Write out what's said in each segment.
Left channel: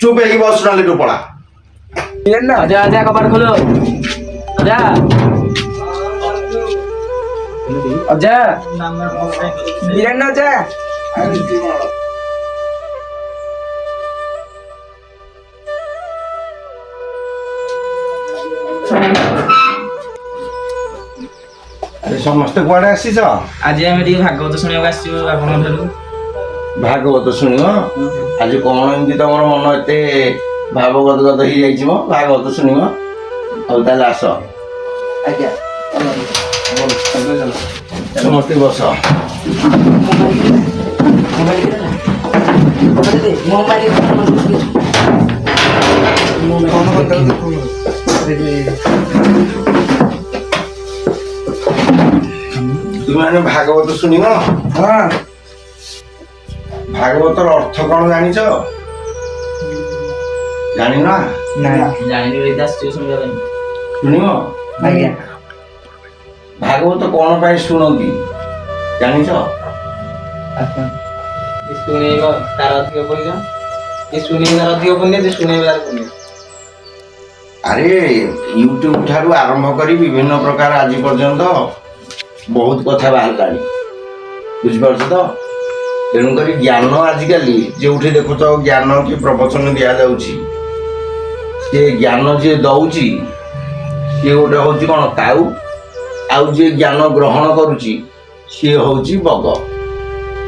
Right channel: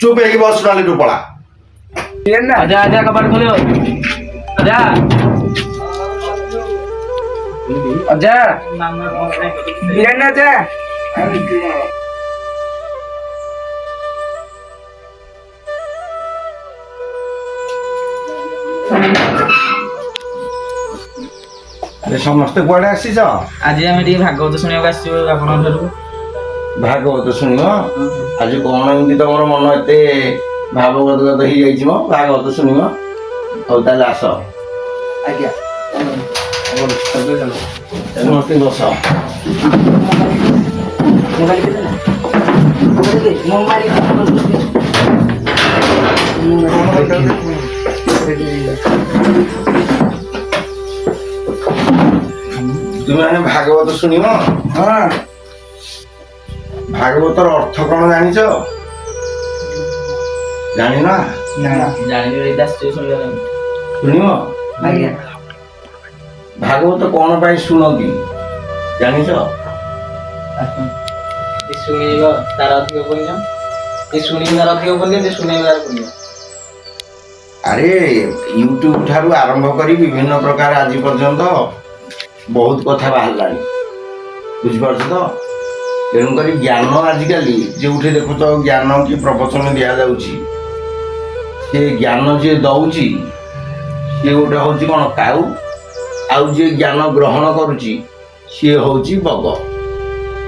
चुप है बस नाले तो पड़ा आजा आजा कपाट खोलो आजा आजा बीरन आजा अरे समस्त कुआडे आसीछ आज आम टे भागवत शुणा आप भागवत शुण आज कौन एमती तुम मन एत भावगत हो भागवत शुण हौ ताले आस आज्ञा समस्त बस तुम्हें भागवत शुण हाँ भागवतर अर्थ कौन जानी जानी ना शुण आज्ञा भागवत कौन पाई शुणती जानी शुणेब तार अधिक पुण्य ये शुणे तार अधिक पुण्य जे शुणे तार पुण्य अरे यूट्यूब ठारू आरंभ करी विभिन्न प्रकार आज पर्यंत बहुत कथा बाहर बुझिपार तो तेणुक ज्ञान आजिकल जो देखुच ज्ञान कि प्रवचन दि जाऊँगी सी ज्ञान जी दौची सी गोटे हूँ कौन काऊ आउ जी ज्ञान ग्रहण करुच्ची सी हूँ बग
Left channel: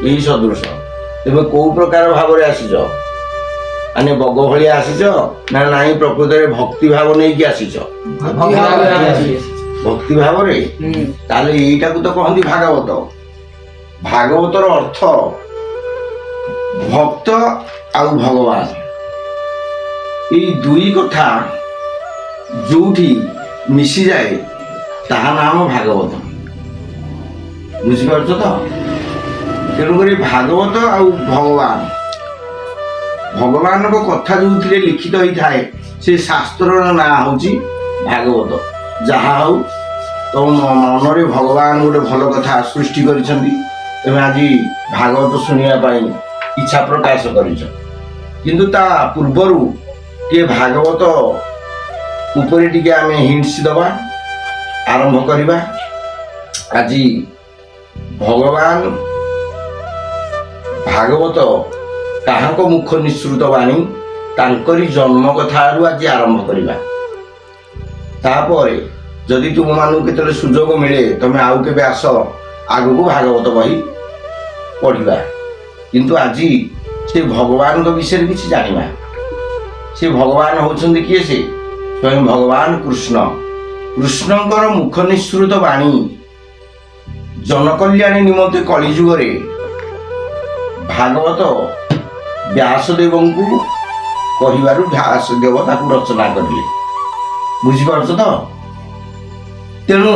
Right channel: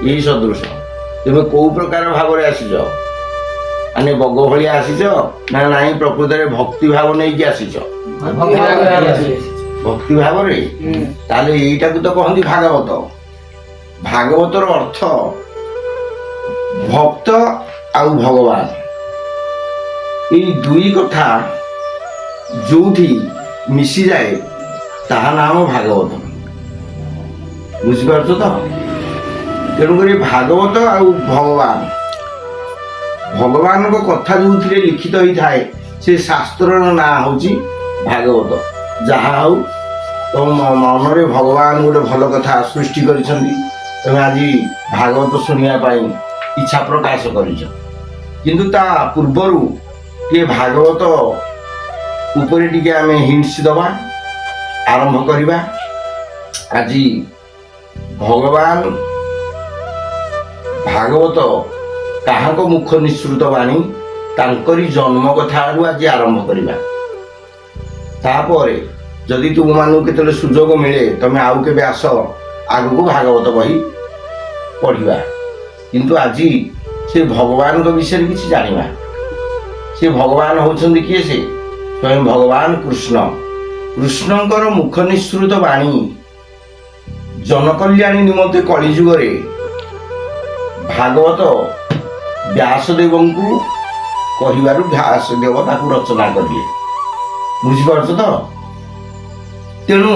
यही सदृश तुम कौ प्रकार भाव आसीच माने बग भली आसीच ना नाई प्रकृत में भक्ति भाव नहीं कि आसीच भक्ति भाव रे ताले एटा को तो कहंती भागवत भागवतर अर्थ भक्त आउ भगवान ये दुई कथा जोठी मिसी जाए ताहा नाम भागवत बुझिपार तो तेणुक भागवत आउ भगवान भगवान को कथा जो लिखित होता है से शास्त्र ना हूँ भागवत जहा हूँ तो मन भगवान गोटे भल कथा सृष्टि कर आज भागवत शुणापी इच्छा प्रकाश कर पूर्वर ये भागवत उपरे टिके आम हिंट्स दबा आरंभ करवा आज भगवान भागवत कहाँ को मुख निश्रुत बाणी तांकरी जन्म कथा आज आरंभ करवा तापर जदि तुम मानू के सुजोग मिले तुम्हें आउ के आस आग को भागवत बही पढ़ा किंतु आज से भगवान विषय किसी जाना से भगवान होती किए से स्वयं भगवान कृष्ण कृष्णकर मुख निश्रुत बाणी जनकल्याणी निमंते कलिजुगे भागवत व्यासदेव को कहू व्यासदेव ताकू रचना करें बुझिपार तो तेणु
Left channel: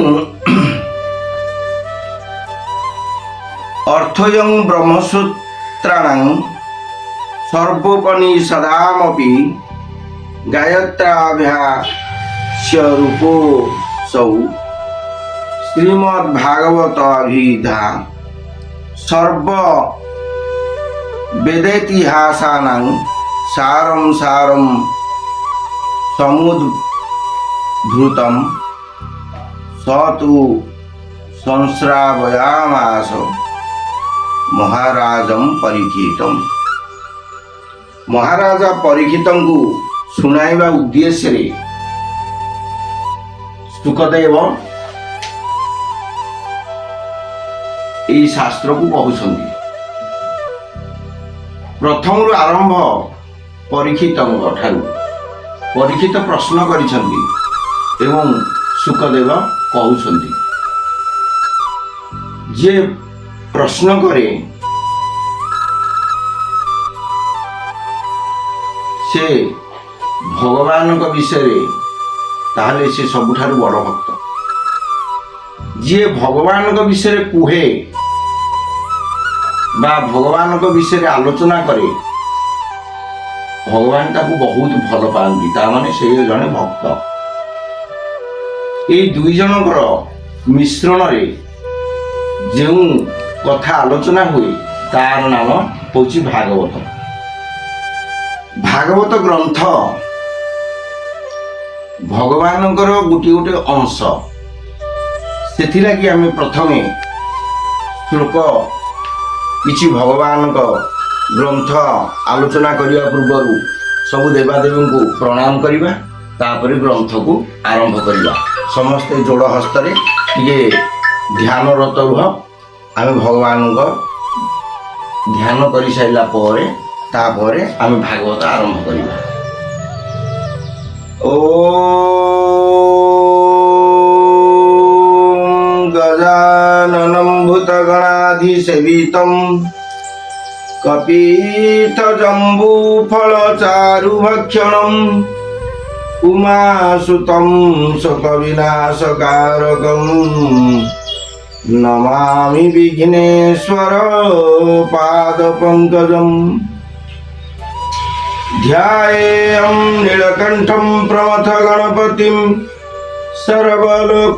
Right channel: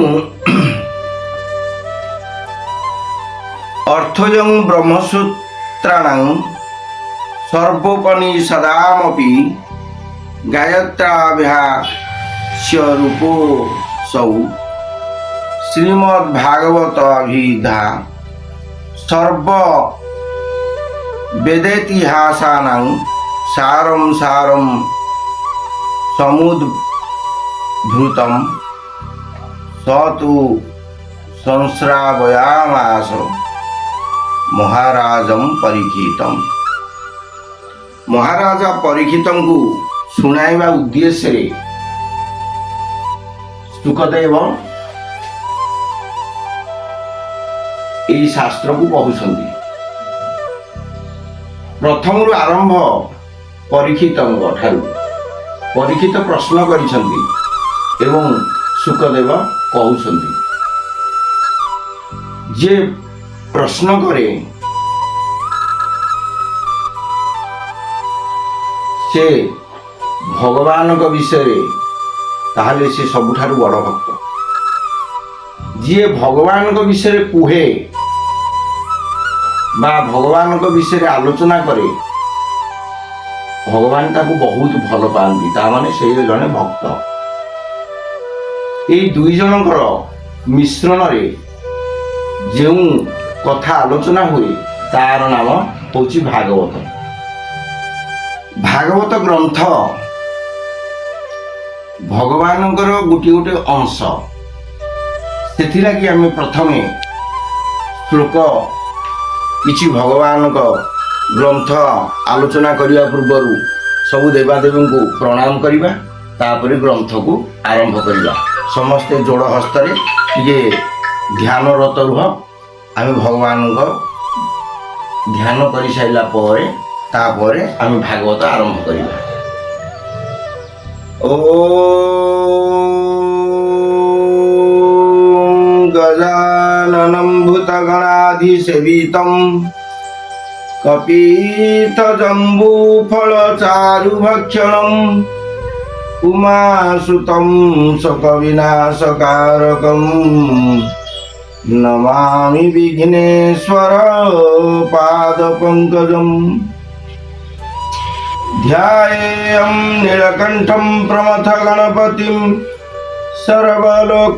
अर्थयं ब्रह्मसूत्राणां सर्वोपनिषदामपि गायत्राभ्यास्य रूपो सौ श्रीमद्भागवताभिधा सर्व वेदेतिहासानां सारं सारं समुद्भूतं स तु संश्रावयामास महाराजं परीक्षितम् महाराजा परीक्षितं को सुनाइबा उद्देश्य रे सुखदेव यही शास्त्र को कहउछंती प्रथम आरंभ परीक्षित ठारू परीक्षित प्रश्न करिछंती एवं सुखदेव कहउछंती जे प्रश्न करे से भगवान विषय ताहले से सबुठारु बड़ भक्त जी भगवान विषय कुहे बा भगवान विषय आलोचना करे भगवान ताकू बहुत भल पाती ताने से जड़े भक्त ये दुई जनकर मिश्रण रे जो कथा आलोचना हुए तार नाम हूँ भागवत ଭାଗବତ ଗ୍ରନ୍ଥ ଭଗବାନଙ୍କର ଗୋଟିଏ ଗୋଟିଏ ଅଂଶ। ସେଥିଲାଗି ଆମେ ପ୍ରଥମେ ଶ୍ଲୋକ କିଛି ଭଗବାନଙ୍କ ଗ୍ରନ୍ଥ ଆଲୋଚନା କରିବା ପୂର୍ବରୁ ସବୁ ଦେବାଦେବୀଙ୍କୁ ପ୍ରଣାମ କରିବା, ତାପରେ ଗ୍ରନ୍ଥକୁ ଆରମ୍ଭ କରିବା। ସମସ୍ତେ ଯୋଡ଼ ହସ୍ତରେ ଟିକେ ଧ୍ୟାନରତ ରୁହ। ଆମେ ଭଗବାନଙ୍କ ଧ୍ୟାନ କରିସାରିଲା ପରେ ତାପରେ ଆମେ ଭାଗବତ ଆରମ୍ଭ କରିବା। ଓମ୍ ଗଜାନନଂ ଭୂତଗଣାଧିସେବିତଂ କପିତଜମ୍ବୁଫଳଚାରୁଭକ୍ଷଣଂ ଉମାସୁतं ଶୋକବିନାଶକାରକଂ ନମାମି ବିଘ୍ନେଶ୍ୱର ପାଦପଙ୍କଜಂ। ध्यायेयं नीलकण्ठं प्रमथ गणपतिं सर्वलोकैकनाथं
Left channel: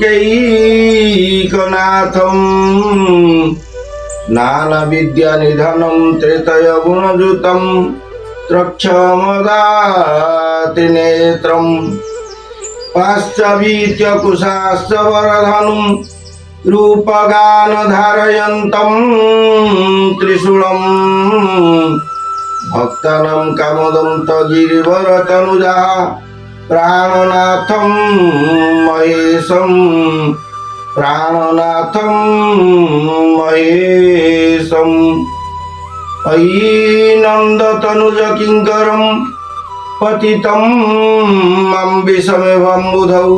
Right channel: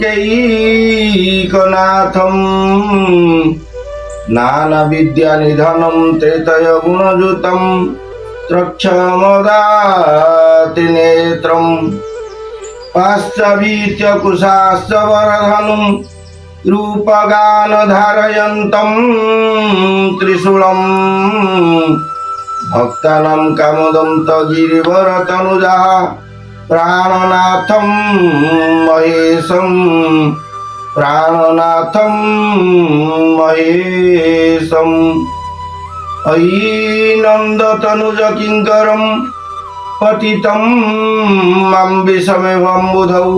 नानाविद्यानिधनं त्रेतयगुणयुतं त्रक्षमदातिनेत्रं पाश्चावीत्यकुशाश्च वरधनुं रूपगानधारयन्तं त्रिशूलं भक्तानां कामदं गिरिवरतनुजा प्राणनाथं महेशं अयि नन्दतनुज किङ्करं पतितं मां विषमेवं बुधौ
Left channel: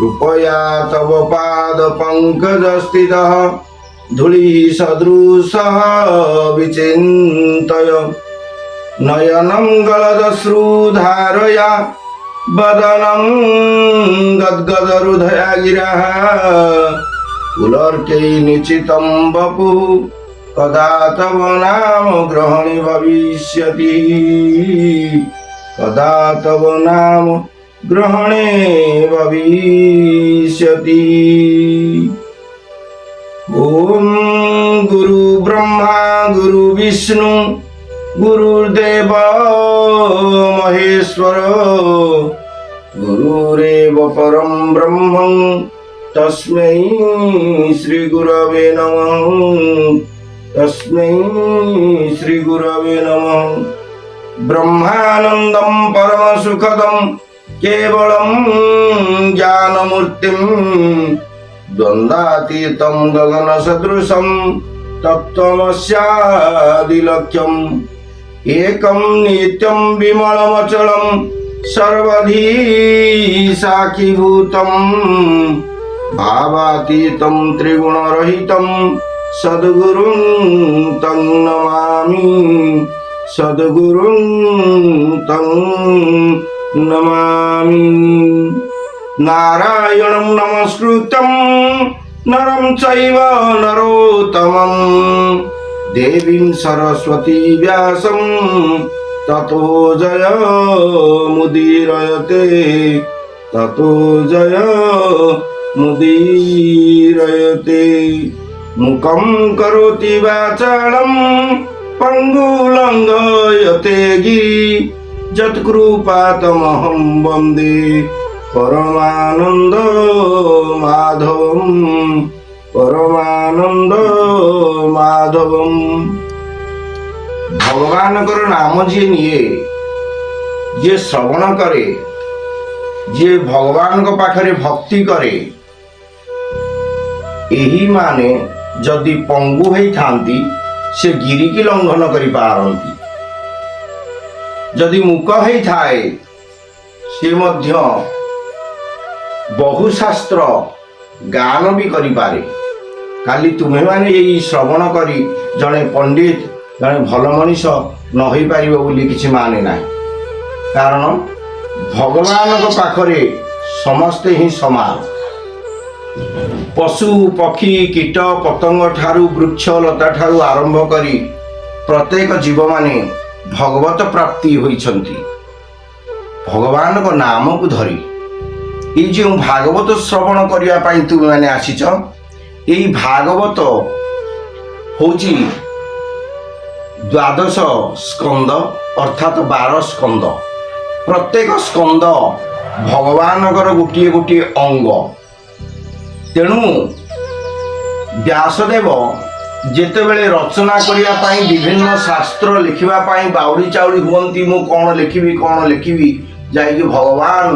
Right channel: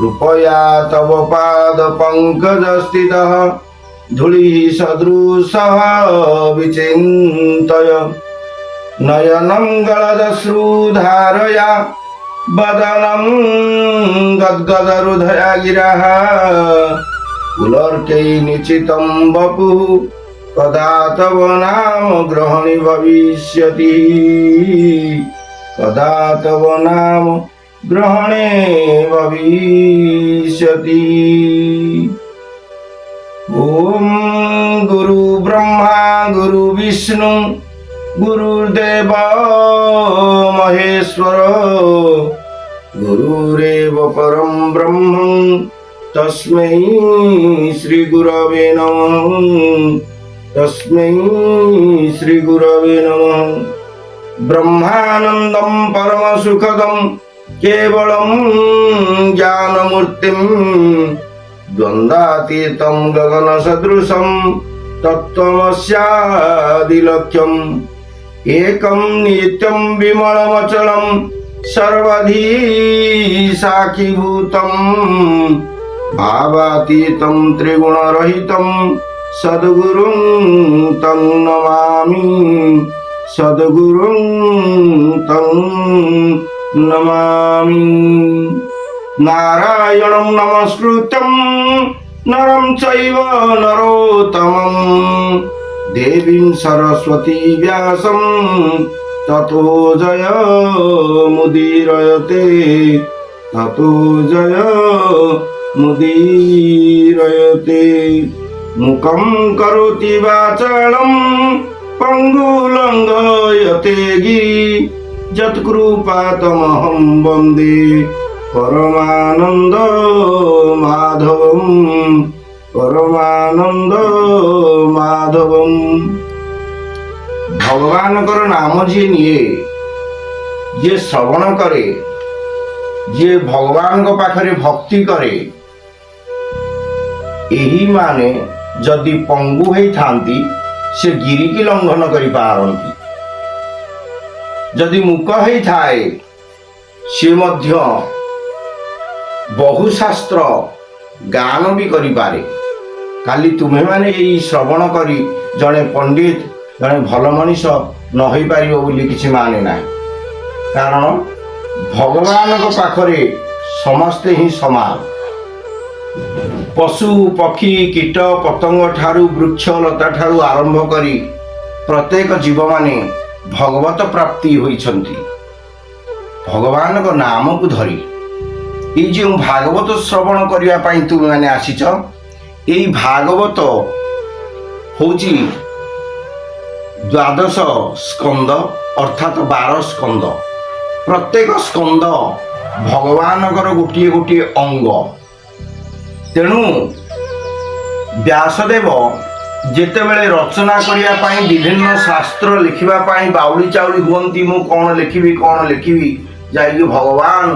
कृपया तव पादपङ्कजस्थितः धूलिः सदृशः विचिन्तय नयनं गलदश्रुधारया वदनं गद्गदहृदया गिरः पुलर्कै निश्चितं वपुः कदा तव नाम ग्रहणे भविष्यति कदा तव नाम ग्रहणे भविष्यति। ओम गुरु ब्रह्मा गुरु विष्णु गुरुर्देव महेश्वर गुरुरेव परम ब्रह्म तस्मै श्री गुरवे नमः तस्मै श्री गुरवे नमः। ब्रह्मानंदं परम सुखदं केवलं ज्ञानमूर्तिं द्वन्द्वातीतं गगनसदृशं तत्त्वमस्यादिलक्ष्यम् एकं नित्यं विमलमचलं सर्वधी साक्षीभूतं भावातीतं त्रिगुणरहितं सद्गुरुं तं नमामि सद्गुरुं तं नमामि। नारायणं नमस्कृतं नरं चैव नरोत्तमं देवीं सरस्वती व्यासं ततो जयमुदीरयते ततो जयमुदीरयते। मुखं करोति वाचालं पङ्गुलङ्घयते गिरि यत्कृपातमहं वन्दे परमानंद माधवम परमानंद माधवम। भगवानकर नाम जी निये जे श्रवण करे जे भगवान को पाखरे भक्ति करे एही माने जदि पंगु होई थांती से गिरी की लंघन करि पारंती जदि मुक होई थाए से मध्य बहु शास्त्र गान भी करिपारे। खाली तुम्हें माने यही श्रवण करी जड़े पंडित जड़े भल मनीष न हो पार बोली किसी माने ना, कारण भगवान पाखरे समस्ते ही समान। पशु पक्षी कीट पतंग ठारू वृक्ष लता ठारू आरंभ करी प्रत्येक जीव माने भगवत प्राप्ति होइछंती भगवान को नाम को धरी। ये जो भागवत श्रवण करने तुम मैंने आसीच यही भागवत हूँ ଦ୍ୱାଦଶ ସ୍କନ୍ଦ ଅର୍ଥାତ୍ 12 ସ୍କନ୍ଦ। ପ୍ରତ୍ୟେକ ସ୍କନ୍ଦ ଭଗବାନଙ୍କର ଗୋଟିଏ ଗୋଟିଏ ଅଙ୍ଗ। ତେଣୁ ବ୍ୟାସଦେବ ଯେତେବେଳେ ରଚନା କରିବା ପାଇଁ ବିଭିନ୍ନ ଶାସ୍ତ୍ର ଲେଖିବା ପାଇଁ ବାଉଳି ଚାଉଳି ହୁଅନ୍ତି, ମୁଁ କ'ଣ ଲେଖିବି, ଯାଇକି ଭଗବାନ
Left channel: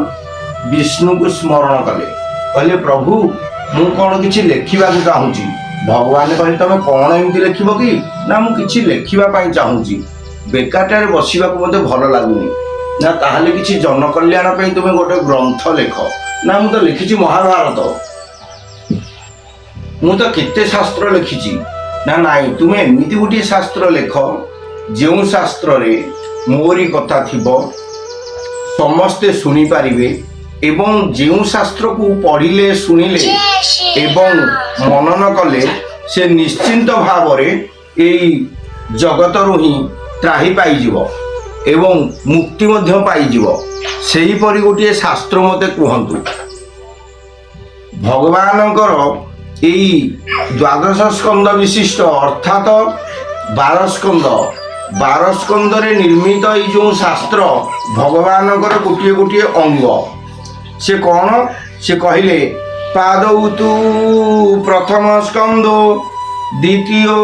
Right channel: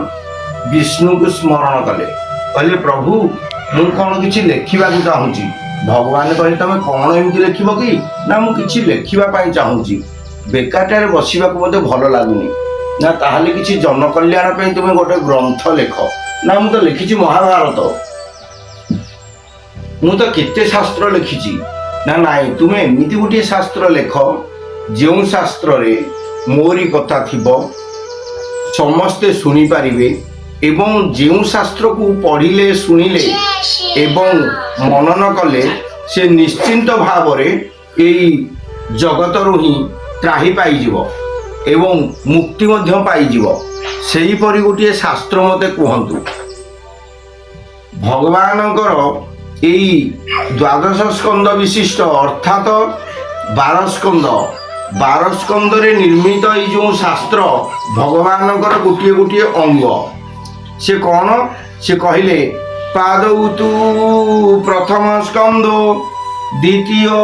ବିଷ୍ଣୁଙ୍କୁ ସ୍ମରଣ କଲେ। କହିଲେ ପ୍ରଭୁ ମୁଁ କ'ଣ କିଛି ଲେଖିବାକୁ ଚାହୁଁଛି। ଭଗବାନ କହିଲେ ତମେ କ'ଣ ଏମିତି ଲେଖିବ କି? ନା ମୁଁ କିଛି ଲେଖିବା ପାଇଁ ଚାହୁଁଛି, ବେକାରଟାରେ ବସିବାକୁ ମୋତେ ଭଲ ଲାଗୁନି। ନା ତାହେଲେ କିଛି ଜନକଲ୍ୟାଣ ପାଇଁ ତୁମେ ଗୋଟେ ଗ୍ରନ୍ଥ ଲେଖ। ନା ମୁଁ ତ ଲେଖିଛି ମହାଭାରତ, ମୁଁ ତ କେତେ ଶାସ୍ତ୍ର ଲେଖିଛି। ନା ନାଇଁ, ତୁମେ ଏମିତି ଗୋଟିଏ ଶାସ୍ତ୍ର ଲେଖ ଯେଉଁ ଶାସ୍ତ୍ରରେ ମୋରି କଥା ଥିବ, ସମସ୍ତେ ଶୁଣିପାରିବେ, ଏବଂ ଯେଉଁ ଶାସ୍ତ୍ରକୁ ପଢ଼ିଲେ ଶୁଣିଲେ ଏବଂ ମନନ କଲେ ସେ ନିଶ୍ଚିନ୍ତ ଭାବରେ ଏଇ ଜଗତରୁ ହିଁ ତ୍ରାହି ପାଇଯିବ ଏବଂ ମୁକ୍ତି ମଧ୍ୟ ପାଇଯିବ। ସେହିପରି ଗୋଟିଏ ଶାସ୍ତ୍ର ମୋତେ କୁହନ୍ତୁ। ଭଗବାନଙ୍କର ଏଇ ଦ୍ୱାଦଶ ସ୍କନ୍ଦ ବିଶିଷ୍ଟ ଅର୍ଥାତ 12 ସ୍କନ୍ଦ, 12 ସ୍କନ୍ଦରେ ନିର୍ମିତ ଏଇ ଯେଉଁ ଶାସ୍ତ୍ର ଭଗବାନଙ୍କର ଗୋଟିଏ ଗୋଟିଏ ଅଙ୍ଗ। ସେ କ'ଣ? ସେ କହିଲେ ପାଦৌ ତୁ ପ୍ରଥମ ସ୍କନ୍ଦ, ଦ୍ୱିତୀୟ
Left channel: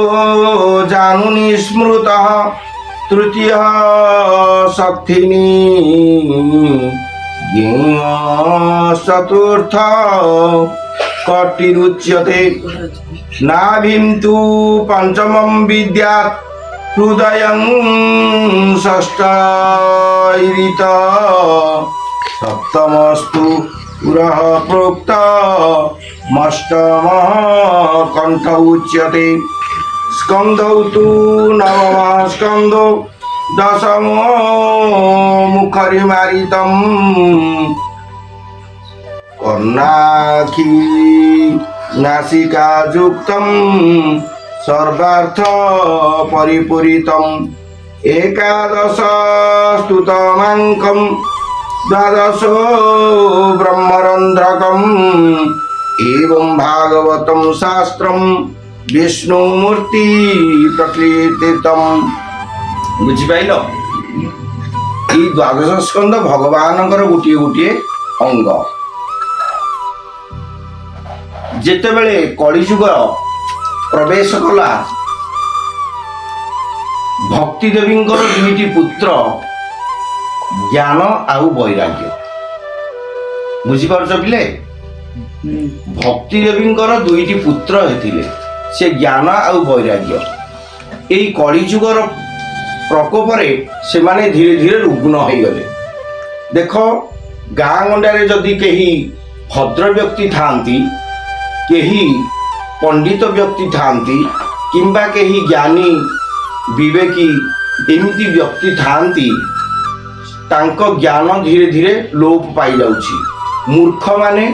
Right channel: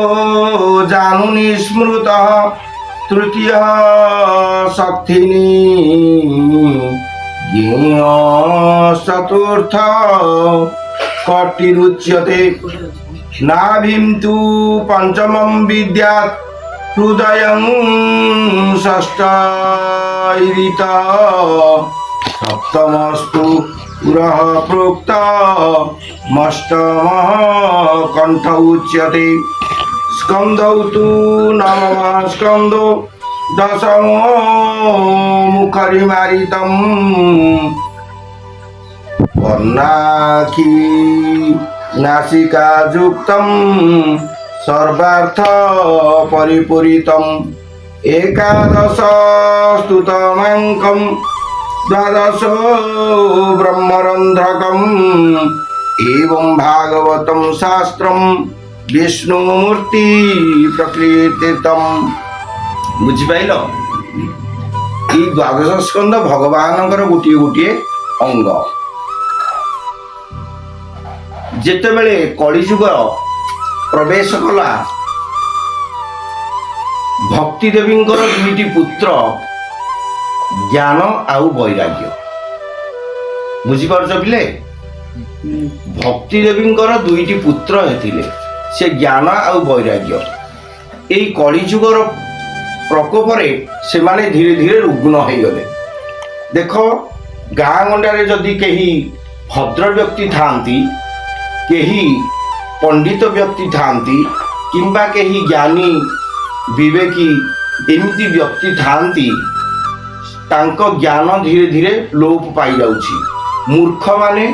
ଜାନୁନି ସ୍ମୃତ, ତୃତୀୟ ସଥିନି, ଚତୁର୍ଥ କଟିରୁଚ୍ୟତେ, ନାଭିಂ ତୁ ପଞ୍ଚମଂ ବିଦ୍ୟାତ୍, ହୃଦୟଂ ଷଷ୍ಠୈରିତ, সপ্তমস্তু পুরঃ প্রোক্ত, মষ্টমঃ কণ্ঠ উচ্যতে, স্কন্ধৌ তু নবমঃ স্কন্ধ, দশম মুখরিমারিতম, কর্ণাক্ষী নাসিকাযুক্তম, সর্বার্থ পরিপূরিতম, একাদশ স্তুতমাঙ্কম, দ্বাদশ ব্রহ্মরন্ধ্রকম, এবং ভাগবতম শাস্ত্রম বিষ্ণুমূর্তি প্রকীর্তিতম। বুঝিপাইল? এই দ্বাদশ স্কন্ধ ভগবানଙ୍କର ଗୋଟିଏ ଗୋଟିଏ ଅଙ୍ଗ। ଯେତେବେଳେ କଳିଯୁଗ ପ୍ରବେଶ କଲା, ଭକ୍ତି ଦେବୀଙ୍କର ଦୁଇଟି ପୁତ୍ର ଜ୍ଞାନ ଆଉ ବୈରାଗ୍ୟ। ବୁଝିପାରୁଛ ପିଲେ? ଭକ୍ତି ଦେବୀଙ୍କର ଦୁଇଟି ପୁତ୍ର ହେଇଥିଲେ, ସେ ଜ୍ଞାନ ଆଉ ବୈରାଗ୍ୟ। ଏଇ କଳିଯୁଗର ପ୍ରକୋପରେ ସେମାନେ ଧୀରେ ଧୀରେ ରୁଗ୍ଣ ହେଇଗଲେ। ଦେଖ, ଗାଁ ଗଣ୍ଡାରେ ଯଦି କେହି ଭଦ୍ର ବ୍ୟକ୍ତି ଥାଆନ୍ତି, କେହି ପଣ୍ଡିତ ବ୍ୟକ୍ତି ଥାଆନ୍ତି, କିମ୍ବା କେହି ଜ୍ଞାନୀ ବିବେକୀ ଏମିତି ବ୍ୟକ୍ତି ଥାଆନ୍ତି, ତାଙ୍କ ଜ୍ଞାନ ଧୀରେ ଧୀରେ ଲୋପ ପାଇଯାଉଛି। ମୂର୍ଖମାନେ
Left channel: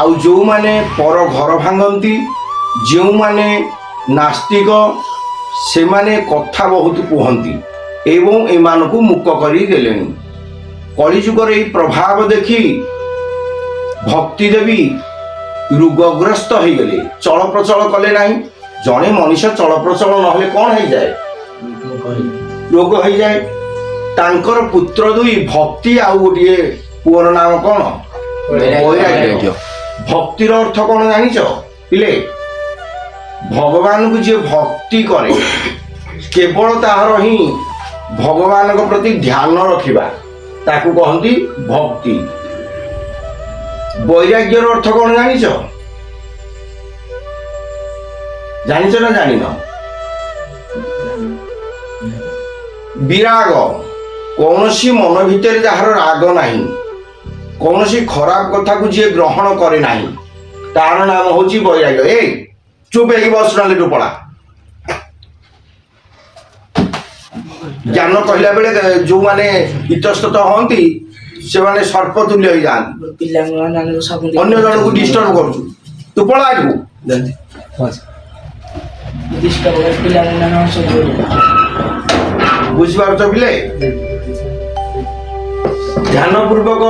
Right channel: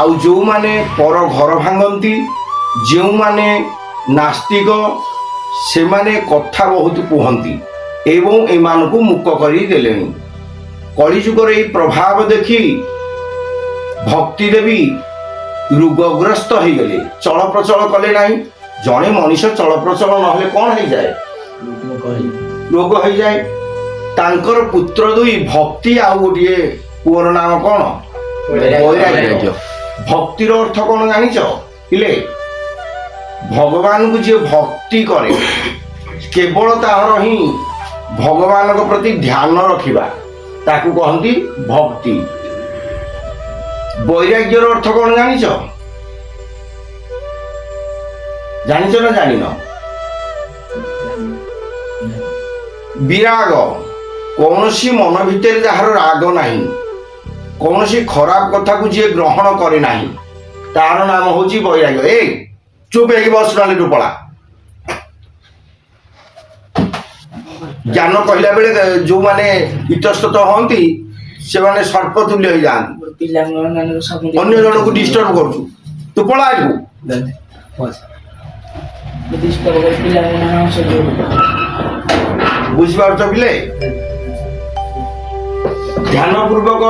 ଆଉ ଯେଉଁମାନେ ପର ଘର ଭାଙ୍ଗନ୍ତି, ଯେଉଁମାନେ ନାସ୍ତିକ, ସେମାନେ କଥା ବହୁତ କୁହନ୍ତି ଏବଂ ଏମାନଙ୍କୁ ମୁକ କରି ଦେଲେଣି। କଳିଯୁଗର ଏହି ପ୍ରଭାବ ଦେଖି ଭକ୍ତି ଦେବୀ ରୋଗଗ୍ରସ୍ତ ହେଇଗଲେ, ଚଳପ୍ରଚଳ କଲେ ନାହିଁ। ଜଣେ ମଣିଷ ଚଳପ୍ରଚଳ ନହେଲେ କ'ଣ ହେଇଯାଏ? ରୋଗ ହେଇଯାଏ। ତାଙ୍କର ପୁତ୍ର ଦୁଇ ଭକ୍ତି ଆଉ ଗୋଟିଏ ପୁଅର ନାମ କ'ଣ? ବୈରାଗ୍ୟ। ଭକ୍ତିର ଅର୍ଥ କ'ଣ ଜାଣିଛ ପିଲେ? ଭଗବାନଙ୍କୁ ଯିଏ ଭକ୍ତି କରେ, କେବଳ ତାହାର ହିଁ ଭଗବାନଙ୍କ ପ୍ରତି ଧ୍ୟାନ ରଖିବା, ତାକୁ କହନ୍ତି ଭକ୍ତି। ବୈରାଗ୍ୟର ଅର୍ଥ କ'ଣ ଜାଣିଛ? ଜାଣିଛ ନା ଜାଣିନ? ବିରାଗ, କୌଣସି ମନ ଭିତରେ ଯାହାର ରାଗ ନାହିଁ, କୌଣସି ଖରାପ କଥାକୁ ଯିଏ ଗ୍ରହଣ କରେ ନାହିଁ, ତାର ନାମ ହଉଛି ବୈରାଗ୍ୟ। ଏ ଚୁପ ହେଇକି ବସ, ନହେଲେ ତୁ ପଳା। ଜ୍ଞାନ କହିଲା ବେଳେ ଯେଉଁମାନେ ଇତସ୍ତତ ହୁଅନ୍ତି ସେମାନେ ସର୍ପ ତୁଲ୍ୟ ହେଇଯାଆନ୍ତି। ଅନ୍ୟ ଜଣଙ୍କୁ ଡିଷ୍ଟର୍ବ କରୁଛୁ, ତୁ ପଳା ଆଗକୁ। ବୁଝିପାରୁଛ ପିଲେ? ଧ୍ୟାନ ପୂର୍ବକ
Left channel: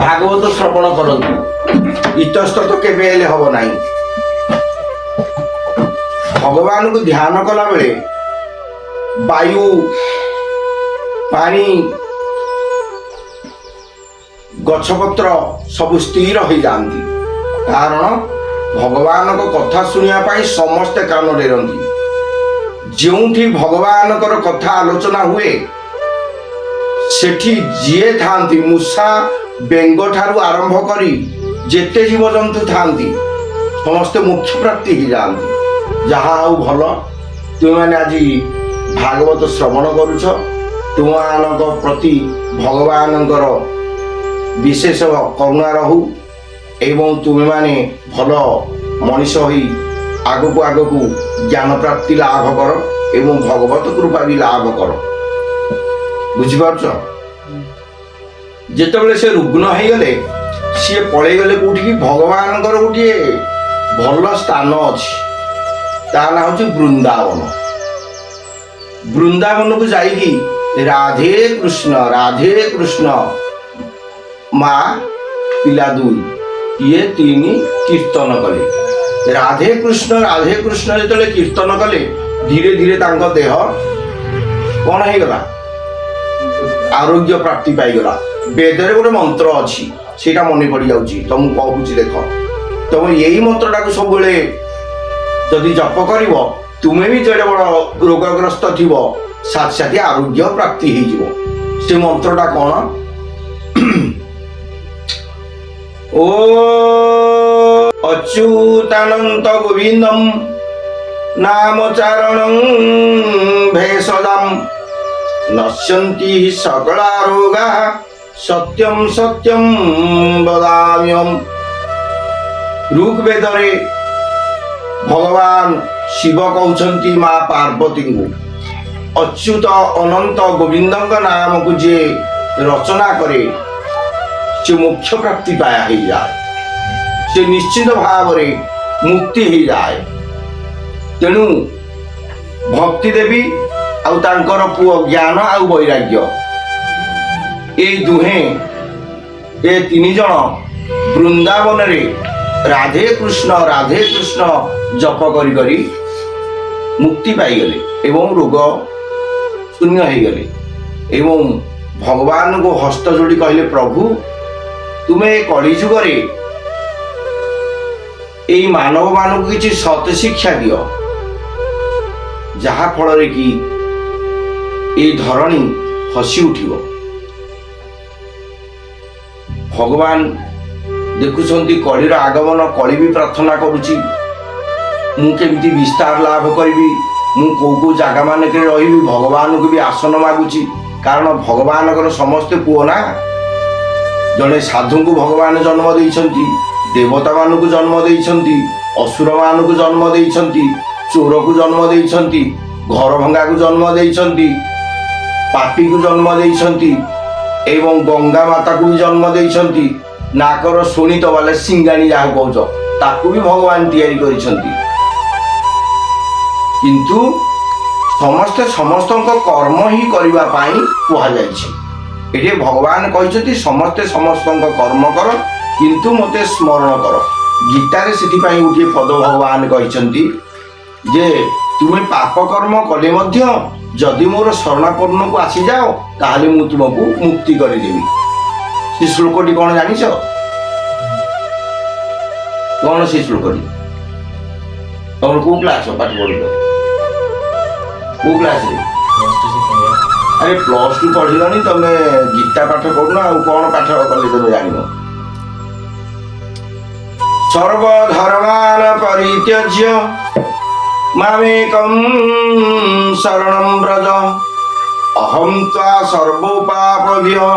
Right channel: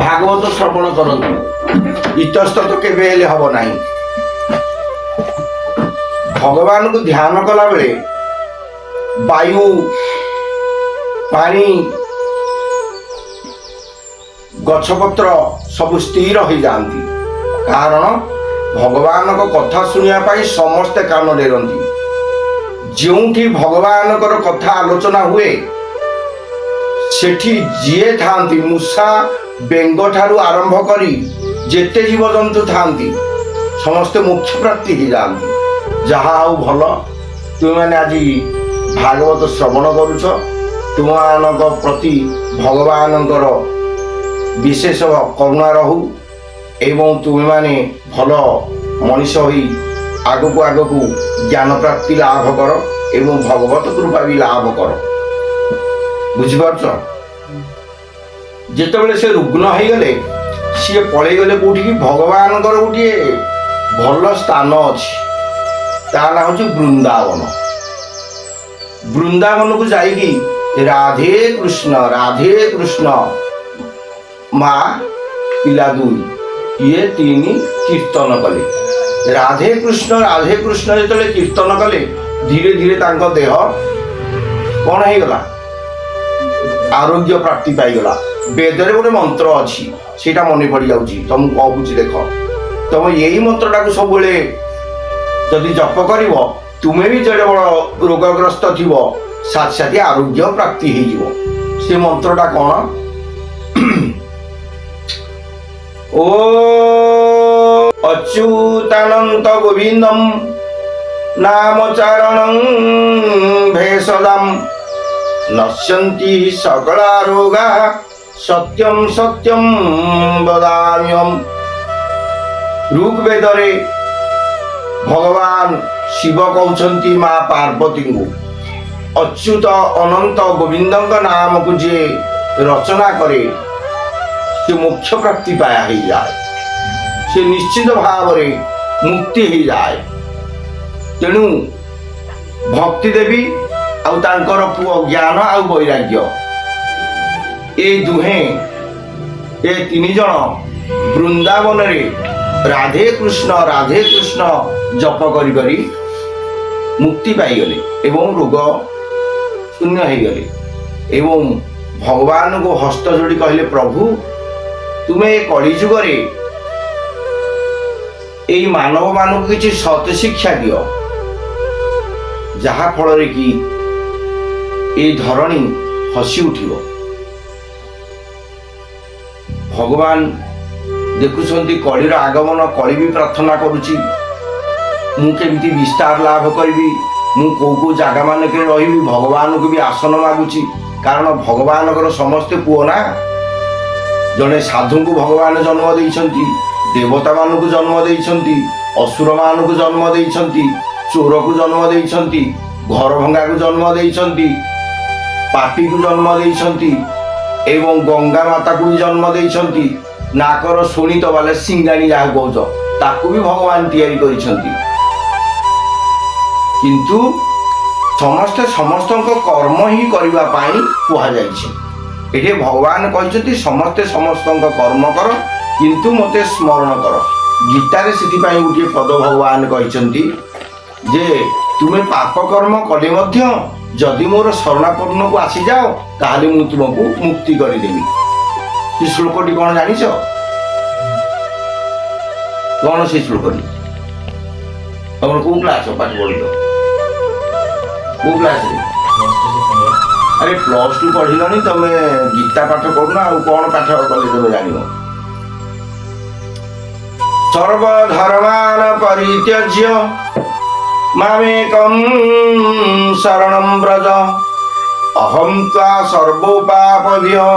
ଭାଗବତ ଶ୍ରବଣ କରନ୍ତୁ, ଇତସ୍ତତ କେବେ ହେଲେ ହବ ନାହିଁ। ଭଗବାନଙ୍କୁ ଧ୍ୟାନ କଲା ବେଳେ ବାୟୁ ପାଣି ଗଛପତ୍ର ସବୁ ସ୍ଥିର ହୋଇଯାଆନ୍ତି। କାରଣ ଭଗବାନଙ୍କ କଥା ଶୁଣିବା ପାଇଁ ସମସ୍ତେ କାନ ଡେରନ୍ତି। ଯେଉଁଠି ଭଗବାନଙ୍କର କଥା ଆଲୋଚନା ହୁଏ ସେଠି ଯିଏ ଥାନ୍ତି ମୂଷା ବେଙ୍ଗ ଠାରୁ ଆରମ୍ଭ କରି ଯେତେ ଜୀବଜନ୍ତୁ ଥାନ୍ତି ସମସ୍ତେ ମୋକ୍ଷ ପ୍ରାପ୍ତି ହେଇଯାଆନ୍ତି। ଯାହା ହଉ ଭଲ, ତୁମେମାନେ ଆଜି ଭାଗବତ ଶ୍ରବଣ କରୁଛ। ତୁମମାନଙ୍କ ପ୍ରତି ଭଗବାନଙ୍କର ବିଶେଷ କରୁଣା ରହୁ ଏବଂ ତୁମେମାନେ ଭଲ ମଣିଷ ହୋଇ ଆଗକୁ ଆଗକୁ ଜ୍ଞାନ ପ୍ରାପ୍ତି ଲାଭ କର ଏବଂ ଭଗବତ କୃପା ବି ଲାଭ କର। ବୁଝିପାରୁଛ? ଯେତେବେଳେ ସେ ରୁଗ୍ନ ହେଇଗଲେ ସିଏ ପଳେଇଗଲେ କୋଉଠିକି? ଭଗବାନଙ୍କର ଗୋଟିଏ ଭଲ ସ୍ଥାନ ଅଛି, ତା ନାଁ ହଉଛି ବୃନ୍ଦାବନ। ବୃନ୍ଦାବନକୁ ଯାଇକି ରାଧେ କୃଷ୍ଣ ମା ପିଲା ଦୁଇ ଇଏ ତିନି କୀର୍ତ୍ତନ କଲେ। ରାଧେ କୃଷ୍ଣ ଯେତେବେଳେ କୀର୍ତ୍ତନ କଲେ ଧୀରେ ଧୀରେ ତାଙ୍କ ଦେହ କଣ ହେଇଗଲା? ଆରୋଗ୍ୟ ପ୍ରାପ୍ତି ପାଇଗଲା। ବେଦରେ ଗୋଟେ ମନ୍ତ୍ର ଅଛି, ସେଇଟା ମନେ ପଡ଼ିଯାଉଛି, ତମକୁ କହୁଛି ଦେଖ। ତମେ ଏଇ ମନ୍ତ୍ରଟାକୁ ସବୁବେଳେ ଯଦି ଜପ କରିବ ତୁମେ ବି ଯେଡ଼େ ବଡ଼ ରୋଗଗ୍ରସ୍ତ ଥିବ ସାଥେ ସାଥେ ଆରୋଗ୍ୟ ପ୍ରାପ୍ତି ହେଇଯିବ। ସେ ମନ୍ତ୍ରଟା କଣ? ଓ ଅଚ୍ୟୁତାନନ୍ତ ଗୋବିନ୍ଦಂ ନାମଚାରଣଂ ଭେଷଜାମ୍ ନଶ୍ୟନ୍ତି ସକଳା ରୋଗା ସତ୍ୟಂ ସତ୍ୟಂ ବଦାମ୍ୟହମ୍। ଋଗ୍ବେଦରେ ଭଗବାନ ଶିବ କହୁଛନ୍ତି ମା ପାର୍ବତୀଙ୍କୁ, ଅଚ୍ୟୁତ ଅନନ୍ତ ଗୋବିନ୍ଦଙ୍କ ନାମକୁ ଯିଏ ରଚନା କରେ ସେ ମୋକ୍ଷ ପ୍ରାପ୍ତି ପାୟା ହେଇଯାଏ, ସେ ନିଶ୍ଚିତ ଭାବରେ ମୁକ୍ତି ହେଇଯାଏ। ତେଣୁ ଭକ୍ତି ଦେବୀ ଆଉ ତାଙ୍କର ପୁଅ ଜ୍ଞାନ ଆଉ ବୈରାଗ୍ୟ ଏଇ ଦୁହେଁ ଏ ତିନି ଜଣ ବୃନ୍ଦାବନରେ ରାଧେ କୃଷ୍ଣ ଜପ କରି କରି ମୁକ୍ତି ପାଇଗଲେ ଏବଂ ରୋଗ ଶୂନ୍ୟ ହେଇଗଲେ ଏବଂ ଭଗବାନଙ୍କୁ ହସ୍ତ ଯୋଡ଼ି କହିଲେ, ପ୍ରଭୁ ତୁମେ କଳି ଯୁଗରେ ଏଇ ମାନବ ମାନଙ୍କୁ କିଛି ସତ ଶିକ୍ଷା ଦିଅ, ଯାହା ଫଳରେ କି ଏଇ ଧରଣୀ ହସି ଉଠିବ। ଭଗବାନ ଦେଖୁଛନ୍ତି କଳିର ଆଗମନ, କଳି ବି ପ୍ରାର୍ଥନା କରୁଛି ମୁଁ କେମିତି ବିସ୍ତାର ଲାଭ କରିବି, ମୁଁ କୋଉ କୋଉ ଜାଗା ମାନଙ୍କରେ ରହିବି। ଭଗବାନଙ୍କୁ ବି ଆସନ ମାଗୁଛି, କାରଣ ଭଗବାନଙ୍କର ସମସ୍ତେ ପୁଅ ନା। ଜଣେ ସାଧୁଙ୍କୁ ଭଗବାନ ଜନ୍ମ ଦେଇଛନ୍ତି, ଦେବତା ମାନଙ୍କୁ ଜନ୍ମ ଦେଇଛନ୍ତି, ଅସୁର ମାନଙ୍କୁ ଜନ୍ମ ଦେଇଛନ୍ତି, ଚୋରକୁ ଜନ୍ମ ଦେଇଛନ୍ତି, ଘର ଭଙ୍ଗାକୁ ଜନ୍ମ ଦେଇଛନ୍ତି, ପାପୀକୁ ଜନ୍ମ ଦେଇଛନ୍ତି ଏବଂ ଗଙ୍ଗା ମାତାକୁ ବି ଜନ୍ମ ଦେଇଛନ୍ତି। ନାକର ଶୁଣିତ ବାଲେ ସିଙ୍ଗାଣି ଯାହା କହୁଛ ତାକୁ ବି ଭଗବାନ ତିଆରି କରିଛନ୍ତି। କିନ୍ତୁ ସମସ୍ତେ ସମସ୍ତଙ୍କ କର୍ମ ହିଁ କରିବା ପାଇଁ କୁହାଯାଇଛି। ଏଠି ଭଗବାନ କହିଛନ୍ତି ସମସ୍ତେ ସମସ୍ତଙ୍କ କର୍ମ କର କିନ୍ତୁ ମୋତେ ସ୍ମରଣ କର। ଗୀତାରେ ସେଥିପାଇଁ ଗୋଟିଏ ପଦ ଭଗବାନ କହିଛନ୍ତି ଯେ ତୁମେ ପାପ କର୍ମ କଲେ ମଧ୍ୟ ଯଦି ମୋର ଶରଣାପନ୍ନକୁ ଆସିଯାଅ ତାହେଲେ ମୁଁ ତୁମକୁ ମୁକ୍ତି କରିଦେବି। ସେ ଶ୍ଲୋକଟି କଣ ଜାଣିଛ? କଣ ସେ ଶ୍ଲୋକଟି? ତମର କୋଉ କ୍ଲାସ ପାଠ ପଢିଲ? କୋଉ କ୍ଲାସରେ? ଆରେ +2 ପଢିଲନି ତମେ, ଗୀତା ପାଠ କରୁନ ଆଉ କଣ ପାଠ କଲେ ତମେ ଜାଣିବ? ସର୍ବଧର୍ମାନ ପରିତ୍ୟଜ୍ୟ ମାମେକଂ ଶରଣଂ ବ୍ରଜ ଅହଂ ତ୍ୱା ସର୍ବୋପାପଭ୍ୟଃ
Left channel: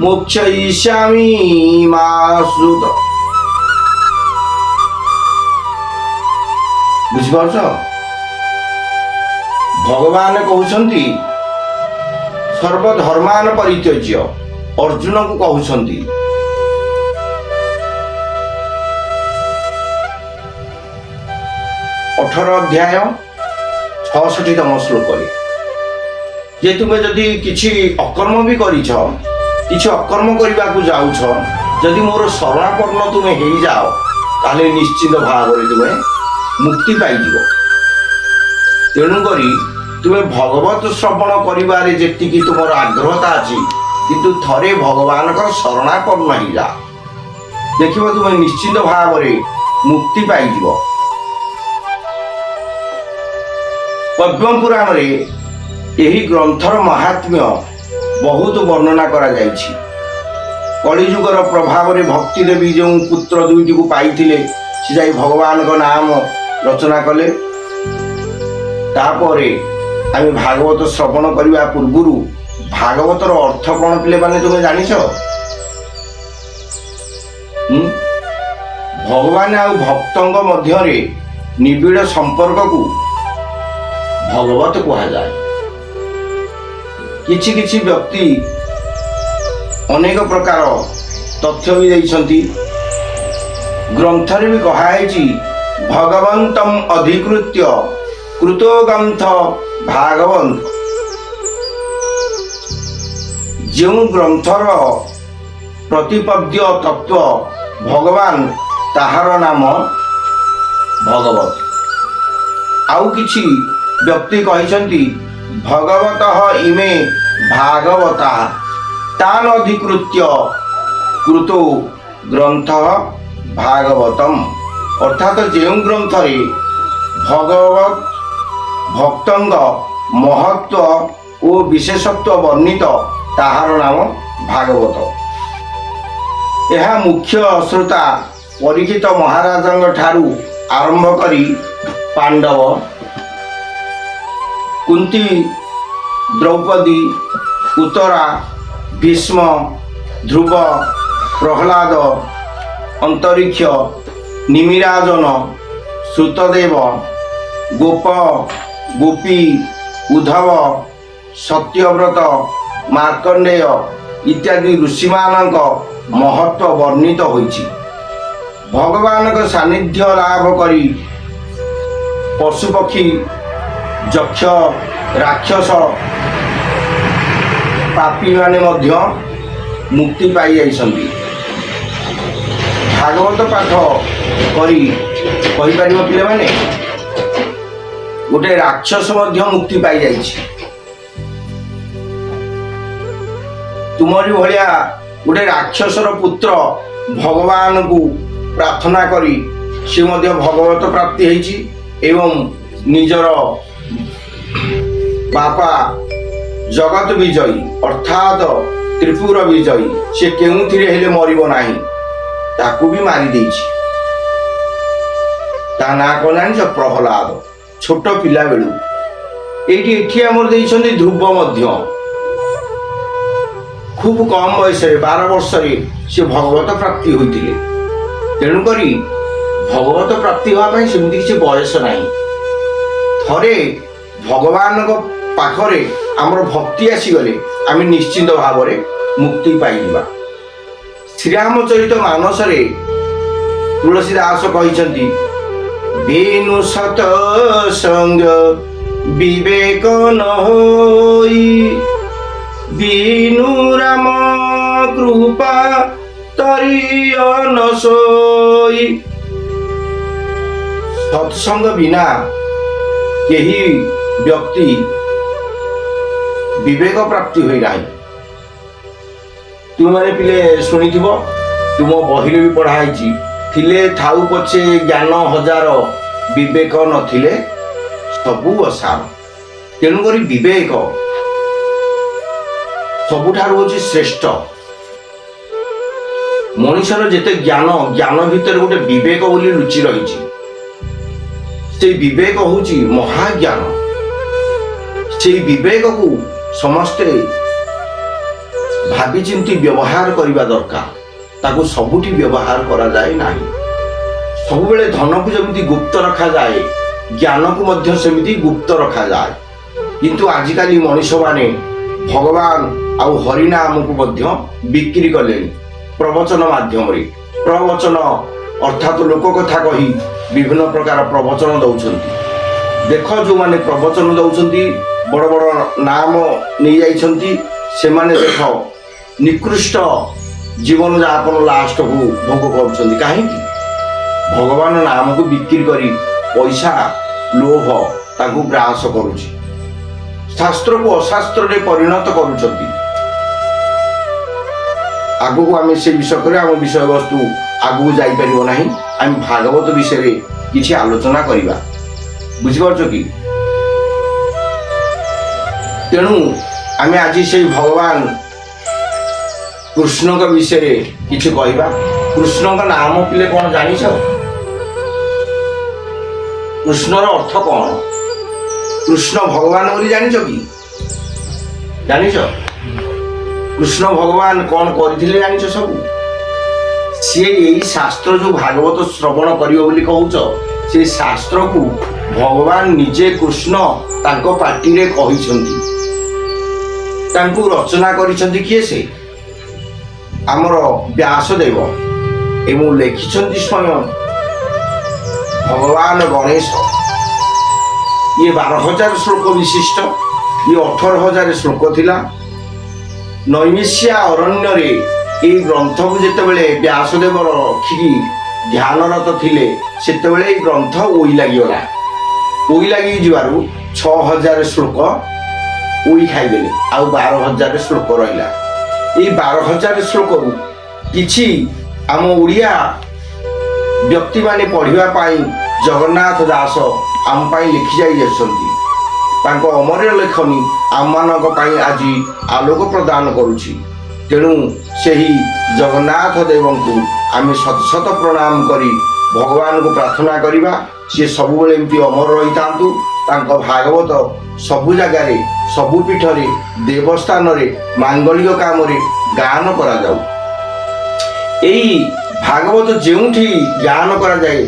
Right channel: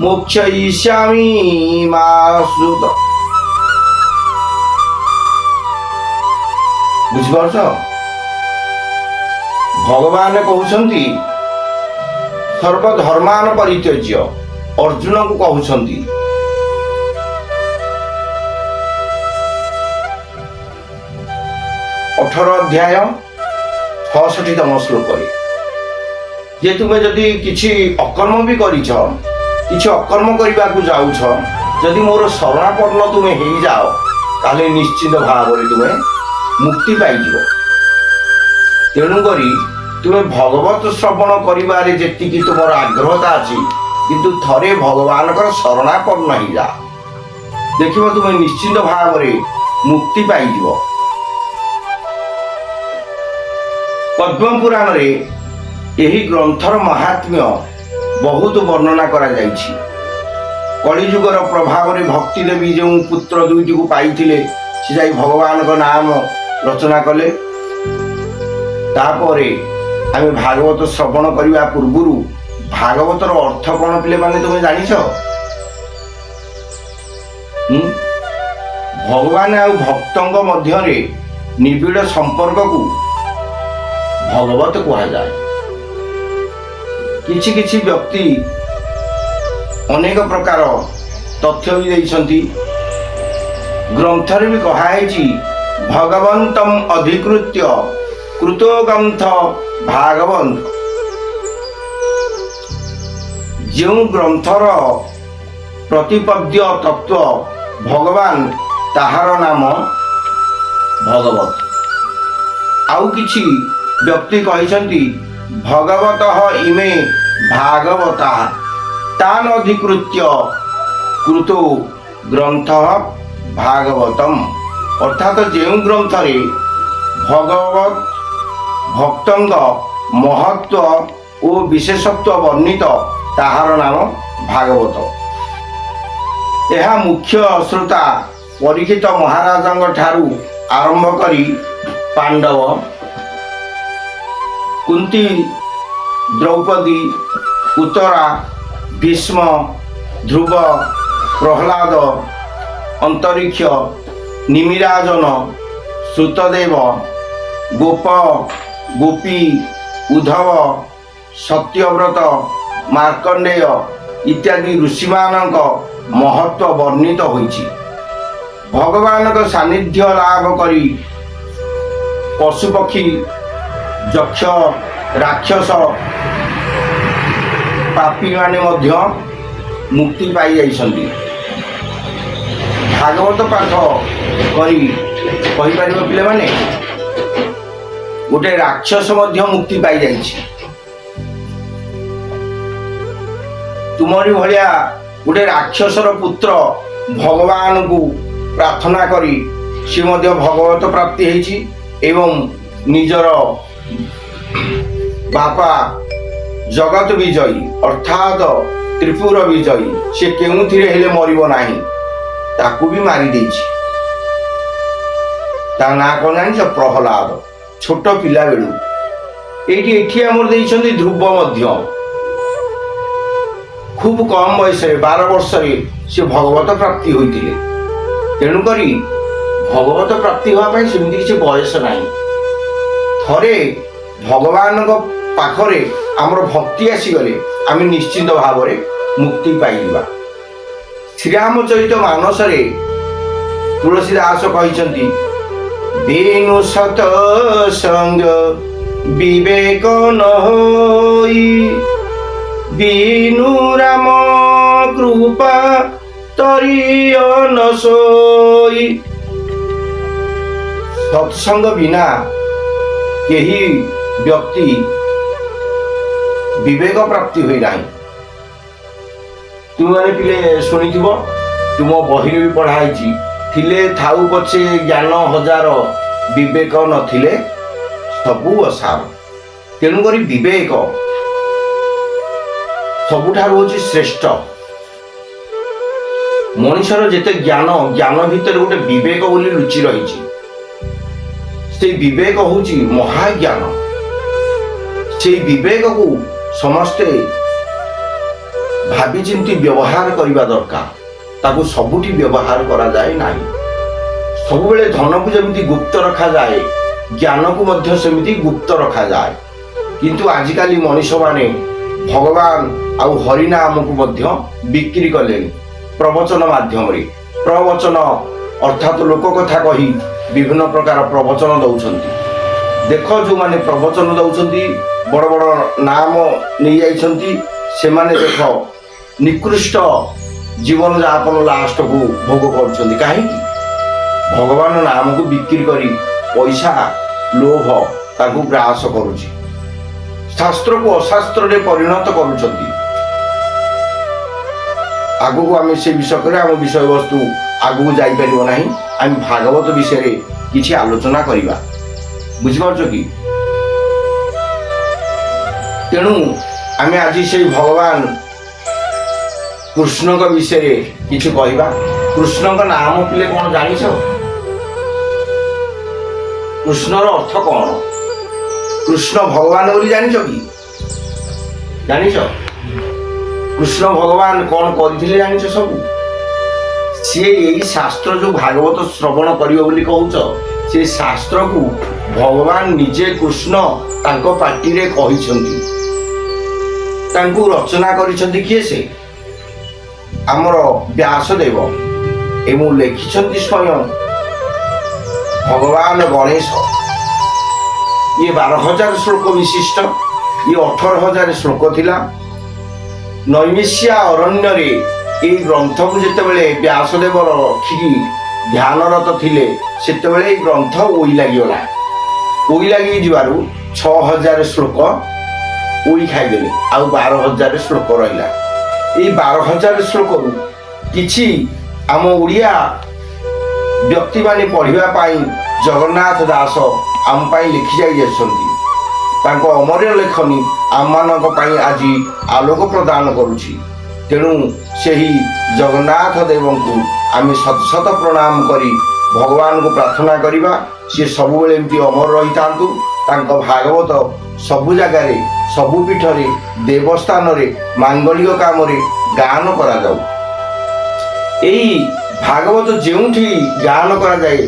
ମୋକ୍ଷୟିଷ୍ୟାମି ମା ଶ୍ରୁତ। ବୁଝିପାରୁଛ? ଭଗବାନ କହୁଛନ୍ତି ସର୍ବଧର୍ମାନ ପରିତ୍ୟଜ୍ୟ, ଅର୍ଜୁନକୁ କହୁଛନ୍ତି। ଅଧ୍ୟାୟ 66ତମ ଶ୍ଲୋକରେ ଯେ ତୁମେ ଯଦି କିଛି ଅକର୍ମ ବି କରିଛ, କିଛି ଅକର୍ମ କରିବାକୁ ଯାଉଛ, ଯଦି ମୋର ଶରଣାପନ୍ନ ତୁମେ ହେଇଯାଅ ତାହେଲେ ନିଶ୍ଚିତ ଭାବରେ ତୁମେ ମୁକ୍ତି ପାଇଯିବ। ତେଣୁକରି ତୁମେ ଭଗବତ ଶ୍ରବଣ କରିବାରେ ଯେତିକି ତୁମର ଆଗ୍ରହତା ଅଛି, କିନ୍ତୁ ଥରେ ଭଗବାନଙ୍କର ଶରଣାପନ୍ନ ହେଇଯା, ଦେଖିବ ତୁମେ ନିଶ୍ଚିନ୍ତ ଭାବରେ ମୁକ୍ତି ପାଇଯିବ। ପଦ୍ମ ପୁରାଣରେ ଏହି ଗ୍ରନ୍ଥର ମାହାତ୍ମ୍ୟ ବହୁତ ବର୍ଣ୍ଣନା କରାଯାଇଛି। କଳିଯୁଗର ପ୍ରଭାବରେ ଭକ୍ତି ଦେବୀ ଯେଉଁ ପୁତ୍ର ଦୁଇଟିକୁ ପାଇଥିଲେ, ସେ ଯାଇ ଭଗବାନଙ୍କ ନାମ ରଚନା କଲେ। ତାପରେ ଆମେ ଭାଗବତ ଶ୍ରବଣ କରିବା ପୂର୍ବରୁ ଭାଗବତର ଅର୍ଥ କ'ଣ ପିଲାମାନେ ତୁମେ ଜାଣିଛ? ଭଗବାନ ଆଉ ଭକ୍ତଙ୍କ ମଧ୍ୟରେ ନିବିଡ଼ ସମ୍ପର୍କକୁ ଭଗବତ କୁହାଯାଏ। କିଛି କିଛି ବ୍ୟକ୍ତି ଅନେକ ପ୍ରକାର ତଥ୍ୟ ବି ଦେଇଛନ୍ତି। ଗ୍ରନ୍ଥରେ ବି କୁହାଯାଇଛି ଭଗବନ୍ତମ ଅଧିକୃତ୍ୟ କୃତ ଗ୍ରନ୍ଥ ଭାଗବନ୍ତ। ଯେଉଁ ଗ୍ରନ୍ଥର ପ୍ରତିପଦ୍ୟ ତତ୍ଵ ଭଗବାନ, ତାହାର ନାମ ଭଗବତ। ଆଉ କିଛି ବ୍ୟକ୍ତି କହିଛନ୍ତି ଭଗବତଃ ଇମେ ଭାଗବତା ତାନ୍ ଅଧିକୃତ୍ୟ କୃତୋ ଗ୍ରନ୍ଥ ଭାଗବତମ। ଅର୍ଥାତ୍ ଯେଉଁ ଗ୍ରନ୍ଥରେ ଭଗବତ ଭକ୍ତଙ୍କ ମହତ୍ଵ ଓ ବିଶେଷତ୍ୱ ବର୍ଣ୍ଣିତ, ତାହାର ନାମ ଭାଗବତ। ଏହା ମୁଖ୍ୟ ଶ୍ରୋତା ପରୀକ୍ଷିତ ମହାରାଜଙ୍କ ଠାରୁ ଆରମ୍ଭ କରି ପାଣ୍ଡବ, କୁନ୍ତୀ, ଦ୍ରୌପଦୀ, ଉତ୍ତରା, ଭୀଷ୍ମ, ଧ୍ରୁବ, ପ୍ରହ୍ଲାଦ, ଅନ୍ତରୀକ୍ଷ, ନିମିରାଜନ, ଶ୍ରୁତଦେବ, ଗୋପ, ଗୋପୀ, ଉଦ୍ଧବ, ସତ୍ୟବ୍ରତ, ମାର୍କଣ୍ଡେୟ ଇତ୍ୟାଦି ଋଷିମାନଙ୍କ ମହତ୍ଵ ବର୍ଣ୍ଣିତ ହୋଇଛି। ଭଗବାନଙ୍କ ସାନ୍ନିଧ୍ୟ ଲାଭ କରି ପଶୁପକ୍ଷୀ, ଯକ୍ଷ, ରାକ୍ଷସ, ପାପୀମାନେ ମଧ୍ୟ ମୁକ୍ତି ପାଇଯାଇଛନ୍ତି। ଭାଗବତ ପାଠ କରି କହିପାରିବ ପିଲାମାନେ, ଗୋଟେ ରାକ୍ଷସ ମଧ୍ୟ ମୁକ୍ତି ପାଇଯାଇଛି। ତୁମରି ଭଳିଆ ଗୋଟେ ରାକ୍ଷସର ପୁତ୍ର ଭଗବାନଙ୍କୁ ପ୍ରାର୍ଥନା କରି ସେ ମଧ୍ୟ ଭଗବତ ପ୍ରାପ୍ତି ହେଇଛି ଏବଂ ନିଜର ବାପା ଜଗତ ବିଜୟୀ ଅର୍ଥାତ୍ ତ୍ରିପୁର ବିଜୟୀ, ସେ କେଉଁଥିରେ ହେଲେ ମରିବ ନାହିଁ, ତାକୁ ବି ମାରି ଦେଇଛି। ତା ନାଁ କ'ଣ ଜାଣିଛ? ପ୍ରହ୍ଲାଦ। ଛୋଟ ପିଲା ବେଳୁ ଏଠି ଆମର ଦେଇଛନ୍ତି ଧ୍ରୁବ ମଧ୍ୟ ଖୁବ୍ କମ ବୟସରେ 12 ବର୍ଷରେ ସେ ଭଗବତ ପ୍ରାପ୍ତି ହୋଇଥିଲେ। ତେଣୁକରି ଭଗବତ ପ୍ରାପ୍ତି ହେବା ପାଇଁ ସେମିତି କିଛି ବୟସ ନାହିଁ। ଥରେ ଭଗବାନଙ୍କ ପାଖରେ ଆମର ଭକ୍ତି ଆସିଗଲେ ଆମେ ନିଶ୍ଚିନ୍ତ ଭାବରେ ମୁକ୍ତି ପାଇଯିବା। ଶ୍ରୀରାମଚରିତ ମାନସରେ ତୁଳସୀ ଦାସ କହିଛନ୍ତି, ବିନୁ ସତ ସଙ୍ଗ ବିବେକ ନ ହୋଇ, ବିନୁ ରାମ କୃପା ତରିୟ ନ ସୋଇ। ସତ୍ସଙ୍ଗ ବିନା କେହି ବ୍ୟକ୍ତି ବିବେକ ପ୍ରାପ୍ତି ହୋଇନାହିଁ। ତୁମମାନେ ପିଲେ ଶୁଣିଥିବ, ତୁମ ବହିରେ ବି ପଢ଼ା ହେଇଛି, ଥିଲେ ଥାଉ ପଛେ ଜ୍ଞାନ ହଜାର, ବିବେକ ନଥିଲେ ସବୁ ଅସାର। ତେଣୁକରି ବିବେକ ସବୁଠାରୁ ହେଉଛି ଶ୍ରେଷ୍ଠ। ମଣିଷର ଯେତେ ଜ୍ଞାନ ଭିତରେ ଗୋଟେ ବିବେକ ବୋଲି ଲୁଚି ରହିଛି। ସେଇ ବିବେକ ହେଉଛି ମହାଜ୍ଞାନ। ସେଇ ବିବେକକୁ ସମସ୍ତେ ଭାବିଚିନ୍ତି ବ୍ୟବହାର କରିବା ଦରକାର। ତାକୁ ସବୁଠି ବ୍ୟବହାର କରାଯାଏ ନାହିଁ। ସବୁବେଳେ ଧନକୁ ଯେମିତି ଗୁପ୍ତ ରଖାଯାଏ, ଜ୍ଞାନକୁ ମଧ୍ୟ ସେମିତି ଗୁପ୍ତ ରଖାଯାଏ। କିନ୍ତୁ ଆଜିକାଲି ମଣିଷମାନେ ଭଗବାନ ଆଉ ହରିନାମକୁ ମଧ୍ୟ ବିକ୍ରି କଲେଣି ପ୍ରବଚନ ମାଧ୍ୟମରେ। ପ୍ରବଚନ ଅର୍ଥାତ୍ ଲୋକ କଥା କହି ବିଭିନ୍ନ ପ୍ରକାର ପ୍ରବଚନ ଦେଉଛନ୍ତି। ଦେଖ, ଯେଉଁମାନେ ପ୍ରବଚନ ଦେଉଛନ୍ତି ବଡ଼ ବଡ଼ ନାମ ନେଇଯାଇଛନ୍ତି, ସେମାନେ ଦେଖ ନିକୃଷ୍ଟ ଜୀବନଯାପନ ଲାଷ୍ଟକୁ ଭୋଗ କରୁଛନ୍ତି। କାହିଁକି? ଭଗବାନ ନାମକୁ ବିକ୍ରି କରି ପଇସା, ଲୋଭ ତାକୁ ଗ୍ରାସ କରୁଛି, ଶାସ୍ତ୍ରକୁ ଅଶାସ୍ତ୍ରରେ ପରିଣତ କରୁଛନ୍ତି। ଆଗକୁ ଆମେ ସେ ବିଷୟରେ ଆମ ବିଷୟବସ୍ତୁ ଆଗକୁ ଯାଇପାରିବ ନାହିଁ। ଆମେ ଭାଗବତ ବିଷୟରେ କିଛି ଆଲୋଚନା କରିବା, ବୁଝିପାରୁଛ କି? ତେଣୁ ଆମେ ଆଜି ସେଇ ଭଗବାନ କୃଷ୍ଣଙ୍କ ବିଷୟରେ କିଛି କହିବା। କୃଷ୍ଣଙ୍କ ନାମ ପିଲେ କଣ ଜାଣିଛ? କୃଷ୍ଣର ଅର୍ଥ କଣ? କୃଷ୍ଣ ଭଗବାନ ବୋଲି ଜାଣିଛ କି? ଜାଣିଛ? କୃଷ୍ଣ ଭଗବାନ କଣ କରିଥିଲେ ଜାଣିଛ ସବୁ? ସିଏ ଏଇ ଶାସ୍ତ୍ର ଯୋଉ ଭାଗବତ ଶ୍ରବଣ କରିବ ବୋଲି କହୁଛ, ସେ ଶାସ୍ତ୍ରକୁ ଭଗବାନ ନିଜେ କୃଷ୍ଣ ତାଙ୍କ ପାଟିରେ କହିଛନ୍ତି। ତାଙ୍କୁ ରଚନା କରିଛନ୍ତି କିଏ? ସେ ଆମର ବ୍ୟାସଦେବ ଏବଂ ଲେଖିଛନ୍ତି ସ୍ୱୟଂ ଭଗବାନ ଗଣେଶ। ଇଏ 12,000 ଶ୍ଲୋକ ବିଶିଷ୍ଟ, ଇଏ 18,000 ଶ୍ଲୋକ ଥିଲା। ନୈମିଷ୍ୟା ଅରଣ୍ୟରେ ଏଇ ଗ୍ରନ୍ଥକୁ ଯେତେବେଳେ ବ୍ୟାସଦେବ ରଖିକି ଧ୍ୟାନରତ ଥିଲେ, ସେତେବେଳେ ଏଇ ଗ୍ରନ୍ଥ ଓଇ ଲାଗିଗଲା। ଓଇ ଲାଗି ଯିବାରୁ 6,000 ଶ୍ଲୋକ ଓଇ ଖାଇଦେଲେ, ଆଉ 12,000 ଶ୍ଲୋକ ରହିଲା। ଏଇ 12,000 ଶ୍ଲୋକରୁ କିଛି ଆମ ଓଡ଼ିଆ ବ୍ୟକ୍ତିମାନେ ପଢ଼ିବା ପାଇଁ ଜଗନ୍ନାଥ ଦାସ ଆମ ପାଇଁ ଲେଖି ଯାଇଛନ୍ତି। ତାଙ୍କ ଅମର ଲେଖନୀ ଆମମାନଙ୍କ ପାଇଁ ଆଜି ଆଲୋକ ପ୍ରଦାନ କରୁଛି। ତେଣୁ ସେହି ଜଗନ୍ନାଥ ଦେବଙ୍କୁ ଆମେ ଶତ ଶତ ପ୍ରଣାମ କରି ଭଗବାନଙ୍କୁ ପ୍ରାର୍ଥନା କରିବା, ସିଏ ସବୁବେଳେ ଏମିତି ଅମର ରହିଥାନ୍ତୁ। ତାଙ୍କ ଭାଗବତ ସବୁ ଜାଗାରେ, ସବୁ ପୀଠରେ, ଦେବସ୍ଥାନରେ, ମାଙ୍ଗଳିକ କାମରେ ଗାନ କରାଯାଉ। ଏଇ ଭାଗବତ ଯେଉଁଠି ଗାନ କରାଯାଏ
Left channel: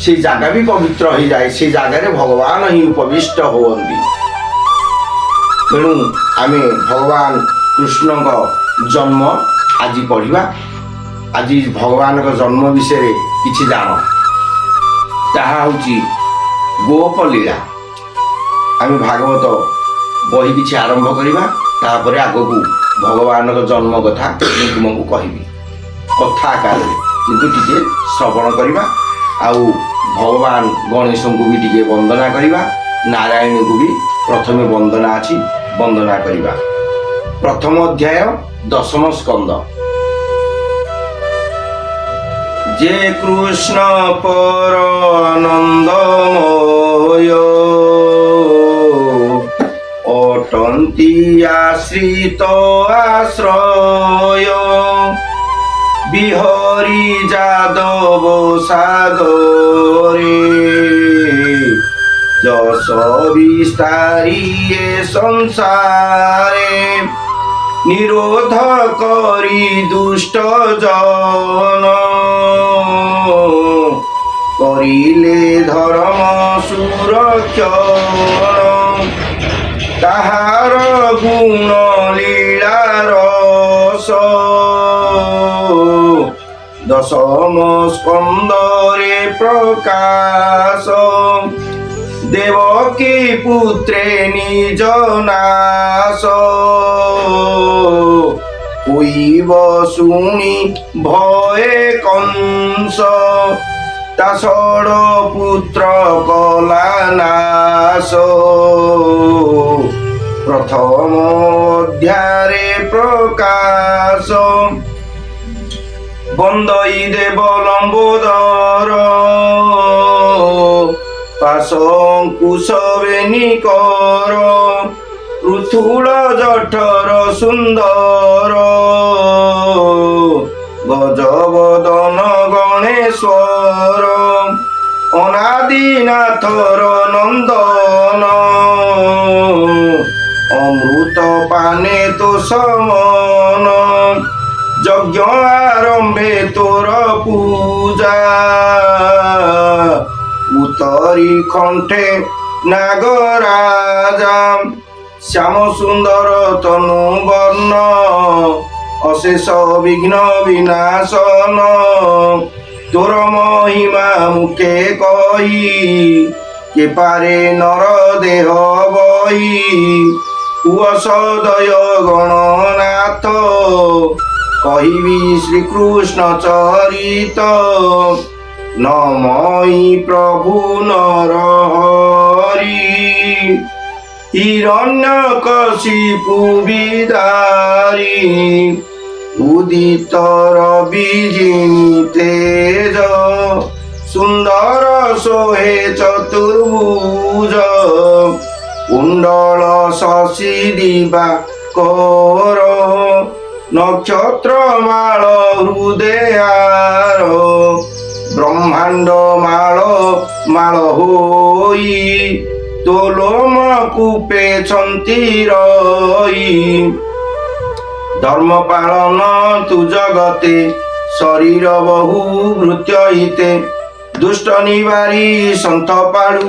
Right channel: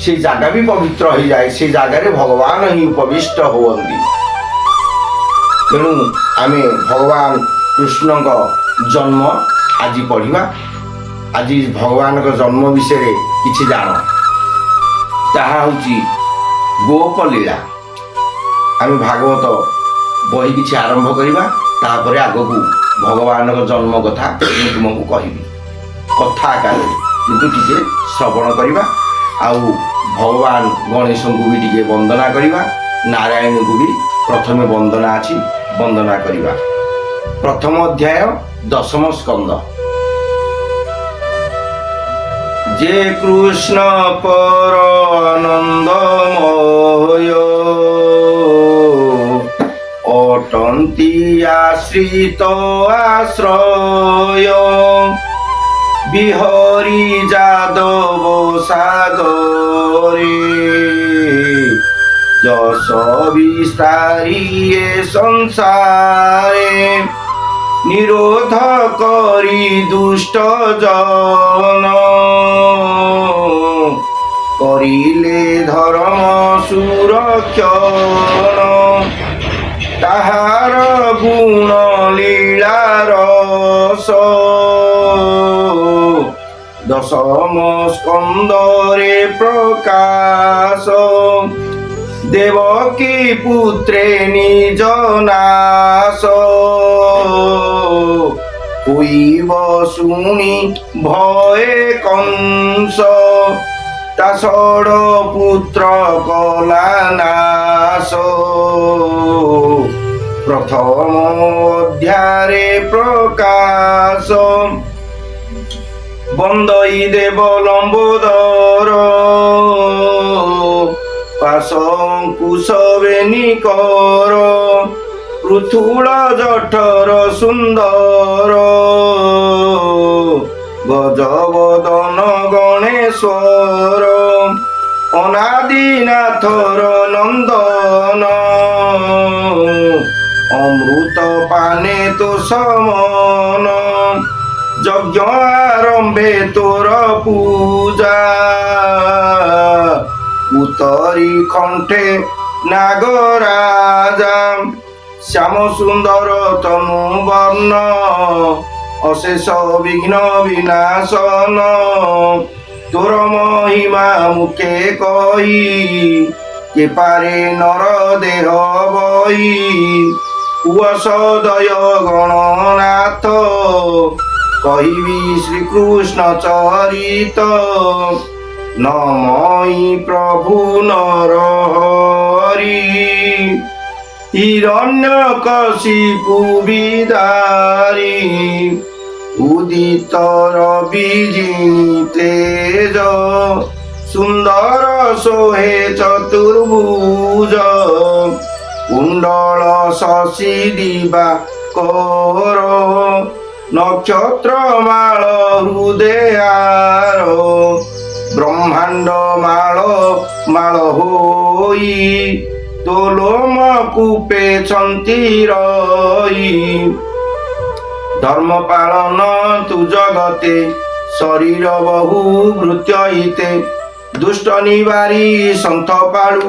ସେ ଜାଗା ବି ପବିତ୍ର ହୋଇଯାଏ, ସେ ଜାଗାରେ ଭଗବାନ ହିଁ ଉପବିଷ୍ଟ ହୁଅନ୍ତି। ତେଣୁ ଆମେ ଭଗବାନ କୃଷ୍ଣଙ୍କ ଜନ୍ମ ଆଜି ପଢ଼ିବା। ଆଜି ଭଗବାନଙ୍କ ଜନ୍ମ ବିଷୟରେ କିଛି ଜାଣ। ତାହା ହେଉଛି ଗୋପ ଲୀଳା। ଆମେ ଭାଗବତ ବହି କିଛି ଆରମ୍ଭ କରିବା, ତାପରେ ଆଗକୁ ଭଗବାନଙ୍କ ଜନ୍ମ କଥା ମୁଁ ତୁମକୁ କହିବି କଥା ଆକାରରେ, କିନ୍ତୁ ଟିକେ ଶ୍ରବଣ କରିବା। ଆଉ ଭଗବାନ ଗଣେଶଙ୍କୁ ବି ଟିକେ ବନ୍ଦନା କରିବା, ନାରାୟଣଙ୍କୁ ବି ପ୍ରଥମେ ବନ୍ଦନା ଅଛି, ବନ୍ଦନା କରିବା। ପ୍ରଥମ ଅଧ୍ୟାୟ 10ମ ସ୍କନ୍ଦ। ଯେ କୃଷ୍ଣ ପର ଆନନ୍ଦମୟ ଅଟନ୍ତି ଆଶ୍ରିତ ଆଶ୍ରୟ, বিহরি যাদব সাগরে যশ বিস্তারিয়ে সংসারে, নিরোধ করি দুষ্ট জন করিলে ধর্ম সুরক্ষণ, তাহার গুণ লীলা রস 10ম স্কন্দরে প্রকাশ, দেবকী পুত্রে নিজ নাশ, কইব শুনি ভয়ে কংস, তা ষড় পুত্র কলা নাশ। প্রথম অধ্যায়ে প্রকাশ, বন্দই দেব লম্বোদর, পাশঙ্কুশ বেনিকর, পৃথুল জঠর সুন্দর, গজবদন গণেশ্বর, অনাদিনাথর নন্দন, অমৃত পানে তো সমন, যজ্ঞ আরম্ভে তোর পূজা, উত্তরি কণ্ঠে নাগরাজা, শ্যাম সুন্দর তনু বর্ণ, অশেষ বিঘ্ন বিনাশন, তোর মহিমা মুখে কহি, কে পারে নর দেহ বহি, কুয়সদয় গণনাথ, কহিবি শ্রীকৃষ্ণ চরিত, নমই প্রভু নর হরি। হিরণ্যকশিপু বিদারি উদিত রবিজিনী তেজ সুন্দর সোহে চতুর্ভুজ কুণ্ডল শশী দিবা কর নক্ষত্র মাଳ হৃদয়ার ব্রহ্মাণ্ড মাଳ মাଳ ହୋଇ তোলোম কূপে ছন্তি রই ধর্ম পালন তু জগতে শরীর বহু ভৃত্য হিতে দুষ্ট নিবারি সন্থ পাଳୁ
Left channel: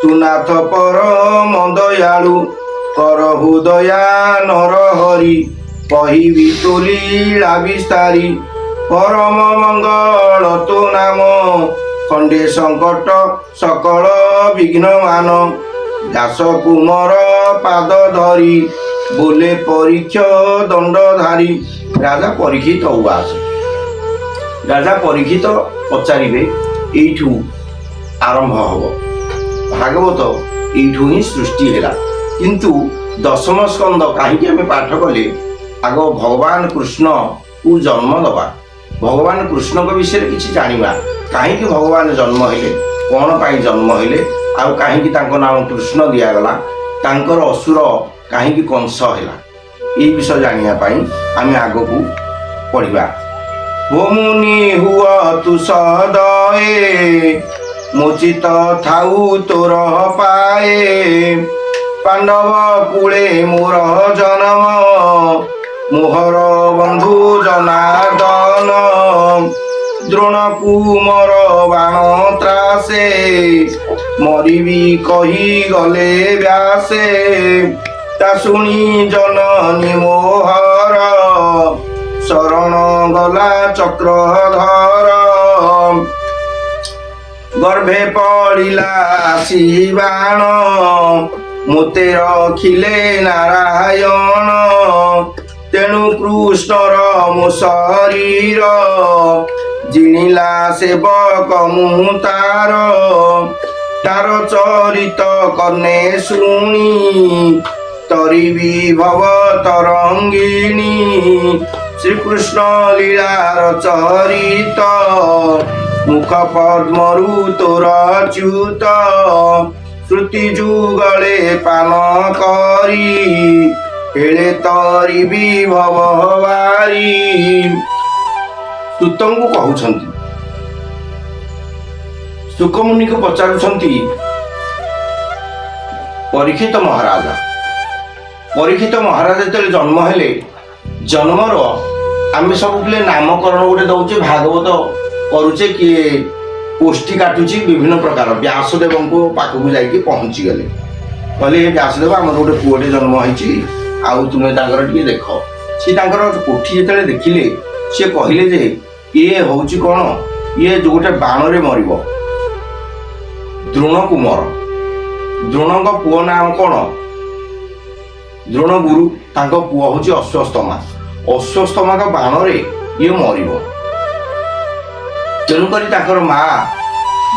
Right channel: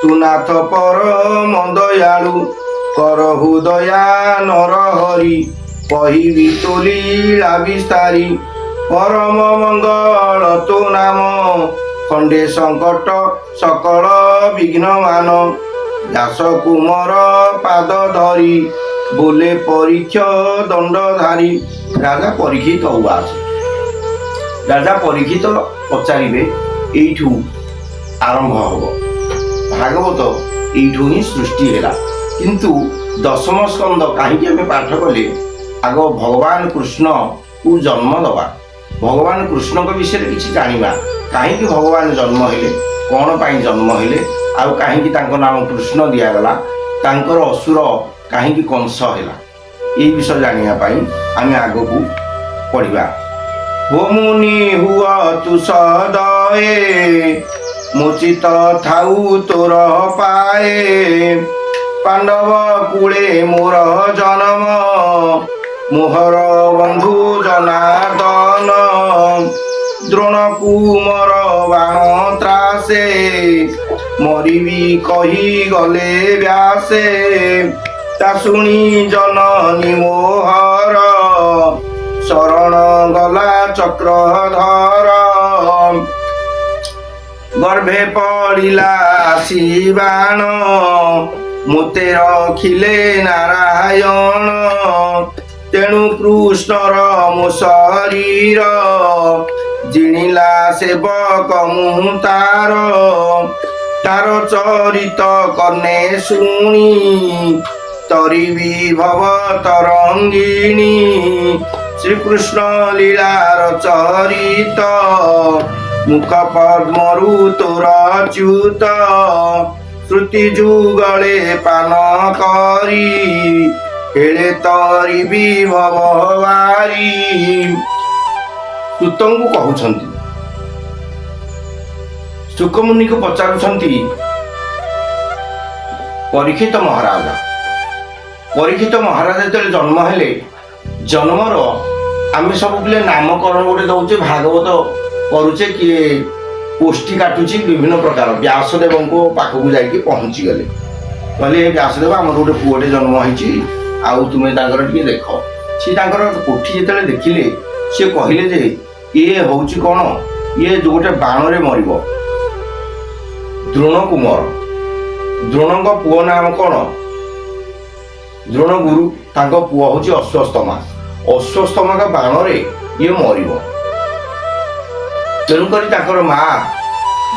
তু নাথ পরম দয়াଳୁ করহু দয়া নর হরি কহিবি তু লীলা বিস্তারি পরম মঙ্গল তো নাম খণ্ডে সংকট সকল বিঘ্ন মান দাস কুমর পাদ ধরি बोले परीक्ष दंडधारी राजा परीक्षित उवाच राजा परीक्षित पचारे एठू आरंभ हब भागवत एठू ही सृष्टि है किंतु दशम स्कंद कहीं आम पाठ कले आग भगवान कृष्ण को जन्म दबा भगवान कृष्ण को विषय किसी जाना कहीं भगवान जन्म हेले कौन पाई जन्म हेले आउ कहीं नाम कृष्ण दिगला तांकर असुर कहीं कंस है ये विषय जानापी आम आग को पढ़ा हो मुनि हुआ तु सदये मुचित थाऊ तोर पाए पांडव कूले मोर जन्म मोहर बंधु जनार्दन द्रोण कुमर बाण त्रासे मरिबी कही गले व्यासे ता शुणी जननी मोहर शरण गला चक्रधर गर्भे पड़िला शिवाण मोते रखिले नारायण तेणु कृष्णर मो शरीर जिणिला सेवक मु तार तार चरित कर्णे शुणी तरी विभव तरंगिणी श्रीकृष्ण लीलार चरित मुख पद्मरु तोर च्युत श्रुति जुगले पान करी हेले तरी विभव वारी सुतंग को कहउछंती सुकमुनि को पचारुछंती परीक्षित महाराज जो जन्म हेले जन्मर आम सब पिले नामकरण गोटे दौचे भागवत करुचे किए पोष्टी काटुची विभिन्न प्रकार व्यासदेव को पाखक जाकि पहुँची गले कहले व्यासदेव आम गोटे पुओटे जन्म होती आउ तुम्हें टे देख सी कोठी जो देखिले सी कहले जे ये हूँ कौन ये जो गोटे बाण रे मर द्रोण कुमार द्रोण पुओ नाम कौन द्रोण गुरु तांको पुओ हूँ अश्वत्थमा का बाण रे ये मर तेणुक माँ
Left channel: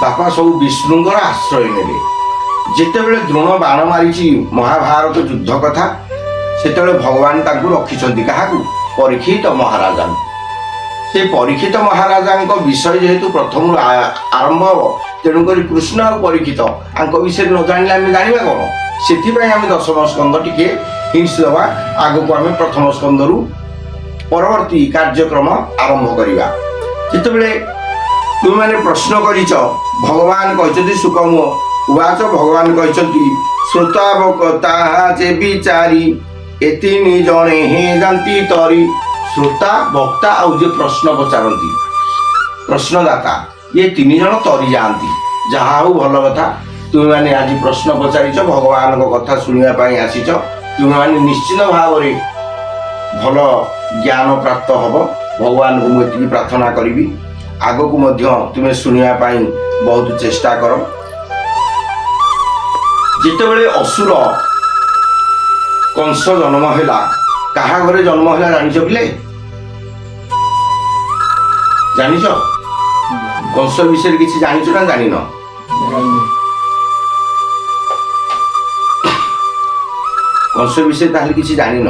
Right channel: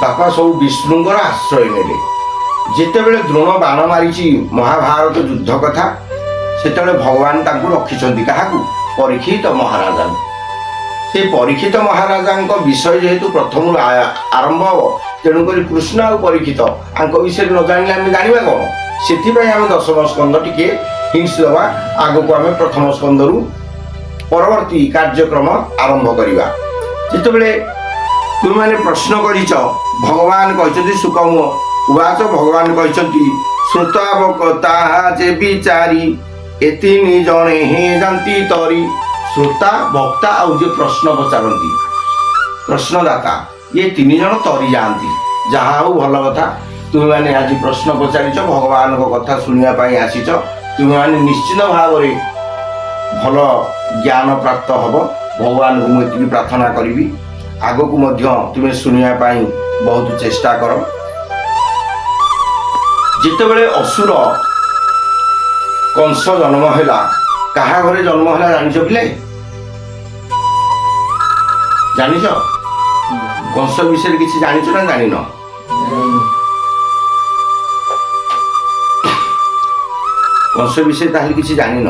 बापा सब विष्णुंकर आश्रय ने जितेबले द्रोण बाण मारी महाभारत युद्ध कथा से भगवान रखिंट क्या परीक्षित महाराजा से परीक्षित महाराजा विषय जेहेतु प्रथम आरंभ हम तेणुक कृष्ण आ परीक्षित आंक विषय न जाने आम जाना कौन से आम दशम स्कंद टी हिंस दवा आग को आम प्रथम स्कंद रु परवर्ती कार्यक्रम आरंभ करवा जितेबले तुम प्रश्न कर भगवान कहते सुकम उवाच भगवान कहते श्रोतावकता जे विचारी एतिनी जने हे जानती तरी श्रोता वक्ता आउ जे प्रश्न पचारती प्रश्नदाता ये तीन जन तरी जाती जहा हो भल कथा तुम्हें आज प्रश्न पचारिच भगवान को कथा शुणापी आसीच तुम्हें निश्चित भाव में भल ज्ञान प्राप्त हम भगवान को मुझे प्रार्थना करी आग को तुम्हें शुणापी बहुत चेष्टा कर जितेबले असुर कंस जन्म है कहा घरे जन्म है जानिच पिले जानिच कंस विषय किसी जानिच ना जानिन କଂସ ବିଷୟରେ ତାହେଲେ କିଛି ଜାଣିନ।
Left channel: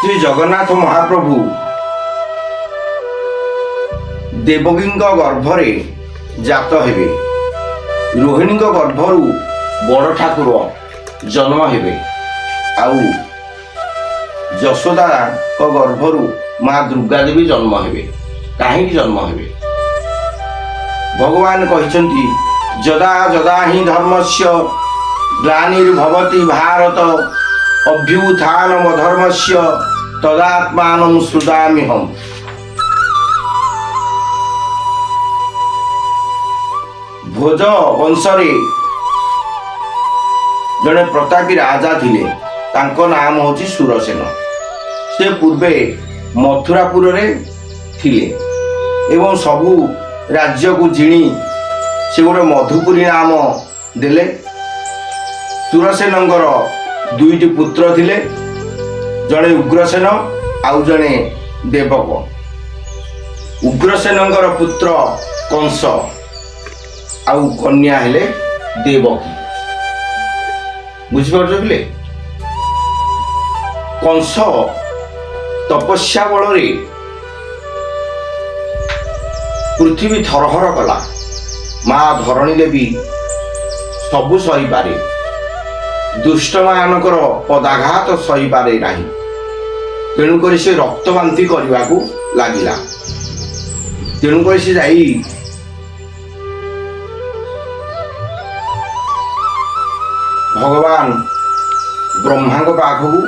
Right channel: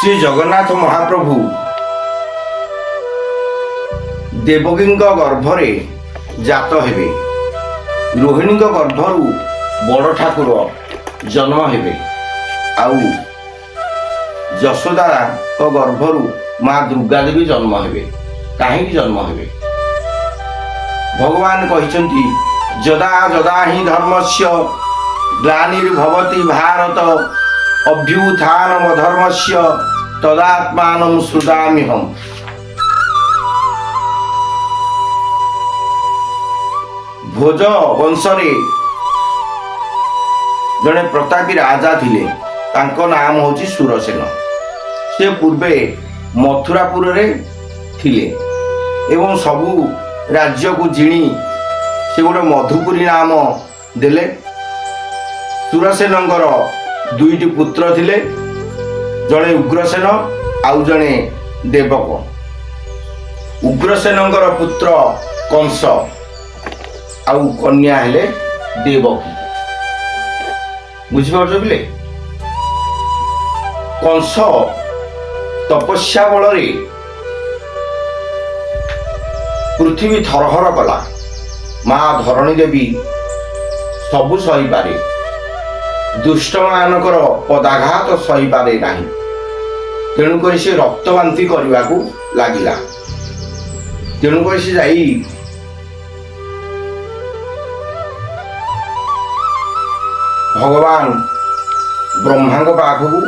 ଶ୍ରୀ ଜଗନ୍ନାଥ ମହାପ୍ରଭୁ ଦେବକୀଙ୍କ ଗର୍ଭରେ ଜାତ ହେବେ। ରୋହିଣୀଙ୍କ ଗର୍ଭରୁ ବଡ଼ ଠାକୁର ଜନ୍ମ ହେବେ। ଆଉ ଯଶୋଦାଙ୍କ ଗର୍ଭରୁ ମା ଦୁର୍ଗା ଦେବୀ ଜନ୍ମ ହେବେ। କାହିଁକି ଜନ୍ମ ହେବେ? ଭଗବାନ କହିଛନ୍ତି ଯଦା ଯଦା ହିଁ ଧର୍ମସ୍ୟ ଗ୍ଲାନିର୍ଭବତି ଭାରତ ଅଭ୍ୟୁତ୍ଥାନମଧର୍ମସ୍ୟ ତଦାତ୍ମାनं ସୃଜାମ୍ୟହମ୍। ଭୋଜ ବଂଶରେ ଜଣେ ପ୍ରତାପୀ ରାଜା ଥିଲେ। ତାଙ୍କ ନାମ ହେଉଛି ସୁରସେନ। ସେ ପୂର୍ବେ ମଥୁରାପୁରରେ ଥିଲେ ଏବଂ ସବୁ ରାଜ୍ୟକୁ ଜିଣି ସେ ଗୋଟେ ମଧୁପୁରୀ ନାମ ଦେଲେ। ସୁରସେନଙ୍କର ଦୁଇଟି ପୁତ୍ର ଥିଲେ, ଜଣେ ଉଗ୍ରସେନ ଆଉ ଜଣେ ଦେବକ। ଉଗ୍ରସେନଙ୍କର ପୁତ୍ର କଂସ ଆଉ କନ୍ୟା ହେଲେ ଦେବକୀ। ବୁଝିପାରୁଛ କି? କଂସ ତପସ୍ୟା ବଳରେ ପୃଥିବୀ ଥରହର କଲା। ମା ଧରଣୀ ଦେବୀ ସବୁ ସହିପାରେ, ଦୁଷ୍ଟମାନଙ୍କର ପଦାଘାତ ସହିପାରେ ନାହିଁ। ତେଣୁକରି ସେ ରକ୍ତବାନ୍ତି କରିବାକୁ ଲାଗିଲା। ତେଣୁକରି ସେ ଯାଇ ଭଗବାନ ବ୍ରହ୍ମାଙ୍କ ପାଖକୁ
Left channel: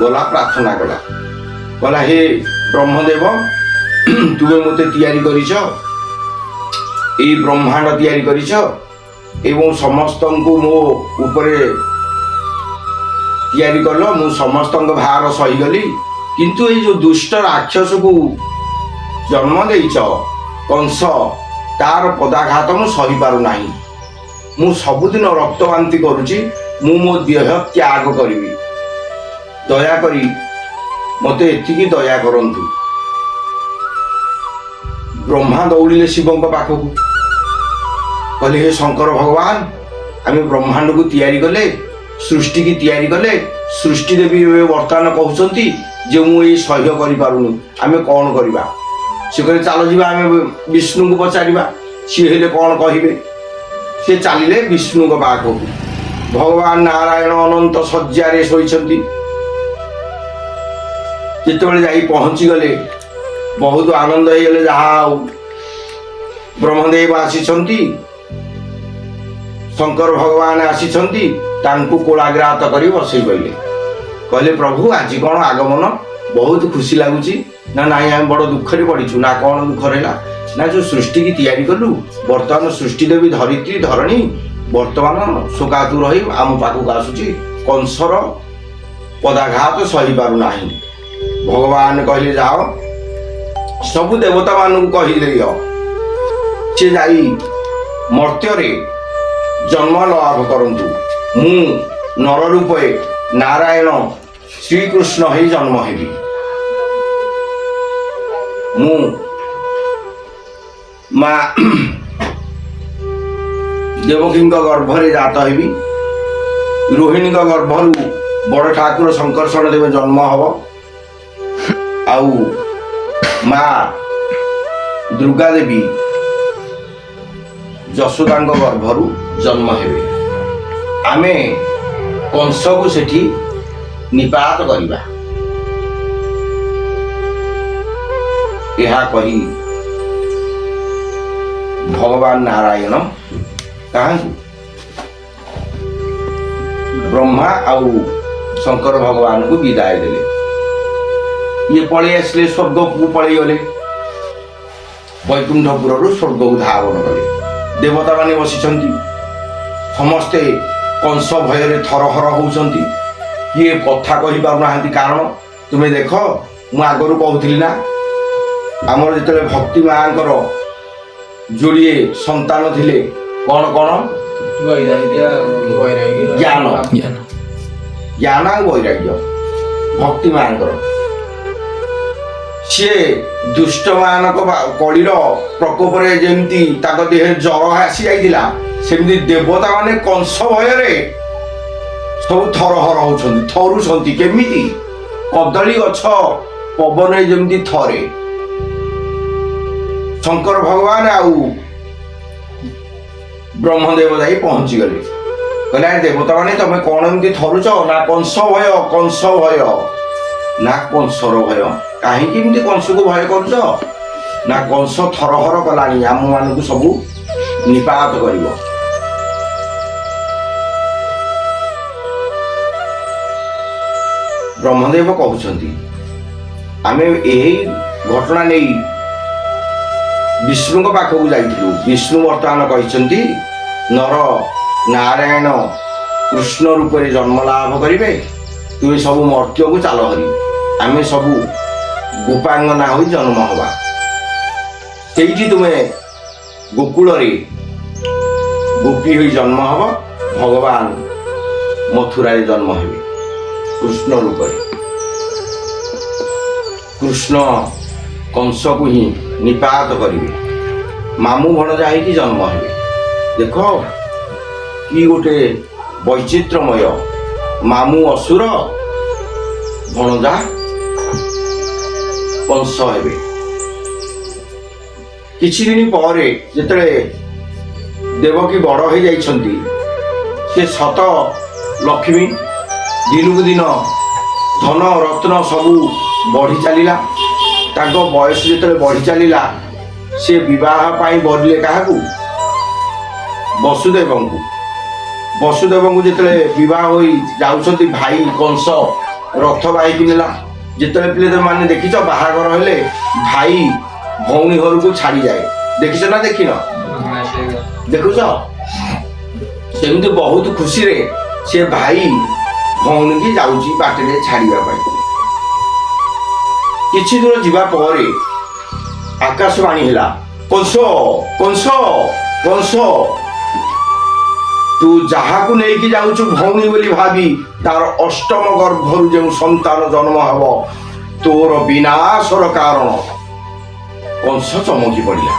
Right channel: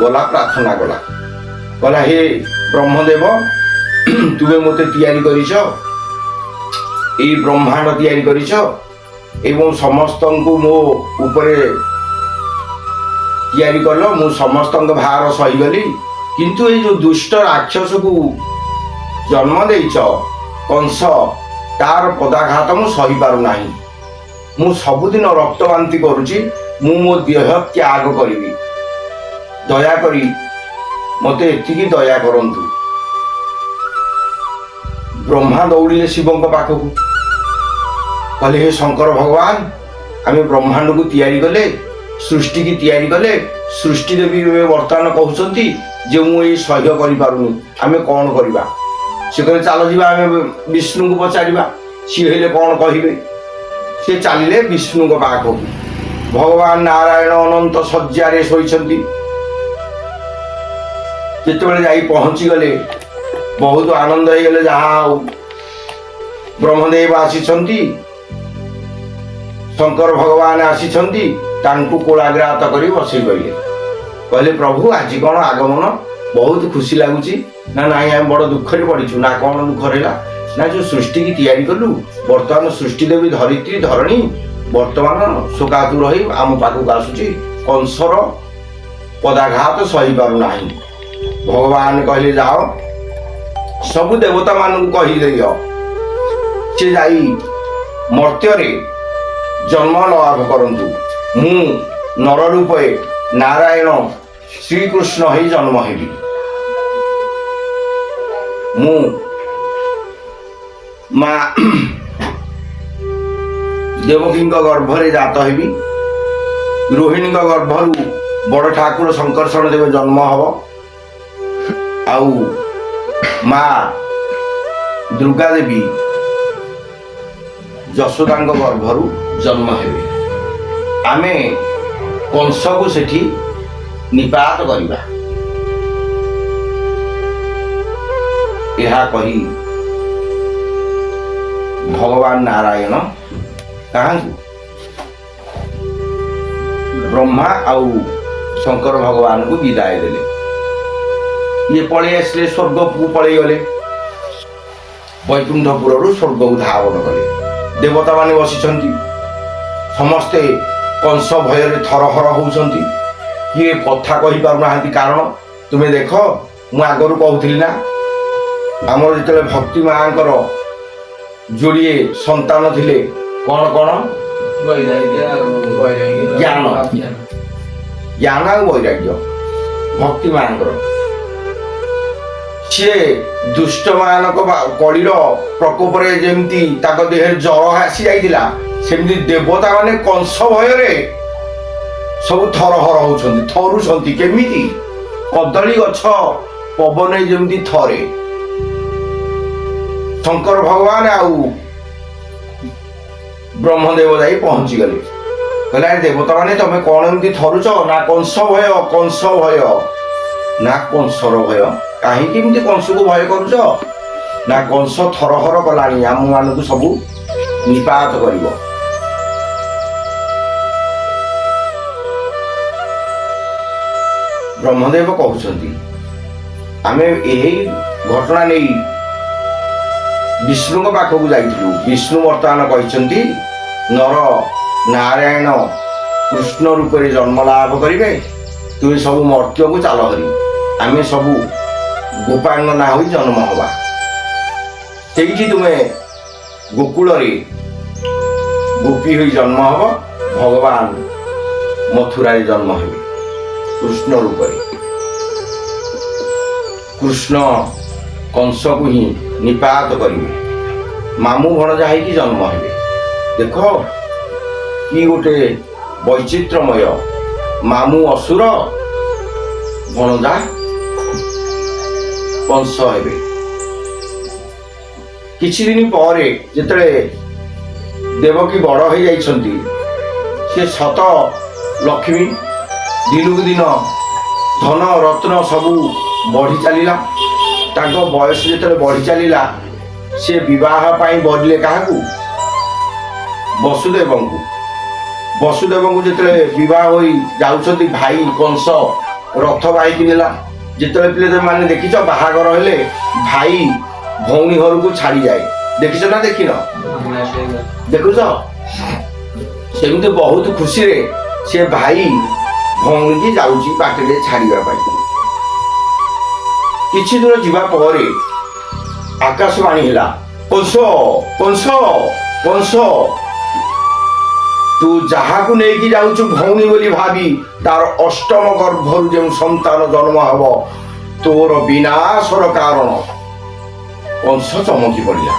ଗଲା, ପ୍ରାର୍ଥନା କଲା। କହିଲା ହେ ବ୍ରହ୍ମଦେବ, ତୁମେ ମୋତେ ତିଆରି କରିଛ, ଏଇ ବ୍ରହ୍ମାଣ୍ଡ ତିଆରି କରିଛ ଏବଂ ସମସ୍ତଙ୍କୁ ମୋ ଉପରେ ତିଆରି କଲ। ମୁଁ ସମସ୍ତଙ୍କ ଭାର ସହିଗଲି, କିନ୍ତୁ ଏଇ ଯେଉଁ ଦୁଷ୍ଟ ରାକ୍ଷସକୁ ଜନ୍ମ ଦେଇଛ କଂସ, ତାର ପଦାଘାତ ମୁଁ ସହିପାରୁନାହିଁ। ମୁଁ ସବୁଦିନ ରକ୍ତବାନ୍ତି କରୁଛି। ମୁଁ ମୋ ଦେହ ତ୍ୟାଗ କରିବି। ଦୟାକରି ମୋତେ ଏତିକି ଦୟା କରନ୍ତୁ। ବ୍ରହ୍ମା ଦୌଡ଼ିଲେ ଶିବଙ୍କ ପାଖକୁ। କହିଲେ ହେ ଶଙ୍କର ଭଗବାନ, ଆମେ ବ୍ରହ୍ମାଣ୍ଡକୁ ତିଆରି କଲେ, ସୃଷ୍ଟିକି ତିଆରି କଲେ। ସୃଷ୍ଟି ଦେବୀ ଏବେ ବର୍ତ୍ତମାନ କହୁଛନ୍ତି ଯେ ମୁଁ ଏଇ ସହ୍ୟ କରିପାରୁନି, ଆମେ କ'ଣ କରିବା? ସେ କହିଲେ ଚାଲ ଯିବା, ଆମେ ବିଷ୍ଣୁଙ୍କୁ ପଚାରିବା, ସିଏ ହେଲେ କ'ଣ କହିବେ। ସେ ଚାଲିଲେ ବିଷ୍ଣୁଙ୍କ ପାଖକୁ। ଭଗବାନ ନାରାୟଣ ଅନନ୍ତ ଶଯ୍ୟାରେ ଶୋଇଛନ୍ତି। ଯେତେବେଳେ ଯାଇ ପହଞ୍ଚିଗଲେ ବହୁତ ଆନନ୍ଦ ହେଇଗଲେ। ଯାହା ଆଉ ବ୍ରହ୍ମଦେବ ଆସିଛନ୍ତି, ଶଙ୍କର ଭଗବାନ ଆସିଛନ୍ତି, ତାଙ୍କୁ କୋଳାଗ୍ରାତ କରି ବସେଇ କହିଲେ। କହିଲେ ପ୍ରଭୁ ଆଜି କ'ଣ ଆଗମନ? ବହୁତ ଖୁସି ଲାଗୁଛି। ନା ନାଇଁ, ଆମେ ବଡ଼ ଦୁଃଖରେ ପଡ଼ିଛୁ। ନା କ'ଣ ଦୁଃଖ ରହିଲା? ନା ଯେଉଁ ସୃଷ୍ଟିକି ତିଆରି କଲୁ, ବର୍ତ୍ତମାନ ସୃଷ୍ଟି ଦେବୀ ଧରିତ୍ରୀ ଧରଣୀ ବର୍ତ୍ତମାନ ଶୋକାତୁର ହୋଇ ଆମ ପାଖକୁ ଆସୁଛି। କଂସର ପଦାଘାତ ସହିପାରୁନାହିଁ। ଭଗବାନ କହିଲେ ଯାଅ ସବୁ ଦେବତାମାନଙ୍କୁ କହିଦିଅ, ସେ ଯାଇ ମର୍ତ୍ତ୍ୟରେ ଜନ୍ମ ଲାଭ କରନ୍ତୁ। ମୁଁ ନର ରୂପେ ନାରାୟଣ ଶ୍ରୀକୃଷ୍ଣ ହେଇ ଜନ୍ମ ହେବି। ମୁଁ ମା ଦେବକୀଙ୍କ ଗର୍ଭରେ ଜାତ ହେବି। ରୋହିଣୀଙ୍କ ଗର୍ଭରୁ ବଡ଼ ଠାକୁର ଶଙ୍କର୍ଷଣ ଦେବ ଜନ୍ମ ହବ। ଆଉ ମା ଦୁର୍ଗା ଦେବୀ ଯଶୋଦାଙ୍କ ଗର୍ଭରୁ ଜନ୍ମ ହେବେ। ଆମେ କଂସକୁ ସେଠି ନିପାତ କରିବା। ଏହା କହି ଭଗବାନ ନାରାୟଣ କାହାଙ୍କୁ? ବ୍ରହ୍ମା ଆଉ ଶଙ୍କର ଭଗବାନଙ୍କୁ ବିଦାୟ ଦେଲେ। ଇଏ ପଳେଇ ଆସିଲେ, ସ୍ୱର୍ଗକୁ ପଳେଇଗଲେ। ବୈକୁଣ୍ଠପୁରରୁ ସ୍ୱର୍ଗକୁ ଧାବନ କଲେ। ଦେବତାମାନେ ବସିଛନ୍ତି, ସମସ୍ତେ କଂସ ଭୟରେ ଥରହର ହେଉଛନ୍ତି। କିଏ କଥା କହିପାରୁନାହାନ୍ତି। କାରଣ ତୁମେ ଦେଖ, ମୁଁ ଆଗରୁ କହୁଥିଲି ନା, ଆମର ଯେତେବେଳେ ଭକ୍ତି ମାଙ୍କର ଯୋଡ଼ିଏ ସନ୍ତାନ ଥିଲେ, କ'ଣ କ'ଣ? ଜ୍ଞାନ ଆଉ ବୈରାଗ୍ୟ। ଭକ୍ତି ମାଙ୍କର ସିଏ ଦୁଷ୍ଟମାନଙ୍କ କଳିର ପ୍ରକୋପରେ ଯେମିତି ତାଙ୍କ ଦେହରେ ଜ୍ୱର ଆସି ଯାଇଥିଲା, ସେମିତି ଦେବତା ମାନେ କଂସ ଭୟରେ ସବୁ ଥରହର ହଉଛନ୍ତି, ଥରୁଛନ୍ତି। କେମିତି? କଦଳୀ ଗଛ ପବନରେ ଯେମିତି ଥରେ। ଶଙ୍କର ଭଗବାନ ଆଉ ବ୍ରହ୍ମଦେବ ଯାଇ ପହଞ୍ଚିଗଲେ। କହିଲେ ଆରେ ଦେବତା ମାନେ ତମେ କଣ ଏମିତି ଥରୁଛ? ନା କଂସ ଭୟ, କଂସ ଭୟ। ନା କଂସର ଭୟ? କାହିଁକି ଏମିତି କଂସକୁ ଭୟ କରୁଛ? ନା କଂସ ଥରହର କଲାଣି, ଆମମାନଙ୍କୁ ସବୁ ନିପାତ କରିବ। ବ୍ରହ୍ମଦେବ କହୁଛନ୍ତି ଆମେ ଏହି ଘଟଣା ନେଇ ବିଷ୍ଣୁଙ୍କ ପାଖକୁ ଯାଇଥିଲୁ। ବିଷ୍ଣୁ ବର୍ତ୍ତମାନ କହିଛନ୍ତି ନର ନାରାୟଣ କୃଷ୍ଣ ରୂପରେ ଜନ୍ମ ଲାଭ କରିବେ, ତୁମେ ସବୁ ମର୍ତ୍ତ୍ୟକୁ ଚାଲ ହରି, ଆମେ ସବୁ ଗୋପାଙ୍ଗନା ହୋଇ ଜନ୍ମ ହବା। ସେଇଠି ତୁମେ ଗୋକୁଳରେ ଗୋପୀ ହୋଇ ଜନ୍ମ ହବ, ଭଗବାନ ମଥୁରାରେ ଜନ୍ମ ହେବେ କୃଷ୍ଣ ରୂପରେ। କୃଷ୍ଣ କଂସକୁ ହିଁ ନିପାତ କରିବେ, ମାମୁଁ ଭଣଜା ହେଇକି ଜନ୍ମ ହେବେ। ଦେଖ କି ଗୋଟେ ବୈଚିତ୍ର୍ୟମୟ, ମାମୁଁ ଅସୁର, ଭଣଜା କଂସ ହେବେ। କିଛି ଦିନ ପରେ ଯେତେବେଳେ ଦେବକୀ ବଡ଼ ହେଇଯାଇଛନ୍ତି, ସେ ସତ ଲକ୍ଷ୍ମୀ ଦିନକୁ ଦିନ ଧନ ରତ୍ନ ସବୁ ବଢ଼ି ଚାଲିଲା। ତାଙ୍କ ବୟସ ଯେତେବେଳେ ବଢ଼ି ଚାଲିଲା, ସେ ବିବାହ ପାଇଁ ବଢ଼ିଲେ କାହାକୁ? ବସୁଦେବଙ୍କୁ। ବସୁଦେବଙ୍କୁ ଯେତେବେଳେ ବିବାହ ହୋଇ ଯାଉଛନ୍ତି, ଭାଇ କଂସ ରଥ ବାହିକି ନେଲା। ଯେତେବେଳେ ପିଲେ ମାନେ ଦେଖିଛ ବାହାଘର ହେଲେ ଭାଇ ଭଉଣୀ ଘରକୁ ଛାଡ଼ିଯାଏ, ଦେଖିଛ ନା ଦେଖିନ? ଦେଖୁଛ? ସେମିତି ବହୁତ ଖୁସିରେ ସେ ଭାଇ ଭଉଣୀକି ଯାଉଛି ବାଟରେ ଛାଡ଼ିବା ପାଇଁ। କିଛି ଦୂର ଯିବା ପରେ ଆକାଶବାଣୀ ହେଲା, କଂସ କଂସ କଂସ, ତୁ ଯାହାକୁ ନେଇକି ଯାଉଛୁ ଭଉଣୀ ବୋଲି ଭାବି ତାର ଅଷ୍ଟମ ଗର୍ଭରୁ ଯେଉଁ ସନ୍ତାନ ଜନ୍ମ ହେବ, ତୋର ବିନାଶର କାରଣ। କଂସ ଚମକି ପଡ଼ିଲା।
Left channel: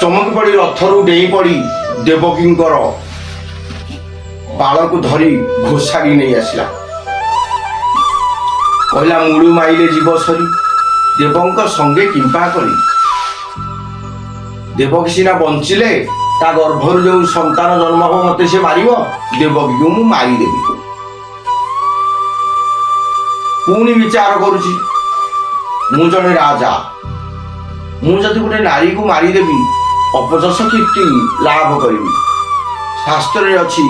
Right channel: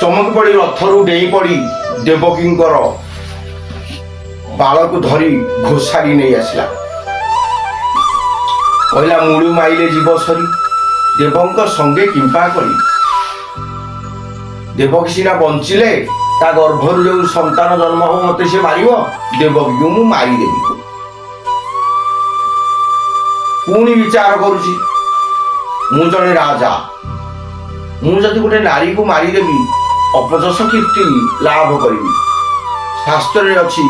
ଚମକି ପଡ଼ି ରଥରୁ ଡେଇଁ ପଡ଼ି ଦେବକୀଙ୍କର ବାଳକୁ ଧରି ଘୋଷାରି ନେଇ ଆସିଲା। କହିଲା ମୂଳୁ ମାଇଲେ ଜୀବ ସରି, ଦେବଙ୍କ ସଙ୍ଗେ କିମ୍ପା କରି। ଦେବକୀ ସିନା ବଞ୍ଚିଲେ, ତା ଗର୍ଭରୁ ଯେଉଁ ସନ୍ତାନ ଜନ୍ମ ହେବ ମତେ ସେ ମାରିବ, ଦେବକୀକୁ ମୁଁ ମାରିଦେବି। ପୁଣି ବିଚାର କରୁଛି, ମୁଁ ଜଣେ ରାଜା, ମୁଁ ଯଦି ଗୋଟେ ନାରୀକୁ ମାରିଦେବି ଅପଯଶ କୀର୍ତ୍ତି ଲାଭ କରିବି। ଶାସ୍ତ୍ରରେ ଅଛି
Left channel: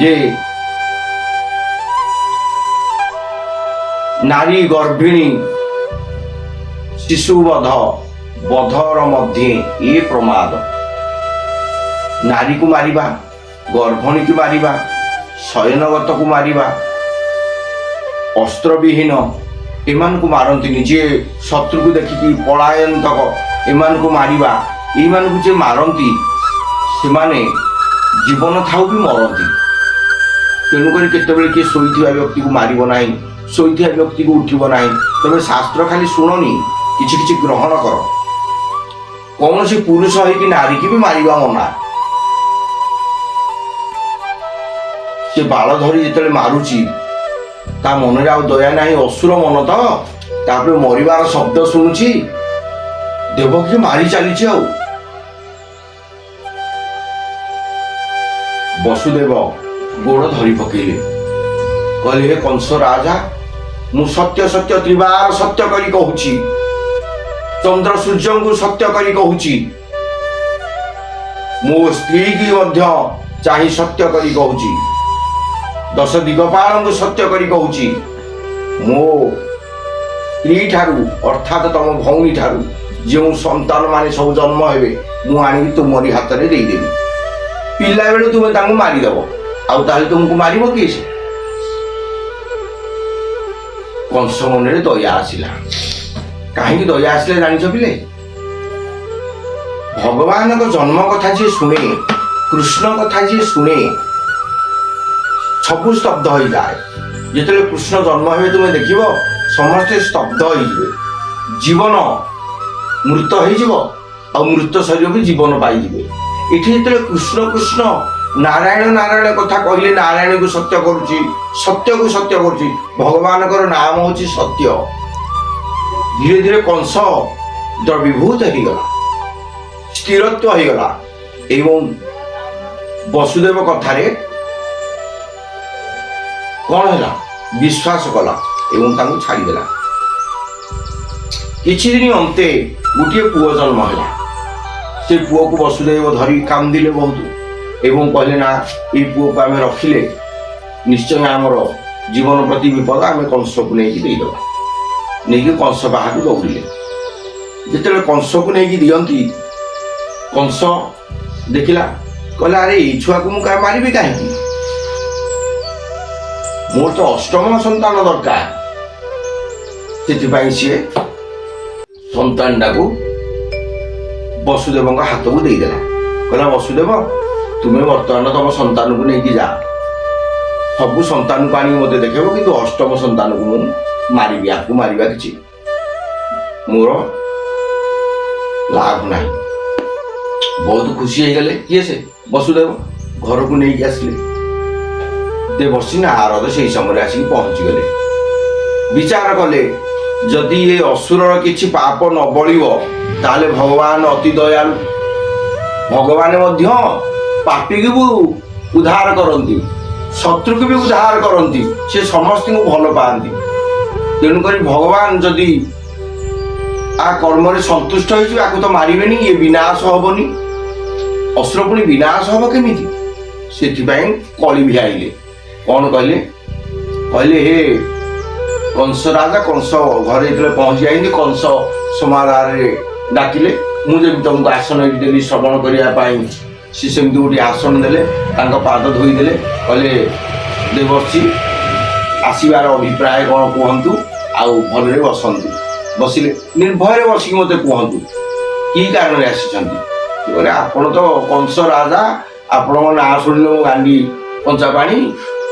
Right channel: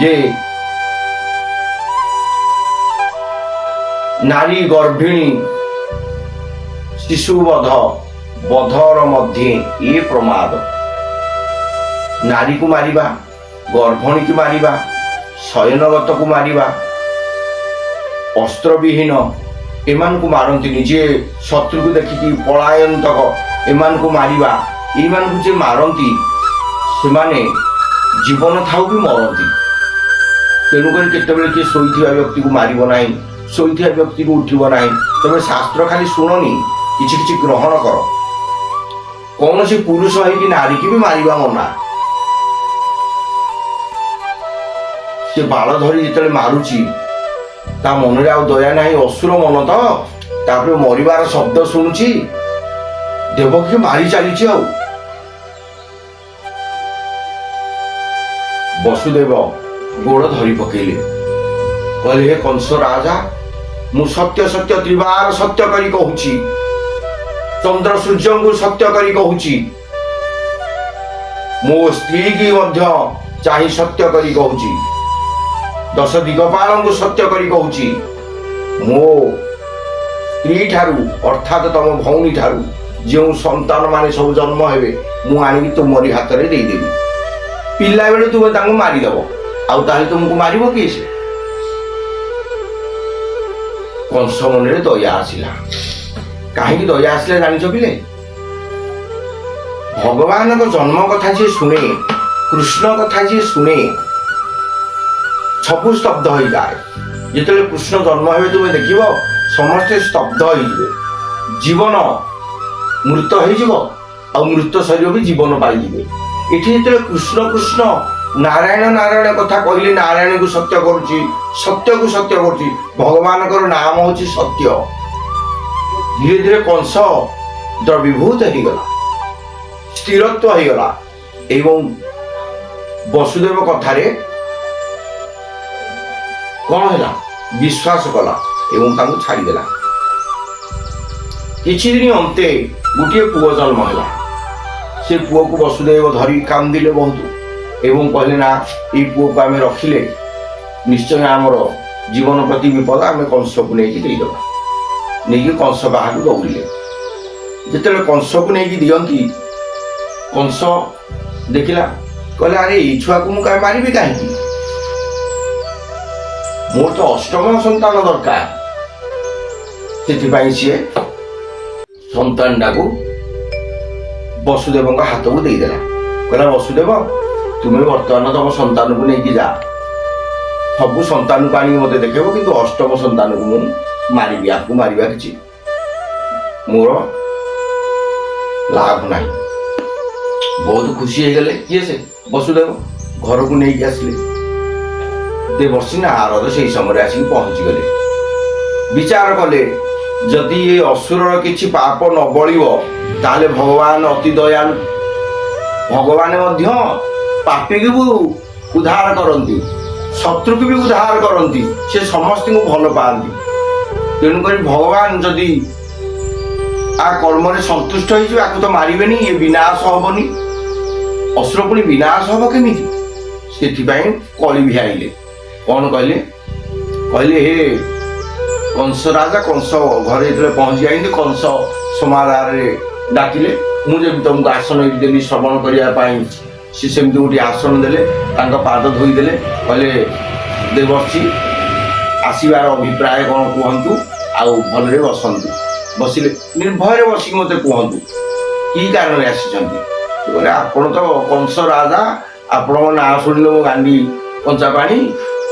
ଯେ ନାରୀ ଗର୍ଭିଣୀ ଶିଶୁ ବଧ, ବଧର ମଧ୍ୟେ ଏ ପ୍ରମାଦ। ନାରୀକୁ ମାରିବା, ଗର୍ଭଣୀକୁ ମାରିବା, ଶୟନଗତକୁ ମାରିବା, ଅସ୍ତ୍ରବିହୀନ ଏମାନଙ୍କୁ ମାରନ୍ତିନି। ଯିଏ ଶତ୍ରୁକୁ ଦେଖିକି ପଳାୟନ୍ତକ ଏମାନଙ୍କୁ ମାରିବା, ଏଇମାନଙ୍କୁ ଯିଏ ମାରନ୍ତି ସେମାନେ ଜୀବନ ଥାଉ ବି ମରନ୍ତି। ତେଣୁକରି କେତେବେଳେ କିଏ ଶୋଇଥିବା ବ୍ୟକ୍ତିକୁ ମାରିବ ନାହିଁ, ଶୋଇଥିବା ବ୍ୟକ୍ତିକୁ ଉଠିବ ନାହିଁ। ତମେ ଶାସ୍ତ୍ର ଖାଲି ଶୁଣନି, କିଛି କିଛି ଗ୍ରହଣ କର। କୌଣସି ପୁରୁଷ ହେଇକି ନାରୀକି ବି ମାରିବା ମନା। ସେ ବାଳ ଧରି ଯେତେବେଳେ ମାରୁଛି, ତା ମନରେ ଆଉ ଦୟା ନାହିଁ, ଅସୁର ମନ ତ। ତାପରେ ମରିବାର ଶବ୍ଦ ଶୁଣୁଛି, ଦେବକୀ ମାରି ଚାଲିଛି। ଆଉ ବସୁଦେବ ଗୋଡ଼ ଧରି ପକେଇଲେ, କହିଲେ ହେ କଂସ ରାଜା, ମୁଁ ସତ୍ୟ ସତ୍ୟ ତ୍ରିବାର ସତ୍ୟ କରି କହୁଛି, ଚନ୍ଦ୍ର ସୂର୍ଯ୍ୟଙ୍କୁ ସତ୍ୟ କରି କହୁଛି, ମୋ ସ୍ତ୍ରୀ କି ମଧ୍ୟ ଚାହିଁ ସତ୍ୟ କରି କହୁଛି, 10 ଦିଗପାଳଙ୍କୁ ସତ୍ୟ କରି କହୁଛି, ମୋ ସ୍ତ୍ରୀ ଠାରୁ ଅର୍ଥାତ ତମ ଭଉଣୀ ଠାରୁ ଯେଉଁ ସନ୍ତାନ ମାନେ ସବୁ ଜନ୍ମ ହେବେ, ମୁଁ ଆଣିକି ତୁମରି ହାତରେ ଦେଇଦେବି। ପିଲାବେଳେ ତୁମେ ତାଙ୍କୁ ମାରିଦବ, ଆଉ ତାହେଲେ ତୁମକୁ ମାରିବ କିଏ? ସେ କଂସ ମନରେ ଦୟା ଆସିଲା। କାହିଁକି ଦୟା ଆସିଲା ଜାଣିଛ ପିଲେ? ଭଗବାନଙ୍କ ଜନ୍ମ କଥା ଯିଏ ଶୁଣେ, କୃଷ୍ଣ କଥା ଯିଏ ଶୁଣେ, ସବୁ ସ୍ତବ୍ଧ ହୋଇଯାଏ। ଯେତେବେଳେ କୃଷ୍ଣ ଜନ୍ମ ହେବେ ତୁମେ ଦେଖିବ ସମସ୍ତେ ସ୍ତବ୍ଧ ହେଇଯିବେ। ଜୀବନ ମୃତ ହେଇଯିବ ଆଉ ମୃତ ଶରୀର ବି ଜୀବନ ପାଇଯିବେ। ଏଠି ଯେତେବେଳେ କୃଷ୍ଣ କୃଷ୍ଣ ନାରାୟଣ ନାରାୟଣ କଥା କହିଲେ, ନାରାୟଣକୁ ସତ୍ୟ କରୁଛି, ସତ୍ୟକୁ ସତ୍ୟ କରୁଛି, ଭଗବାନଙ୍କର ନାମ ହଉଛି ସତ୍ୟ। ଧୀରେ ଧୀରେ କଂସ ଦ୍ରବୀଭୂତ ହେଇଗଲା, ସ୍ଥିରତ୍ୱ ହେଇଗଲା ଏବଂ ବସୁଦେବ କଥାରେ କଣ ହେଲା ବିଶ୍ୱାସ କଲା ଏବଂ ତାଙ୍କୁ ଛାଡ଼ିଦେଲା। କିଛି ଦିନ ଅନ୍ତେ ଗୋଟିଏ ପୁଅ ଜନ୍ମ ହେଲା। ସେ ପୁଅକୁ ବସୁଦେବ ଧରି କାନ୍ଦିଲେ ବହୁତ ଏବଂ କହିଲେ ନା, ଏଇ ପୁଅକୁ ଆମେ ରଖିଲେ ନିଶ୍ଚୟ ଆମର ଜୀବନ ପ୍ରତି ବିପଦ, ଆମେ କଂସକୁ ନେଇକି ଦେଇଦେବା। ନେଇକି କଂସ ବାହାରୁ ଦୌଡ଼ିଲେ। ଯେତେବେଳେ କଂସକୁ ନେଇକି ଦିଅନ୍ତି, କଂସ ଦେଖିଲା, କହିଲା ଆରେ ଏଇ ଛୁଆକୁ ମୁଁ କାହିଁ ମାରିବି କାହିଁକି, ମୋର ତ ଅଷ୍ଟମ ସନ୍ତାନ ଦରକାର। ସେଥିପାଇଁ ସିଏ ସନ୍ତାନଟାକୁ ବସୁଦେବଙ୍କ ହାତକୁ ଦେଇଦେଲା। କହିଲା ବସୁଦେବ, ତୁମେ ବର୍ତ୍ତମାନ ତମ ସନ୍ତାନକୁ ନେଇକି ଯା, ସବୁ ସନ୍ତାନକୁ ଆଣିକି ମୋତେ ଦେଖେଇବ, କିନ୍ତୁ ଅଷ୍ଟମ ସନ୍ତାନକୁ ମୁଁ ମାରିବି, ଆକୁ ମାରିବା କିଛି ମୋର ଲାଭ ନାହିଁ। ବହୁତ ଖୁସି ହେଇଗଲେ। କିଏ ସେ? ବସୁଦେବ। ଘରକୁ ନେଇକି ଆସିଲେ। ଦେବର୍ଷି ନାରଦ ସେଇ ସମୟରେ ଆସିକି ପହଞ୍ଚିଗଲେ। ବିଚାର କଲେ, ଯଦି ଏ ଅସୁରର କିଛି ପାପ ନ ବଳିବ ତାହେଲେ ଭଗବାନ ଅତି ଦୟାଳୁ। ଭଗବାନ ମଧ୍ୟ ପାପୀକୁ ବି ଉଦ୍ଧାର କରନ୍ତି, ଶତ୍ରୁକୁ ବି ଉଦ୍ଧାର କରନ୍ତି, ସେ ସମସ୍ତଙ୍କୁ ଭଲ ପାଆନ୍ତି। ତେଣୁକରି ଭଗବାନ ଯଦି ଆ କର୍ମରେ ସନ୍ତୁଷ୍ଟ ହେଇଯିବେ, ଆକୁ ତ ମାରିବେନି, ଏ ବିନାଶ ହବନି। ଅସୁର ପୁଣି ବିନାଶ ହବ କେମିତି? ସେଥିପାଇଁ କଳି ଭିଆଇଲେ। କଣ କହିଲେ? କହିଲେ ହେ କଂସ ରାଜା, କଂସ ଘରେ ଯେତେବେଳେ ପହଞ୍ଚି ଯାଇଛନ୍ତି, କଂସ ସମାରୋହରେ ଡାକିଲେ। ମୁଁ ଯେମିତି ତମକୁ ଆସନ ଏଠି ଦେଲି ଶ୍ରବଣ କରିବା ପାଇଁ, ସେ ସେମିତି ଗୋଟିଏ ଆସନ ଦେଲେ, ତାଙ୍କ ପାଦ ଧୋଇଦେଲେ। କହିଲେ ଦେବର୍ଷି, ଆସିବାର ଅଭିପ୍ରାୟ କ'ଣ କୁହନ୍ତୁ, ଆଉ ଭଲରେ ବସନ୍ତୁ। ବସିଲେ। ନିର୍ଭୟରେ ବସିକି ମୋତେ କୁହନ୍ତୁ କି କାରଣରେ ଆସିଛନ୍ତି। କହିଲେ ଆପଣ ତ କଂସ ରାଜା, ଆପଣଙ୍କ ନାଁ ଶୁଣିଲେ ମୋ ଗାଣ୍ଡି କଞ୍ଚା ପାଣି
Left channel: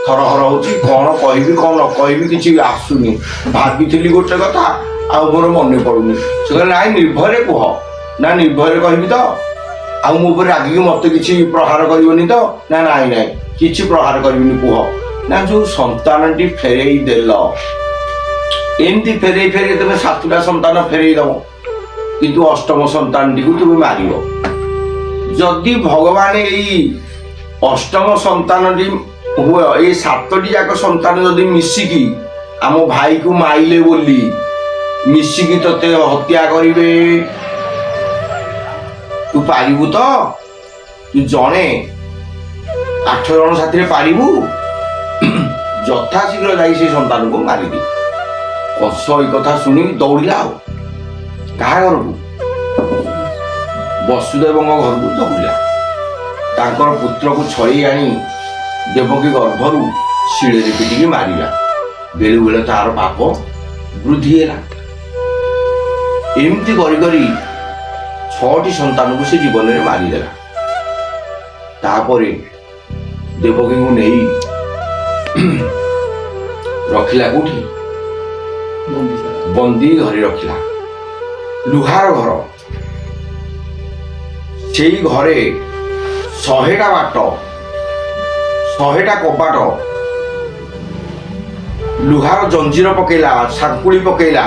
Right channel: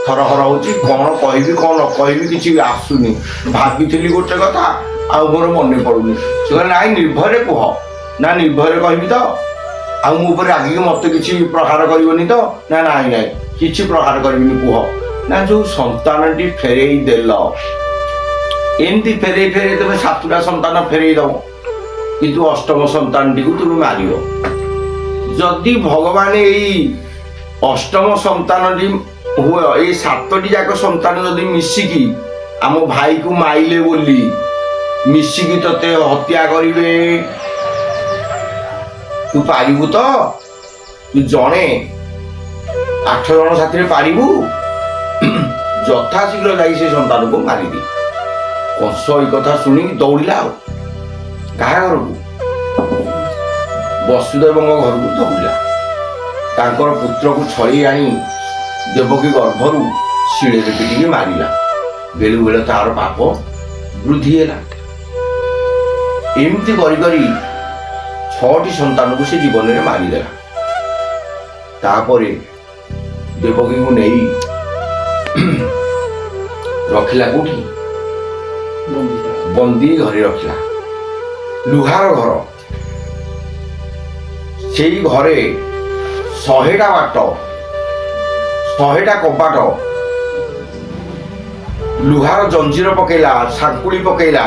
ଥରହର ହଉଛି, କ'ଣ କହିବି କ'ଣ ନ କହିବି କିଛି ଆସୁନି। ଭାବିଥିଲି ଗୋଟେ କଥା, ଆଉ ମୋର ମନେ ପଡୁନି। ସେ କହିଲେ ନାଇଁ ନିର୍ଭୟରେ କୁହ। ନା ନିର୍ଭୟରେ କହିବି ତ, ଆଉ ମୋ ଉପରେ ରାଗିକି ମତେ କିଛି ପ୍ରହାର କରିବନି ତ? ନା ନାଇଁ ନାଇଁ କିଛି ପ୍ରହାର କରିବିନି, କୁହ। ନା ଯୋଉ ସନ୍ତାନଟି ଫେରେଇ ଦେଲ, ଏମିତି ଫେରେଇ ଫେରେଇ ତମେ 7ଟା ସନ୍ତାନ ଫେରେଇ ଦବ, କିନ୍ତୁ ଅଷ୍ଟମ ସନ୍ତାନଟିକୁ ତୁମେ ମାରିବ। ଯଦି ଭଗବାନ ଏଇ ଅଷ୍ଟମ ସନ୍ତାନଟି ହୁଏ, ଏଇ 7ଟି ଯାକ ସନ୍ତାନ ଯଦି ମିଶିକି ଆମ ଭାଇକୁ ମାଇଲେ ବୋଲି ମିଶିକି ତତେ ହତ୍ୟା କରିବେ, ତୁ ପାରିବୁ ତ? ତୁ ଜଣେ 8 ଜଣ ସାଥିରେ ପାରିବୁ? ଯଥାଶୀଘ୍ର ଯାଇ ସେ ସନ୍ତାନକୁ ମାରିଦି। କଂସ ଏଇ କଥା ଶୁଣି ଦୌଡ଼ିଲା। ଆଉ କାହା ଘରକୁ? ବସୁଦେବଙ୍କ ଘରକୁ ଦୌଡ଼ିଲା। ତାଙ୍କର ପୁତ୍ରକୁ ଛଳେଇ ଆଣି ଦେବକୀ ଗର୍ଭରୁ ଶିଳରେ ପିଟିକି ମାରିଲା। ବେଳେ ବେଳେ ତାର ପାପ ବୃଦ୍ଧି ହେଲା। ଏମିତି କରି କରି 6ଟି ସନ୍ତାନକୁ ସେ ଜୀବନରେ ମାରିଦେଲା। ତାପରେ ଦେବକୀଙ୍କୁ ନେଇ ରଖିଲା କୋଉଠି? ବନ୍ଦୀ ଘରେ ରଖିଲା। ଲୁହାର ଘର। ସେଇ ଘରେ 100ଟା ବାଟ, 100ଟା କବାଟ, ଲୁହାର ଜଞ୍ଜିର ପକେଇଲା, ସାଙ୍କୁଳି ପକେଇଲା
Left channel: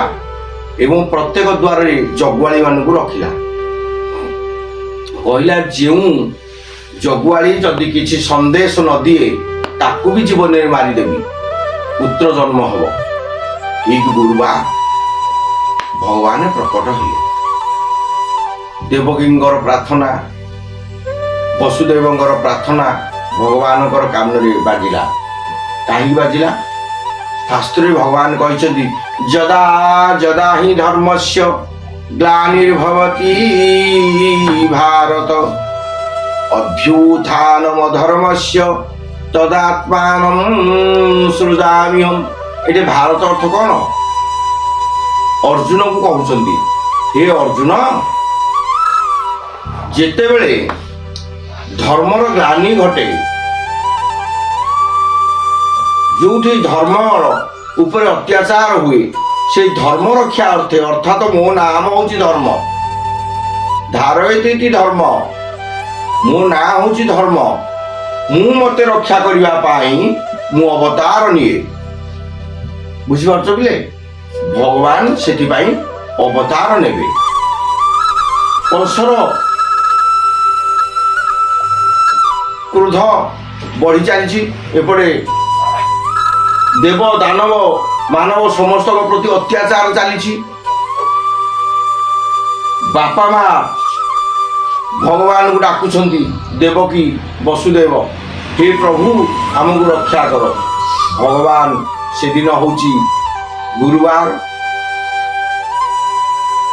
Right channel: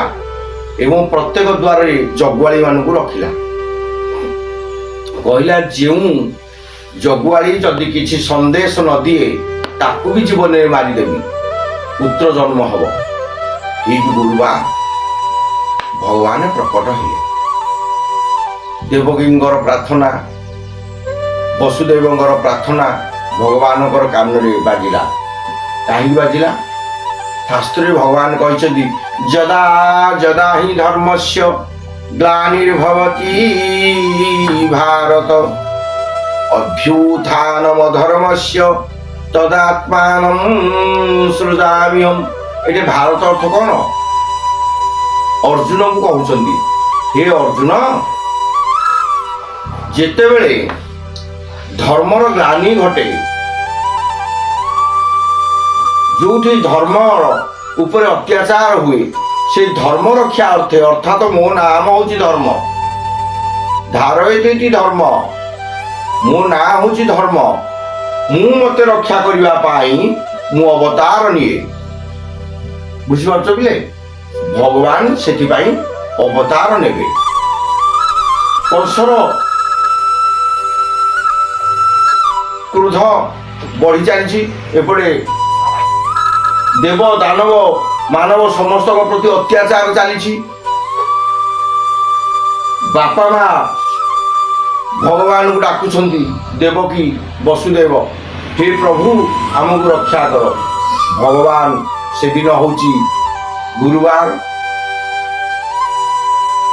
ଏବଂ ପ୍ରତ୍ୟେକ ଦ୍ୱାରରେ ଜଗୁଆଳି ମାନଙ୍କୁ ରଖିଲା। କହିଲା ଯେଉଁ ଜଗୁଆଳି ଯଦି କିଛି ସନ୍ଦେଶ ନ ଦିଏ ତାକୁ ବି ଜୀବନରେ ମାରିଦେବି, ପୁତ୍ର ଜନ୍ମ ହବ। ଠିକ ଗୁରୁବାର ଭଗବାନ ପ୍ରକଟ ହେଲେ। ଦେବକୀଙ୍କର ପ୍ରାର୍ଥନା, ବସୁଦେବଙ୍କର ପ୍ରାର୍ଥନା ଭଗବାନଙ୍କର କାନରେ ବାଜିଲା। କାହିଁକି ବାଜିଲା? ଶାସ୍ତ୍ରରେ ଭଗବାନ କହିଛନ୍ତି, ଯଦା ଯଦା ହିଁ ଧର୍ମସ୍ୟ ଗ୍ଲାନିର୍ଭବତି ଭାରତ ଅଭ୍ୟୁତ୍ଥାନମ ଧର୍ମସ୍ୟ ତଦାତ୍ମାନଂ ସୃଜାମ୍ୟହମ୍। ଏଠି ଭାରତ ଅର୍ଥ କ'ଣ? ଅର୍ଜୁନକୁ କହୁଛନ୍ତି, ହେ ଅର୍ଜୁନ, ଯେତେବେଳେ ଧର୍ମର ଗ୍ଲାନି ଘଟେ, ଯୋଉଠି ଧର୍ମ ଉପରେ ଅତ୍ୟାଚାର ହୁଏ, সেই ধর্ম রক্ষা অর্থে অর্থাৎ ମୋ ନାମ ହଉଛି ଧର୍ମ ଧାରୟତି ଧର୍ମ ମୋ ନାଁ ହଉଛି ଧର୍ମ ମୁଁ ମତେ ରକ୍ଷା କରିବା ପାଇଁ ମୁଁ ଅବତାର ନିଏ ବୁଝିପାରୁଛ ପିଲେ ଭଗବାନ ସେଥିପାଇଁ ଅବତାର ନେବେ କଂସର କ୍ରୋଧ ବଢି ଚାଲିଛି ଏପଟେ ଦେବ ଦାନବ ମାନବ ସମସ୍ତଙ୍କ ପ୍ରତି ଅତ୍ୟାଚାର ଚାଲିଛି ବାପା ମା ଭଗବାନଙ୍କୁ ଡାକୁଛନ୍ତି ଦେବକୀ ବସୁଦେବ ହେ ପ୍ରଭୁ ଆମକୁ ରକ୍ଷା କର ଭଗବାନ ସେଦିନ ହଉଛି ଗୁରୁବାର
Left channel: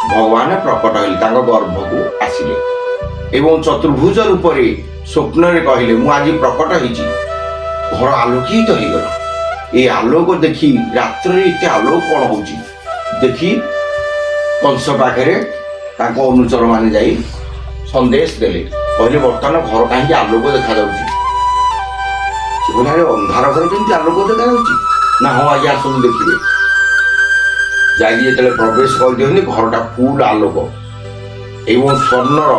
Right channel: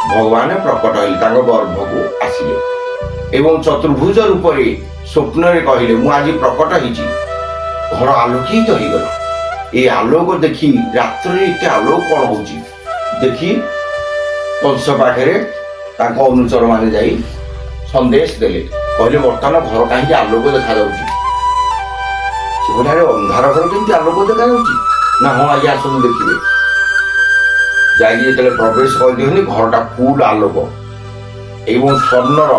ଭଗବାନ ପ୍ରକଟ ହେଲେ ତାଙ୍କ ଗର୍ଭକୁ ଆସିଲେ ଏବଂ ଚତୁର୍ଭୁଜ ରୂପରେ ସ୍ୱପ୍ନରେ କହିଲେ ମୁଁ ଆଜି ପ୍ରକଟ ହେଇଛି ଘର ଆଲୋକିତ ହେଇଗଲା ଏ ଆଲୋକ ଦେଖି ରାତ୍ରରେ ଏତେ ଆଲୋକ କ'ଣ ହଉଛି ଦେଖି କଂସ ପାଖରେ ତାଙ୍କ ଅନୁଚର ମାନେ ଯାଇ ସନ୍ଦେଶ ଦେଲେ କହିଲେ ବର୍ତ୍ତମାନ ଘର କାହିଁକି ଆଲୋକ ଦେଖାଯାଉଛି ସେ କହିଲେ ଆରେ ଅନ୍ଧାର ଘର କେମିତି ଆଲୋକ ଦେଖାଯାଉଛି ନା ହଁ ଆଜ୍ଞା ଆସନ୍ତୁ ଦେଖିବେ ଯାଇକି ଯେତେବେଳେ ପ୍ରବେଶ କରିଦିଅନ୍ତି ଘରଟା ଫୁଲ ଆଲୋକ ଏବଂ ସ୍ୱର୍ଣ୍ଣର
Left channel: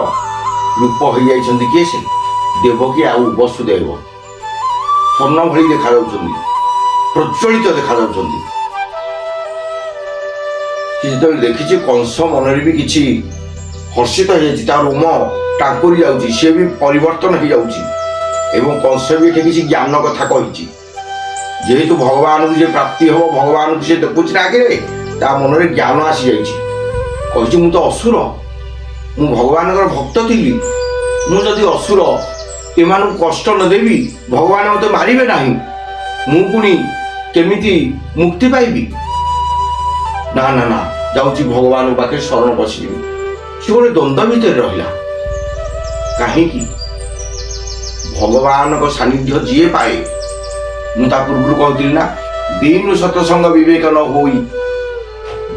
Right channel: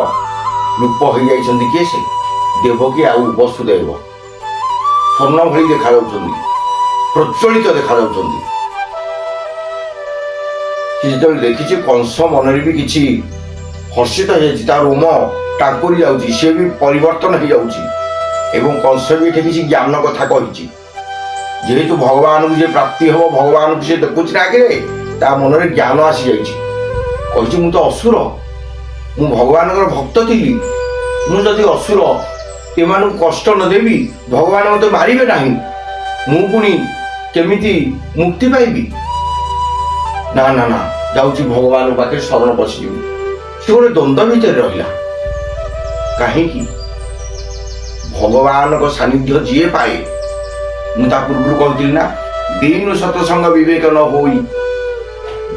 ରୂପ ହେଇଯାଇଛନ୍ତି କିଏ ସେ ଦେବକୀ ଆଉ ବସୁଦେବ ସ୍ୱର୍ଣ୍ଣ ଭଳି ଦେଖାଯାଉଛନ୍ତି ପ୍ରଜ୍ୱଳିତ ଦେଖାଯାଉଛନ୍ତି ଯେତେବେଳେ ଦେଖିଛି କଂସ ମନରେ ବି କିଛି ହର୍ଷିତ ହେଇଯାଇଛି ତା ରୋମ ଟାଙ୍କୁରି ଯାଉଛି ସିଏ ବି ପରିବର୍ତ୍ତନ ହେଇଯାଉଛି ଏବଂ କଂସ ବି ଏଠି କିଛି ଜ୍ଞାନ କଥା କହିଛି ଯେହେତୁ ଭଗବାନଙ୍କୁ ଯେ ପ୍ରାପ୍ତି ହବ ଭଗବାନଙ୍କୁ ସେ ଦେଖୁଛି ନା ଆଗରେ ତା ମନରେ ଜ୍ଞାନ ଆସିଯାଇଛି କହିଛି ମୁଁ ତ ଅସୁର ମୁଁ ଭଗବାନଙ୍କର ଭକ୍ତ ଥିଲି ମୁଁ ଯଦି ଅସୁର ଏମାନଙ୍କୁ କଷ୍ଟ ନ ଦେବି ଭଗବାନ ମୋତେ ମାରିବେ ନାହିଁ ମୁଁ ପୁଣି କେମିତି ମୁକ୍ତି ପାଇବି ନା ନା ନା ଯାଉଛି ଭଗବାନଙ୍କ ପାଖରେ ଶରଣ ପଶିଯିବି ସେ ଗୋଟେ ଦ୍ୱନ୍ଦ୍ୱ ଭିତରେ ରହିଲା କାହିଁକି ଭଗବାନଙ୍କ ସାନ୍ନିଧ୍ୟ ଯିଏ ପାଏ ମୁଁ ତା ପୂର୍ବରୁ କହୁଥିଲି ନା ବିନୁ ସତସଙ୍ଗ ବିବେକ ନ ହୋଇ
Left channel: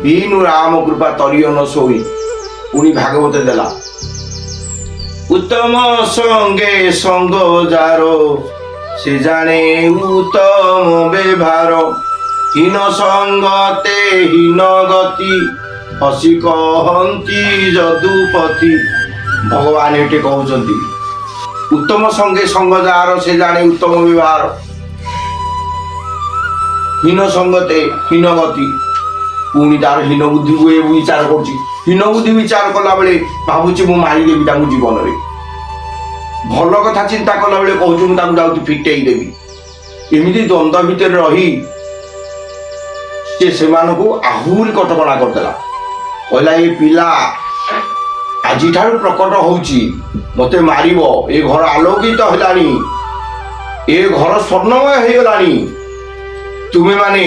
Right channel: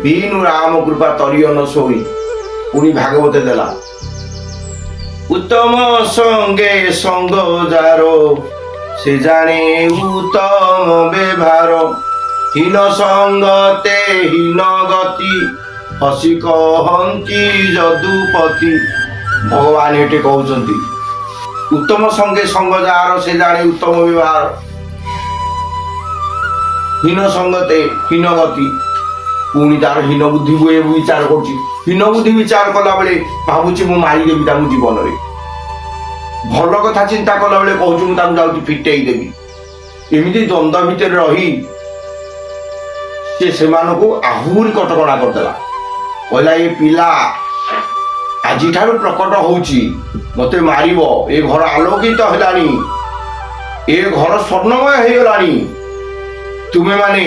ବିନୁ ରାମ କୃପା ତରିୟ ନ ଶୋଇ ପୁଣି ଭାଗବତ ଦେଲା ଉତ୍ତମ ସଙ୍ଗେ ସଙ୍ଗ ଯାର ସେ ଜାଣେ ଉତ୍ତମ ବ୍ୟବହାର ହୀନ ସଙ୍ଗତେ ହୀନ ଗତି ହସି କହନ୍ତି ଯଦୁପତି ଭଗବାନ ଏଠି କହୁଛନ୍ତି ଉତ୍ତମ ସଙ୍ଗେ ସଙ୍ଗ ଯାର ସେ ଜାଣେ ଉତ୍ତମ ବ୍ୟବହାର ହୀନ ସଙ୍ଗତେ ହୀନ ଗତି ପୁଣି ତାର ହୀନ ବୁଦ୍ଧି ବିଚାର କରୁଛି ହୀନ ବୁଦ୍ଧି ବିଚାର କଲା ବେଳେ ଭାବୁଛି ମୁଁ ମାରିଦେବି ତାଙ୍କୁ ଜୀବନରେ ଭଲ କଥା ଚିନ୍ତା କଲା ବେଳେ କହୁଛି ମୁଁ ତାଙ୍କୁ ଯାଉଛି ଫିଟେଇ ଦେବି ଏମିତି ଦ୍ୱନ୍ଦ୍ୱ ଭିତରେ ରହି ସେ ସେମାନଙ୍କୁ ଆହୁରି କଟକଣା କରିଦେଲା କହିଲା ଏ ପିଲା ଆଜିଠାରୁ ପ୍ରକଟ ହଉଛି ମତେ ମାରିବ ଏ ଘର ଆଲୋକିତ ହେଲାଣି ଏ ଘର ସ୍ୱର୍ଣ୍ଣମୟ ହେଇଗଲାଣି ତୁମେ ମାନେ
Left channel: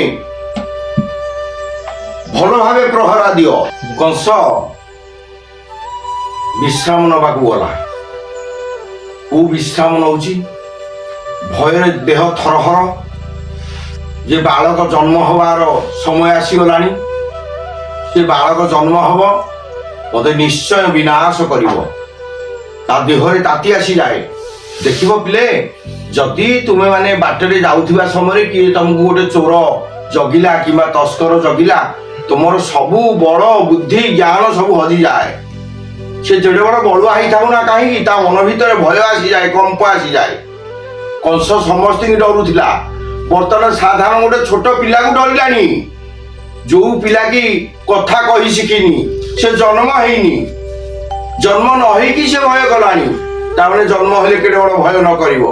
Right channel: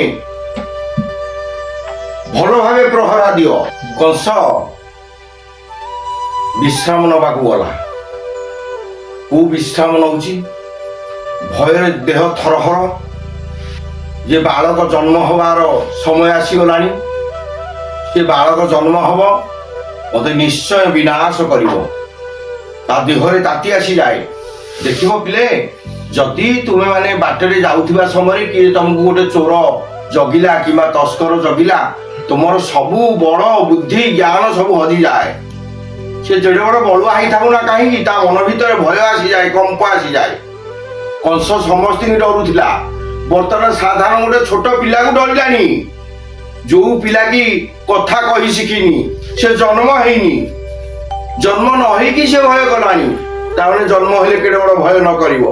ଭଲ ଭାବେ ପ୍ରହରା ଦିଅ କଂସ ବିଶ୍ରାମ ନେବାକୁ ଗଲା କୋଉ ବିଶ୍ରାମ ନଉଛି ଭୟରେ ଦେହ ଥରହର ଯେ ବାଳକ ଜନ୍ମ ହବାର ସମୟ ଆସିଗଲାଣି ସେ ବାଳକ ଜନ୍ମ ହବ ମତେ ନିଶ୍ଚୟ ବିନାଶ କରିବ ତା ଦେହରେ ତାତି ଆସିଯାଏ ଦେଖିବ ପିଲେ ଯଦି ତୁମେ ମାନେ ବାଟରେ ଯାଉଥିବା ସମୟରେ କିଏ ତମକୁ ଗୋଟେ ଚୋର ଜଗିଲା କିମ୍ବା ତସ୍କର ଜଗିଲା ତୁମର ସବୁ ବଳ ବୁଦ୍ଧି ଜ୍ଞାନ ସବୁ ହଜିଯାଏ ସେ ଯେଡ଼େ ବଡ଼ ବଳୁଆ ହେଇଥାଉ ନା କାହିଁକି ତା ମନ ଭିତରେ ଭୟ ଆସିଯାଏ କମ୍ପ ଆସିଯାଏ କଂସ ସମସ୍ତଙ୍କୁ ଡରୁଥିଲା ବର୍ତ୍ତମାନ ସାଧାରଣ ଗୋଟେ ଛୋଟ ପିଲାକୁ ଡରିଲାଣି ଯୋଉ ପିଲା କି କଥା କହି ଶିଖିନି ସେ ଜନ୍ମ ହେଇନି ଜନ୍ମ ନ ହେଇକି ସେ ଭୟ କଲାଣି ତାମାନେ ଜନ୍ମ ହେଲେ କେଡ଼େ ବଡ଼ ଭୟ ନ କରିବ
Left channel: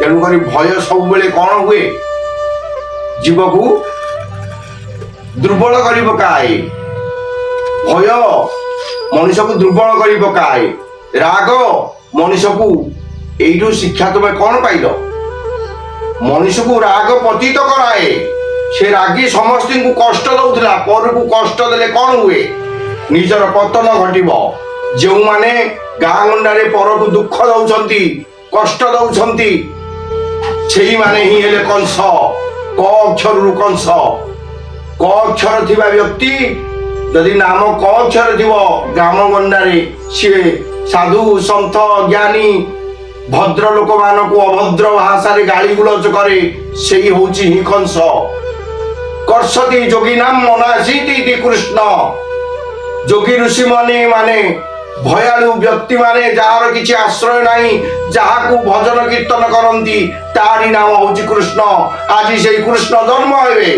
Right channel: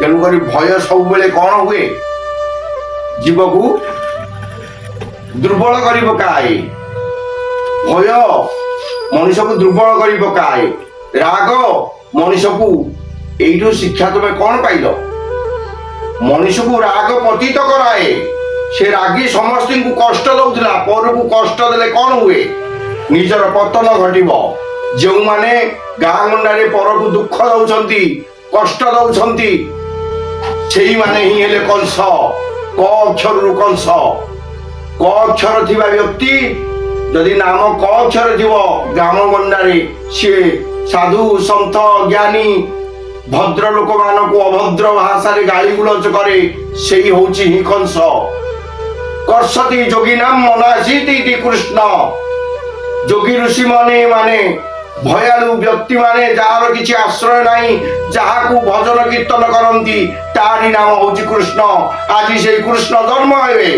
ତେଣୁକରି ଭୟ ସବୁବେଳେ କ'ଣ ହୁଏ ଜୀବକୁ ଦୁର୍ବଳ କରି ପକାଏ ଭୟ ମଣିଷକୁ ଦୁର୍ବଳ କରି ପକାଏ ରାଗ ମଣିଷକୁ ଏଇଠୁ ଶିକ୍ଷା ତୁମେ କ'ଣ ପାଇଲ ମଣିଷକୁ ରାଗ ପତିତ କରାଏ ସେ ରାଗି ସମସ୍ତଙ୍କୁ କଷ୍ଟ ଦଉଥିଲା ପରକୁ କଷ୍ଟ ଦେଲେ କ'ଣ ହୁଏ ନିଜର ପତନ ଘଟିବ ଯେଉଁମାନେ ଗାଁ ଗଣ୍ଡାରେ ପରକୁ ଦୁଃଖ ଦଉଛନ୍ତି କଷ୍ଟ ଦଉଛନ୍ତି ସେଇମାନେ ହିଁ ହେଲେ କଂସ କ ଅକ୍ଷରରୁ କଂସ କ ଅକ୍ଷର ଥିବା ବ୍ୟକ୍ତି ଯଦି ନାମ କ ଅକ୍ଷର ଥିବ ଗ୍ରାମ ଗଣ୍ଡାରେ ସିଏ ସାଧୁ ସନ୍ଥ ଜ୍ଞାନୀ ଭଦ୍ର ଲୋକମାନଙ୍କୁ ଅଭଦ୍ର ଭାଷାରେ ଗାଳି ଗୁଲଜ କରେ ସେଇ ହଉଛି ହିଁ କଂସ କ कर्षति योगिनाम मनासीति इति कृष्ण योगी ऋषि माने भयालु व्यक्ति माने जार किछि आश्रय नाही जाहाकू भजन कीर्तन करंती तारी नाम होची कृष्ण। आज से कृष्ण जन्म हेबे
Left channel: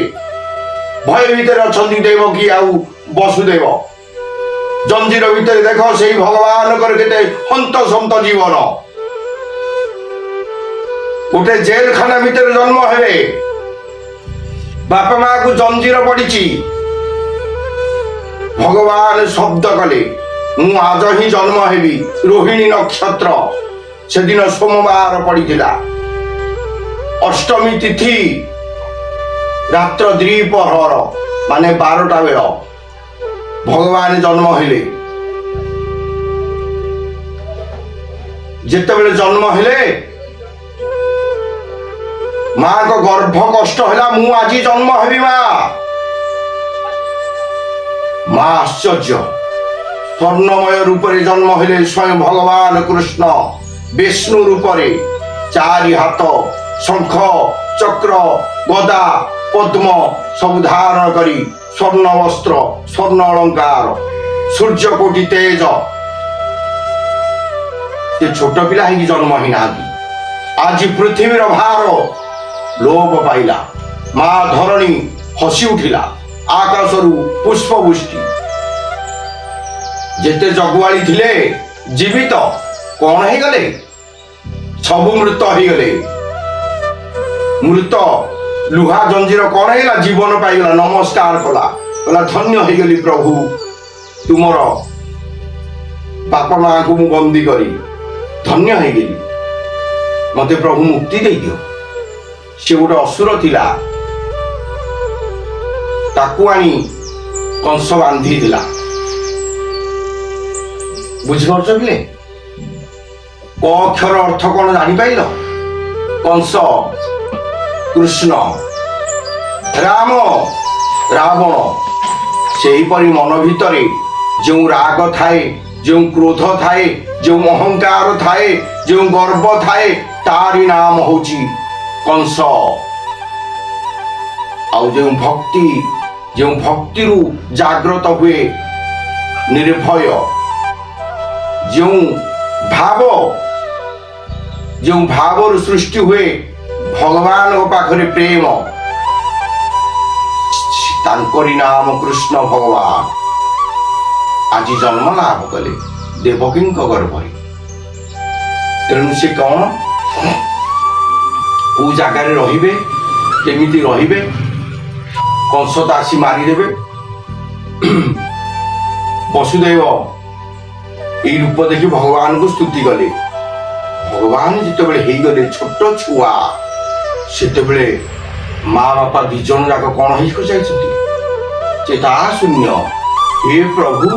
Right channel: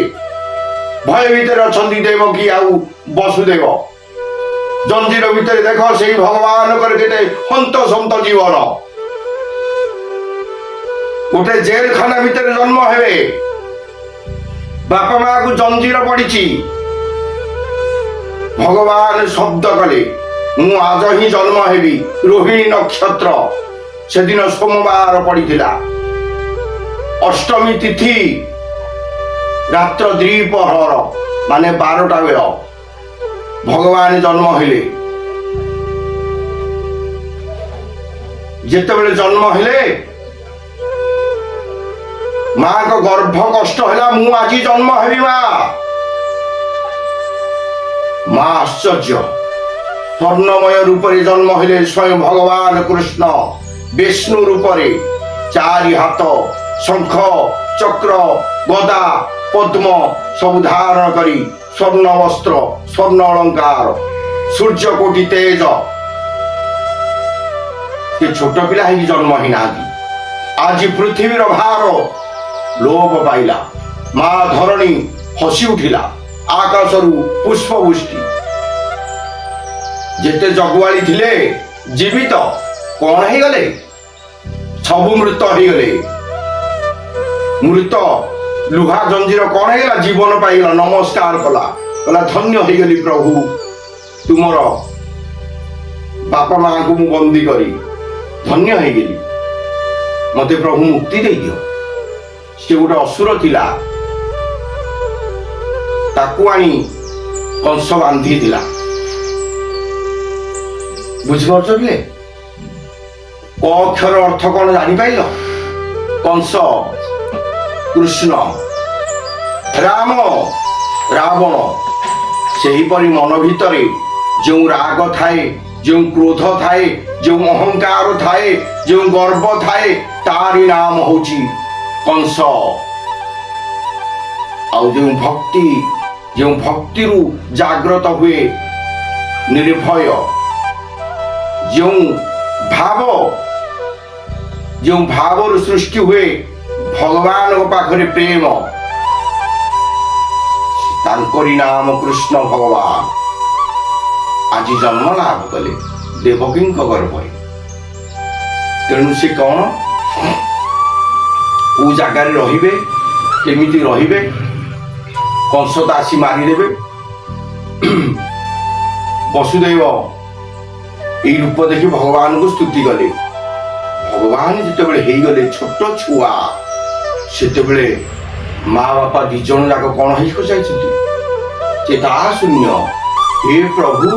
भय भीतर अछंती देवकी आउ वसुदेव जंजीर भीतर देख से भगवान कर केते हंत संत जीवन गोटे जेल खाना भीतर जन्म हेबे बापा माँ को जंजीर पड़ी भगवान शब्द कले मु आज ही जन्म हेबी रोहिणी नक्षत्र से दिन सोमवार पड़ीथिला अष्टमी तिथि रात्र द्विपहर माने 12टा बेल भगवान जन्म हेले जेतेबेले जन्म हेले माँ को गर्भ कष्ट है मु आज जन्म हेबी माँ आश्चर्य स्वर्णमय रूप से जन्म हेले स्वयं भगवान कृष्ण विष्णु रूप से चारि हाथ शंख चक्र गदा पद्म सब धारण करी स्वर्ण वस्त्र स्वर्ण अलंकार सूर्य कोटि तेज छोट पिला ही जन्म ही ना आज पृथ्वीर भार लोप पाइला माँ धरणी हसी उठिला आकाशरू पुष्पवृष्टि जेते जगुआली थिले जीवित कौन है गले सबु मृत ही गले मृत लुहा जंजीर कौन है जीवन पाइला नमस्कार कला कला धन्य हो गली प्रभु तुमर बापा माँ को मु बंदी करी धन्य हो गली मते प्रभु मुक्ति दे दियो से गोटे असुर थिला ताकू आनी कंस बांधी थिला बुझिपारछ कि क अक्षर अर्थ कौन जानी पाइल कंस कृष्ण राम रावण सेहीपरि मन भितरे जो राग थाए जो क्रोध थाए जो अहंकार थाए जो गर्व थाए तारी नाम होची कंस आउ जो भक्ति रु जागृत हुए निर्भय जो भाव सृष्टि हुए भगवान पाखरे प्रेम तांकरी नाम कृष्ण भगवान आज जन्म लाभ कले देवकी गर्भ तेणु से कौन को जगार रहिबे केमिति रहिबे कंस तो आसी मारिदेवे वसुदेव यही रूप देखि भगवान को स्तुति कले भगवान जिते गले छोट छुआ सेतेबेले माँ बापा दी जन जाक कौन हो चेता शून्य हे प्रभु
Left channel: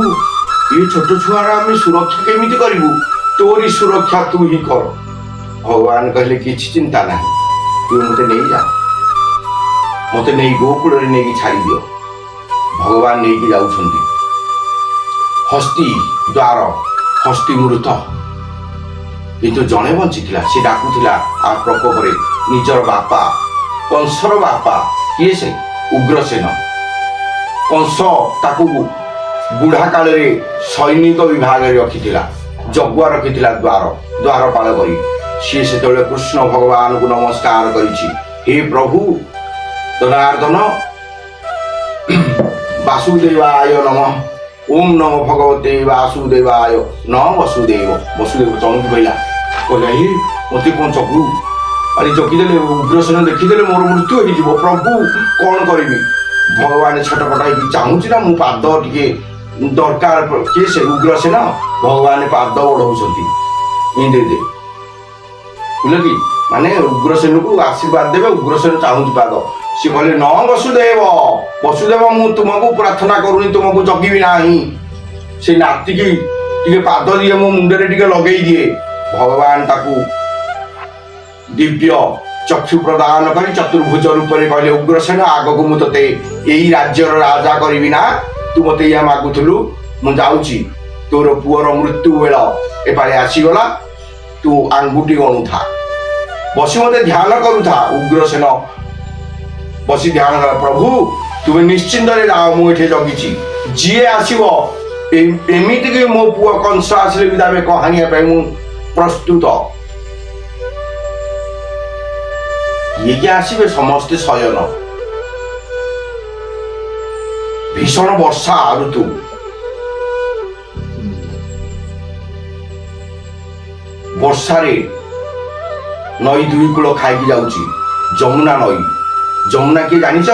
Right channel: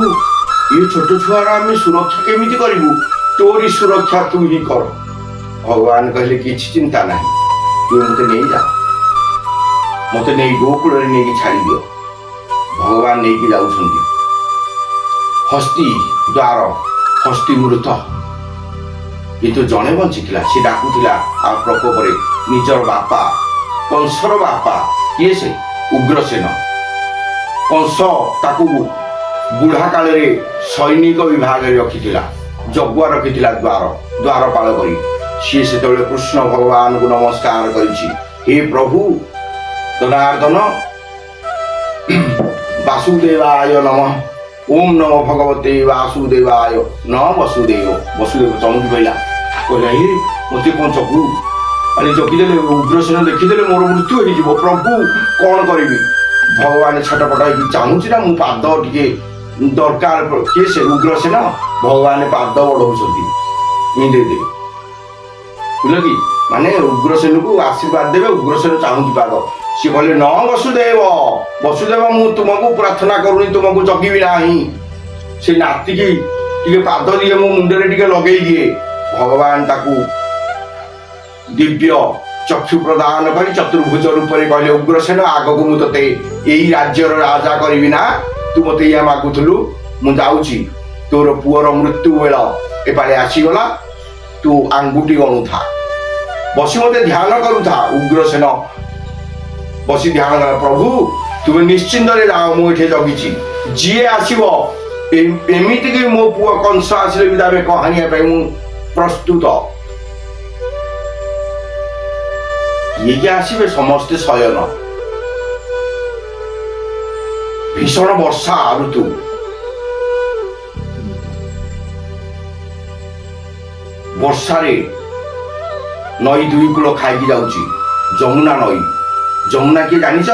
ये छोट छुआर आम सुरक्षा केमिति करिबु तोरी सुरक्षा तू ही कर भगवान कहले किछि चिंता नहीं तू मते नहीं जा मते नहीं गोकुल रे नहीं छाड़ी दियो भगवान नहीं की जाउछंती हस्ती द्वार हस्ती मृत किंतु जने बंचिथिला से डाकुथिला आ प्रकोप रे निजर बापा कंसर बापा किए से उग्रसेन कंस ताकू बुढ़ा काल रे सैनिक विभाग रे रखिथिला जगुआ रखिथिला द्वारपाल करी सी से कृष्ण भगवान को नमस्कार करिछि हे प्रभु जनार्दन वासुदेवाय नमः ओम नमो भगवते वासुदेवाय न वसुदेव वसुदेव चमकी पड़ा कहले मत कौन चकू अरे चकीदे उग्रसेन देखीदे मोर मृत्यु हो प्रभु कौन करी भगवान छटपटा चाहूँगी ना मु पाद टे दरकार किए से उग्रसेन भगवान पाद बढ़ाऊँ इंद्रदे बुझल कि माने उग्रसेन को आशीर्वाद देवे उग्रसेन चाहूँगी पाद सी कहले न वसुदेव वसुदेव मु तुमको प्रार्थना करूनी तुमको जगिबी नाही से नाती की टिके पाद दिए मो मुंडरे टिके लगेई दिए भगवान ताकू दिव्य चक्षु प्रदान करी चतुर्भुज रूप में कहले उग्रसेन आगक मु तते एई राज्यर राजा करिबी ना तू मते या मागुथलु मु जाउची तोर पुअर मृत्यु बेला एपाले आसीगला तू आंगुठी गणु था बसी मते ध्यान करू था उग्रसेन बसी ध्यान प्रभु ତୁମେ ନିଶ୍ଚିନ୍ତରେ ଯାଅ, ମୁଁ ଏଠି ଜଗିଛି। ଯିଏ ଆସିବ ଏମିତିକି ମୋ ପୁଅ କଂସ ଆସିଲେ ବି ତାକୁ କହାଣିବା ପାଇଁ ମୁଁ ପ୍ରସ୍ତୁତ। କିଏ କିଏ ଆସିବେ? ସମସ୍ତେ ଶୟନ। ଭୀଷଣ ବର୍ଷା ଋତୁ। ବର୍ଷାରେ ନଈ ଦୁଇ କୂଳ ଖାଇକି ଯାଉଛି। ଯମୁନା ନଈ। ଯମୁନା କିଏ ଜାଣିଛ?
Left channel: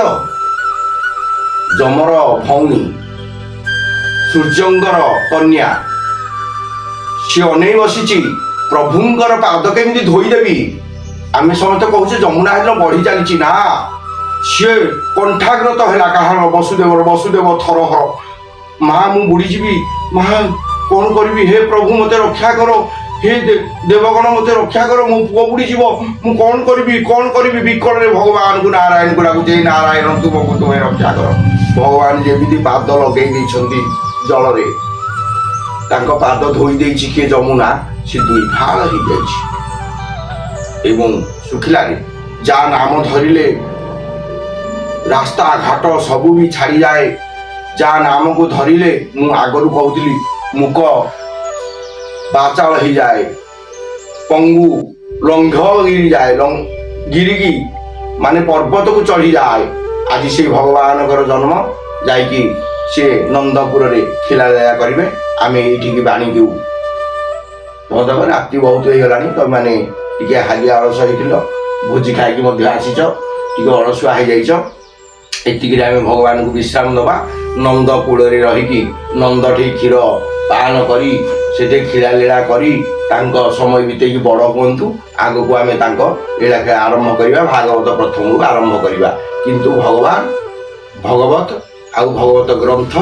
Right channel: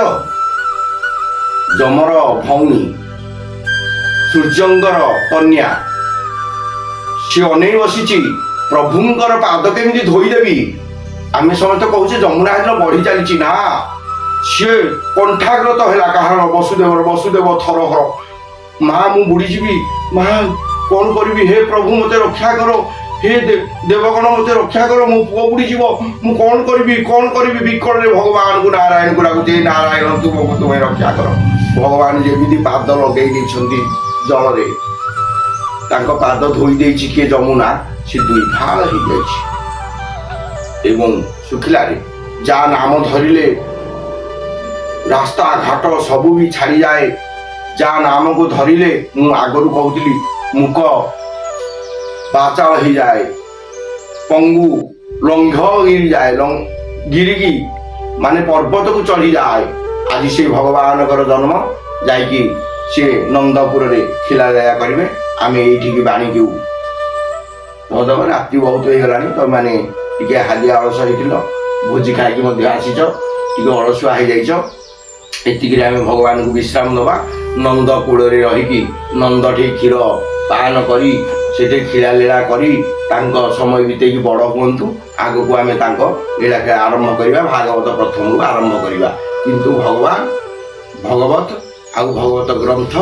ଯମର ଭଉଣୀ, ସୂର୍ଯ୍ୟଙ୍କର କନ୍ୟା। ସିଏ ଅନେଇ ବସିଛି ପ୍ରଭୁଙ୍କର ପାଦ କେମିତି ଧୋଇଦେବି। ଆମେ ସମସ୍ତେ କହୁଛେ ଯମୁନା ହେଦିନ ବଢି ଚାଲିଛି। ନା, ସିଏ କଣ୍ଠାଗ୍ରତ ହେଲା କାହାର? ବସୁଦେବର। ବସୁଦେବ ଥରହର, ମା ମୁଁ ବୁଡ଼ିଯିବି, ମା କଣ କରିବି? ହେ ପ୍ରଭୁ ମତେ ରକ୍ଷା କର, ହେ ଦେବଗଣ ମତେ ରକ୍ଷା କର, ମୋ ପୁଅ ବୁଡ଼ିଯିବ, ମୁଁ କଣ କରିବି? କଣ କରିବି? ବିକଳରେ ଭଗବାନଙ୍କୁ ନାରାୟଣଙ୍କୁ ଡାକୁଛି, ନାରାୟଣ ତୁମକୁ ତୁମେ ରକ୍ଷା କର। ଭଗବାନ ଯେମିତି ପାଦ ଲଗେଇ ଦେଇଛନ୍ତି ଜଳରେ, ତାଙ୍କ ପାଦ ଧୋଇ ଦେଇଛି କିଏ? ଯମୁନା। ସେ ଦୁଇ ଫାଳ ହେଇଯାଇଛି ଏବଂ ଶୁଖିଲାରେ ଯାହା ନାମ ଧରିଲେ ରାସ୍ତା ଘାଟ ସବୁ ବି ଛାଡ଼ିଯାଏ। ଯାହା ନାମକୁ ଧରିଲେ, ମୁଁ ଆଗରୁ କହୁଥିଲି, ମୁକ ବାଚାଳ ହେଇଯାଏ, ପଙ୍ଗୁ ଲଙ୍ଘ ଗିରିଯାଏ, ଗିରିକି ମାନେ ପର୍ବତକୁ ଚଢ଼ିଯାଏ। ଆଜି ସେ ଭଗବାନଙ୍କର ଜନ୍ମ, ଯାଇକି ସେ ନନ୍ଦପୁରରେ ଖିଲାଦୟା କରିବେ। ଆମେ ଏଇଠିକି ବାଣିକୁ ଭଦ୍ରକ। ରାତି ବହୁତ ହେଇଗଲାଣି, ତମେମାନେ ଟିକେ ହାଲିଆ ଅଳସ ହେଇଥିଲ, ଭୋଜି ଖାଇକି ମଧ୍ୟ ଆସିଛ, ଟିକେ ଅଳସୁଆ ହେଇଯାଇଛ। ଏତିକିରେ ଆମେ ଭଗବାନଙ୍କୁ ବିଶ୍ରାମ ଦେବା। ନନ୍ଦ କୂଳରେ ରହିକି ନନ୍ଦଠି କ୍ଷୀର ପାନ କରି ସେଠି ଖିଳାଲୀଳା କରି ତାଙ୍କ ସମୟ ବିତେଇକି ବଡ଼ ହୁଅନ୍ତୁ। ଆଗକୁ ଆମେ ତାଙ୍କ ଲୀଳା ଆରମ୍ଭ କରିବା। ଭାଗବତ ପ୍ରଥମରୁ ଆରମ୍ଭ କରିବା। କିନ୍ତୁ ଭଗବତ ଆଉ ଭଗବତ ଗ୍ରନ୍ଥ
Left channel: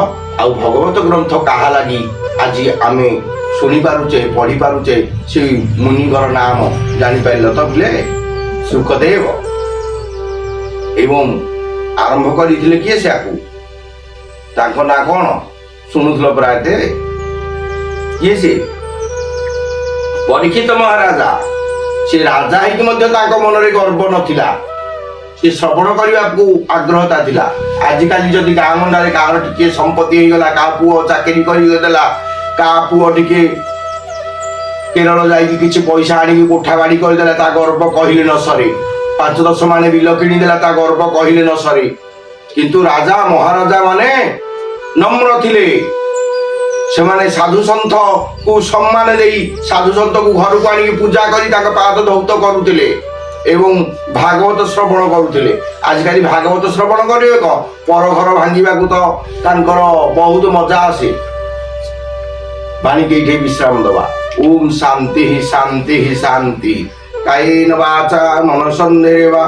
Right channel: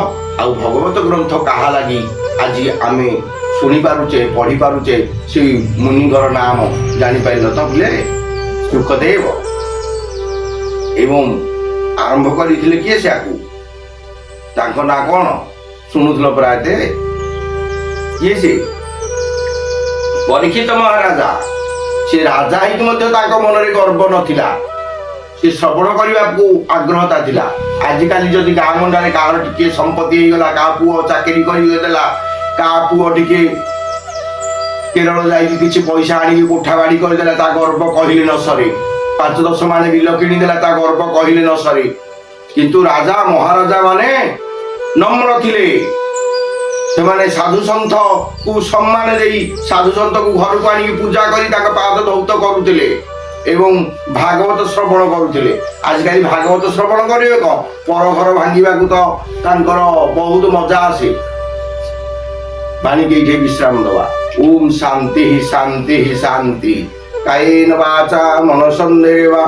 ଆଉ ଭଗବତ ଗ୍ରନ୍ଥ କାହା ଲାଗି ଆଜି ଆମେ ଶୁଣିପାରୁଛେ, ପଢ଼ିପାରୁଛେ? ସେ ମୁନିଙ୍କର ନାମ ଜାଣିପାରିଲ ତ? ବୋଲେ ସୁଖଦେବ। ଏବଂ ଆରମ୍ଭ କରିଥିଲେ କିଏ? ସେଆକୁ ତାଙ୍କ ନାଁ କଣ ଶୁଣୁଥିଲ ପ୍ରାୟ? କିଏ ସେ? ପରୀକ୍ଷିତ ମହାରାଜା। ସେ ରାଜା ହେଇକି ମଧ୍ୟ ତାଙ୍କ ମନରେ ଗର୍ବ ନଥିଲା। ସେ ଶ୍ରବଣ କରିବାକୁ ଆଗ୍ରହତା ଥିଲା। ଆଜିକାଲି ଯଦି ଗାଁ ଗଣ୍ଡାରେ କାହାର ଟିକେ ସମ୍ପତ୍ତି ହେଇଗଲା, କାହା ପୁଅ ଚାକିରି କରିଦେଲା, କାହା ପୁଅ ଟିକେ କେରଳ ଯାଇକି କିଛି ପଇସା ଆଣିକି କୋଠା ବାଡ଼ି କରିଦେଲା, ତା ଗର୍ବ କହିଲେ ନ ସରେ। 5-10 ମାଣେ ବିଲ କିଣିଦେଲା, ତା ଗର୍ବ କହିଲେ ନ ସରେ। କିନ୍ତୁ ରାଜା ମହାରାଜା ମାନେ ନମ୍ର ଥିଲେ। ସେମାନେ ସାଧୁସନ୍ଥକୁ ସମ୍ମାନ ଦେଇ ସାଧୁସନ୍ଥକୁ ଘରକୁ ଆଣିକି ପୂଜା କରି ତାଙ୍କ ପାଦ ଧୌତ କରୁଥିଲେ ଏବଂ ଭାଗବତ ଶ୍ରବଣ କରୁଥିଲେ। ଆଜିକାଲି ଭାଗବତ ଶ୍ରବଣ କରିବେ କଣ? ପର ଘର ଭାଙ୍ଗିବାକୁ ତ ତାଙ୍କର ବହୁତ ମଜା ଆସେ। ବାଣୀକି ଏଇଠି ବିଶ୍ରାମ ଦେବା। ଓମ୍ ଶାନ୍ତି ଶାନ୍ତି ଶାନ୍ତି। କାୟେନ ବାଚା ମନସନ୍ଦେବା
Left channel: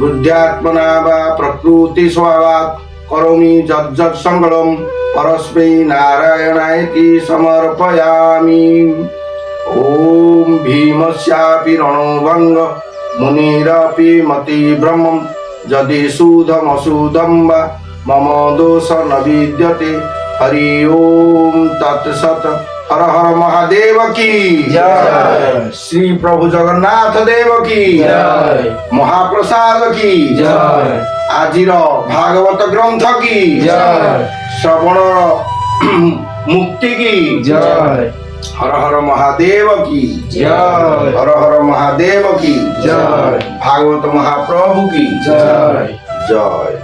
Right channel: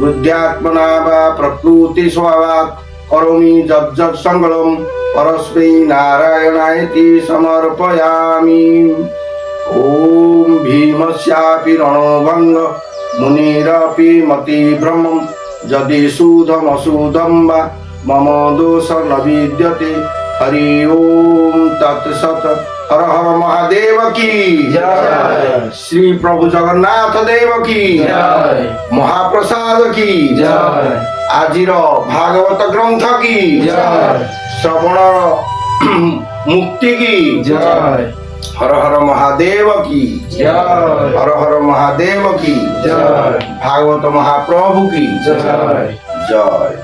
ବୁଦ୍ଧ୍ୟାତ୍ମନା ବା ପ୍ରକୃତି ସ୍ୱଭାବାତ୍ କରୋମି ଯଜ୍ଜତ୍ ସଙ୍ଗଳମ୍ ପରସ୍मै ନାରାୟଣାୟତି ସମର୍ପୟାମି। ଓಂ ଭୀମସ୍ୟାପି ରଣୋଭଙ୍ଗ ମୁନିରପି মতিভ্রমম যদি সুধমসুধম বা মম দোষ ন বিদ্যতে। হরি ওম তৎসৎ। হর হর মহাদেব কি জয়। শ্রী প্রভু জগন্নাথ দেব কি জয়। মহাপ্রসাদ কি জয়। আজির ভাগবত গ্রন্থ কি জয়। শ্রবণ মুক্তি কি জয়। হর হর মহাদেব কি জয়। হর হর মহাদেব কি জয়। ভাগবত মহাপ্রভু কি জয়। জয়।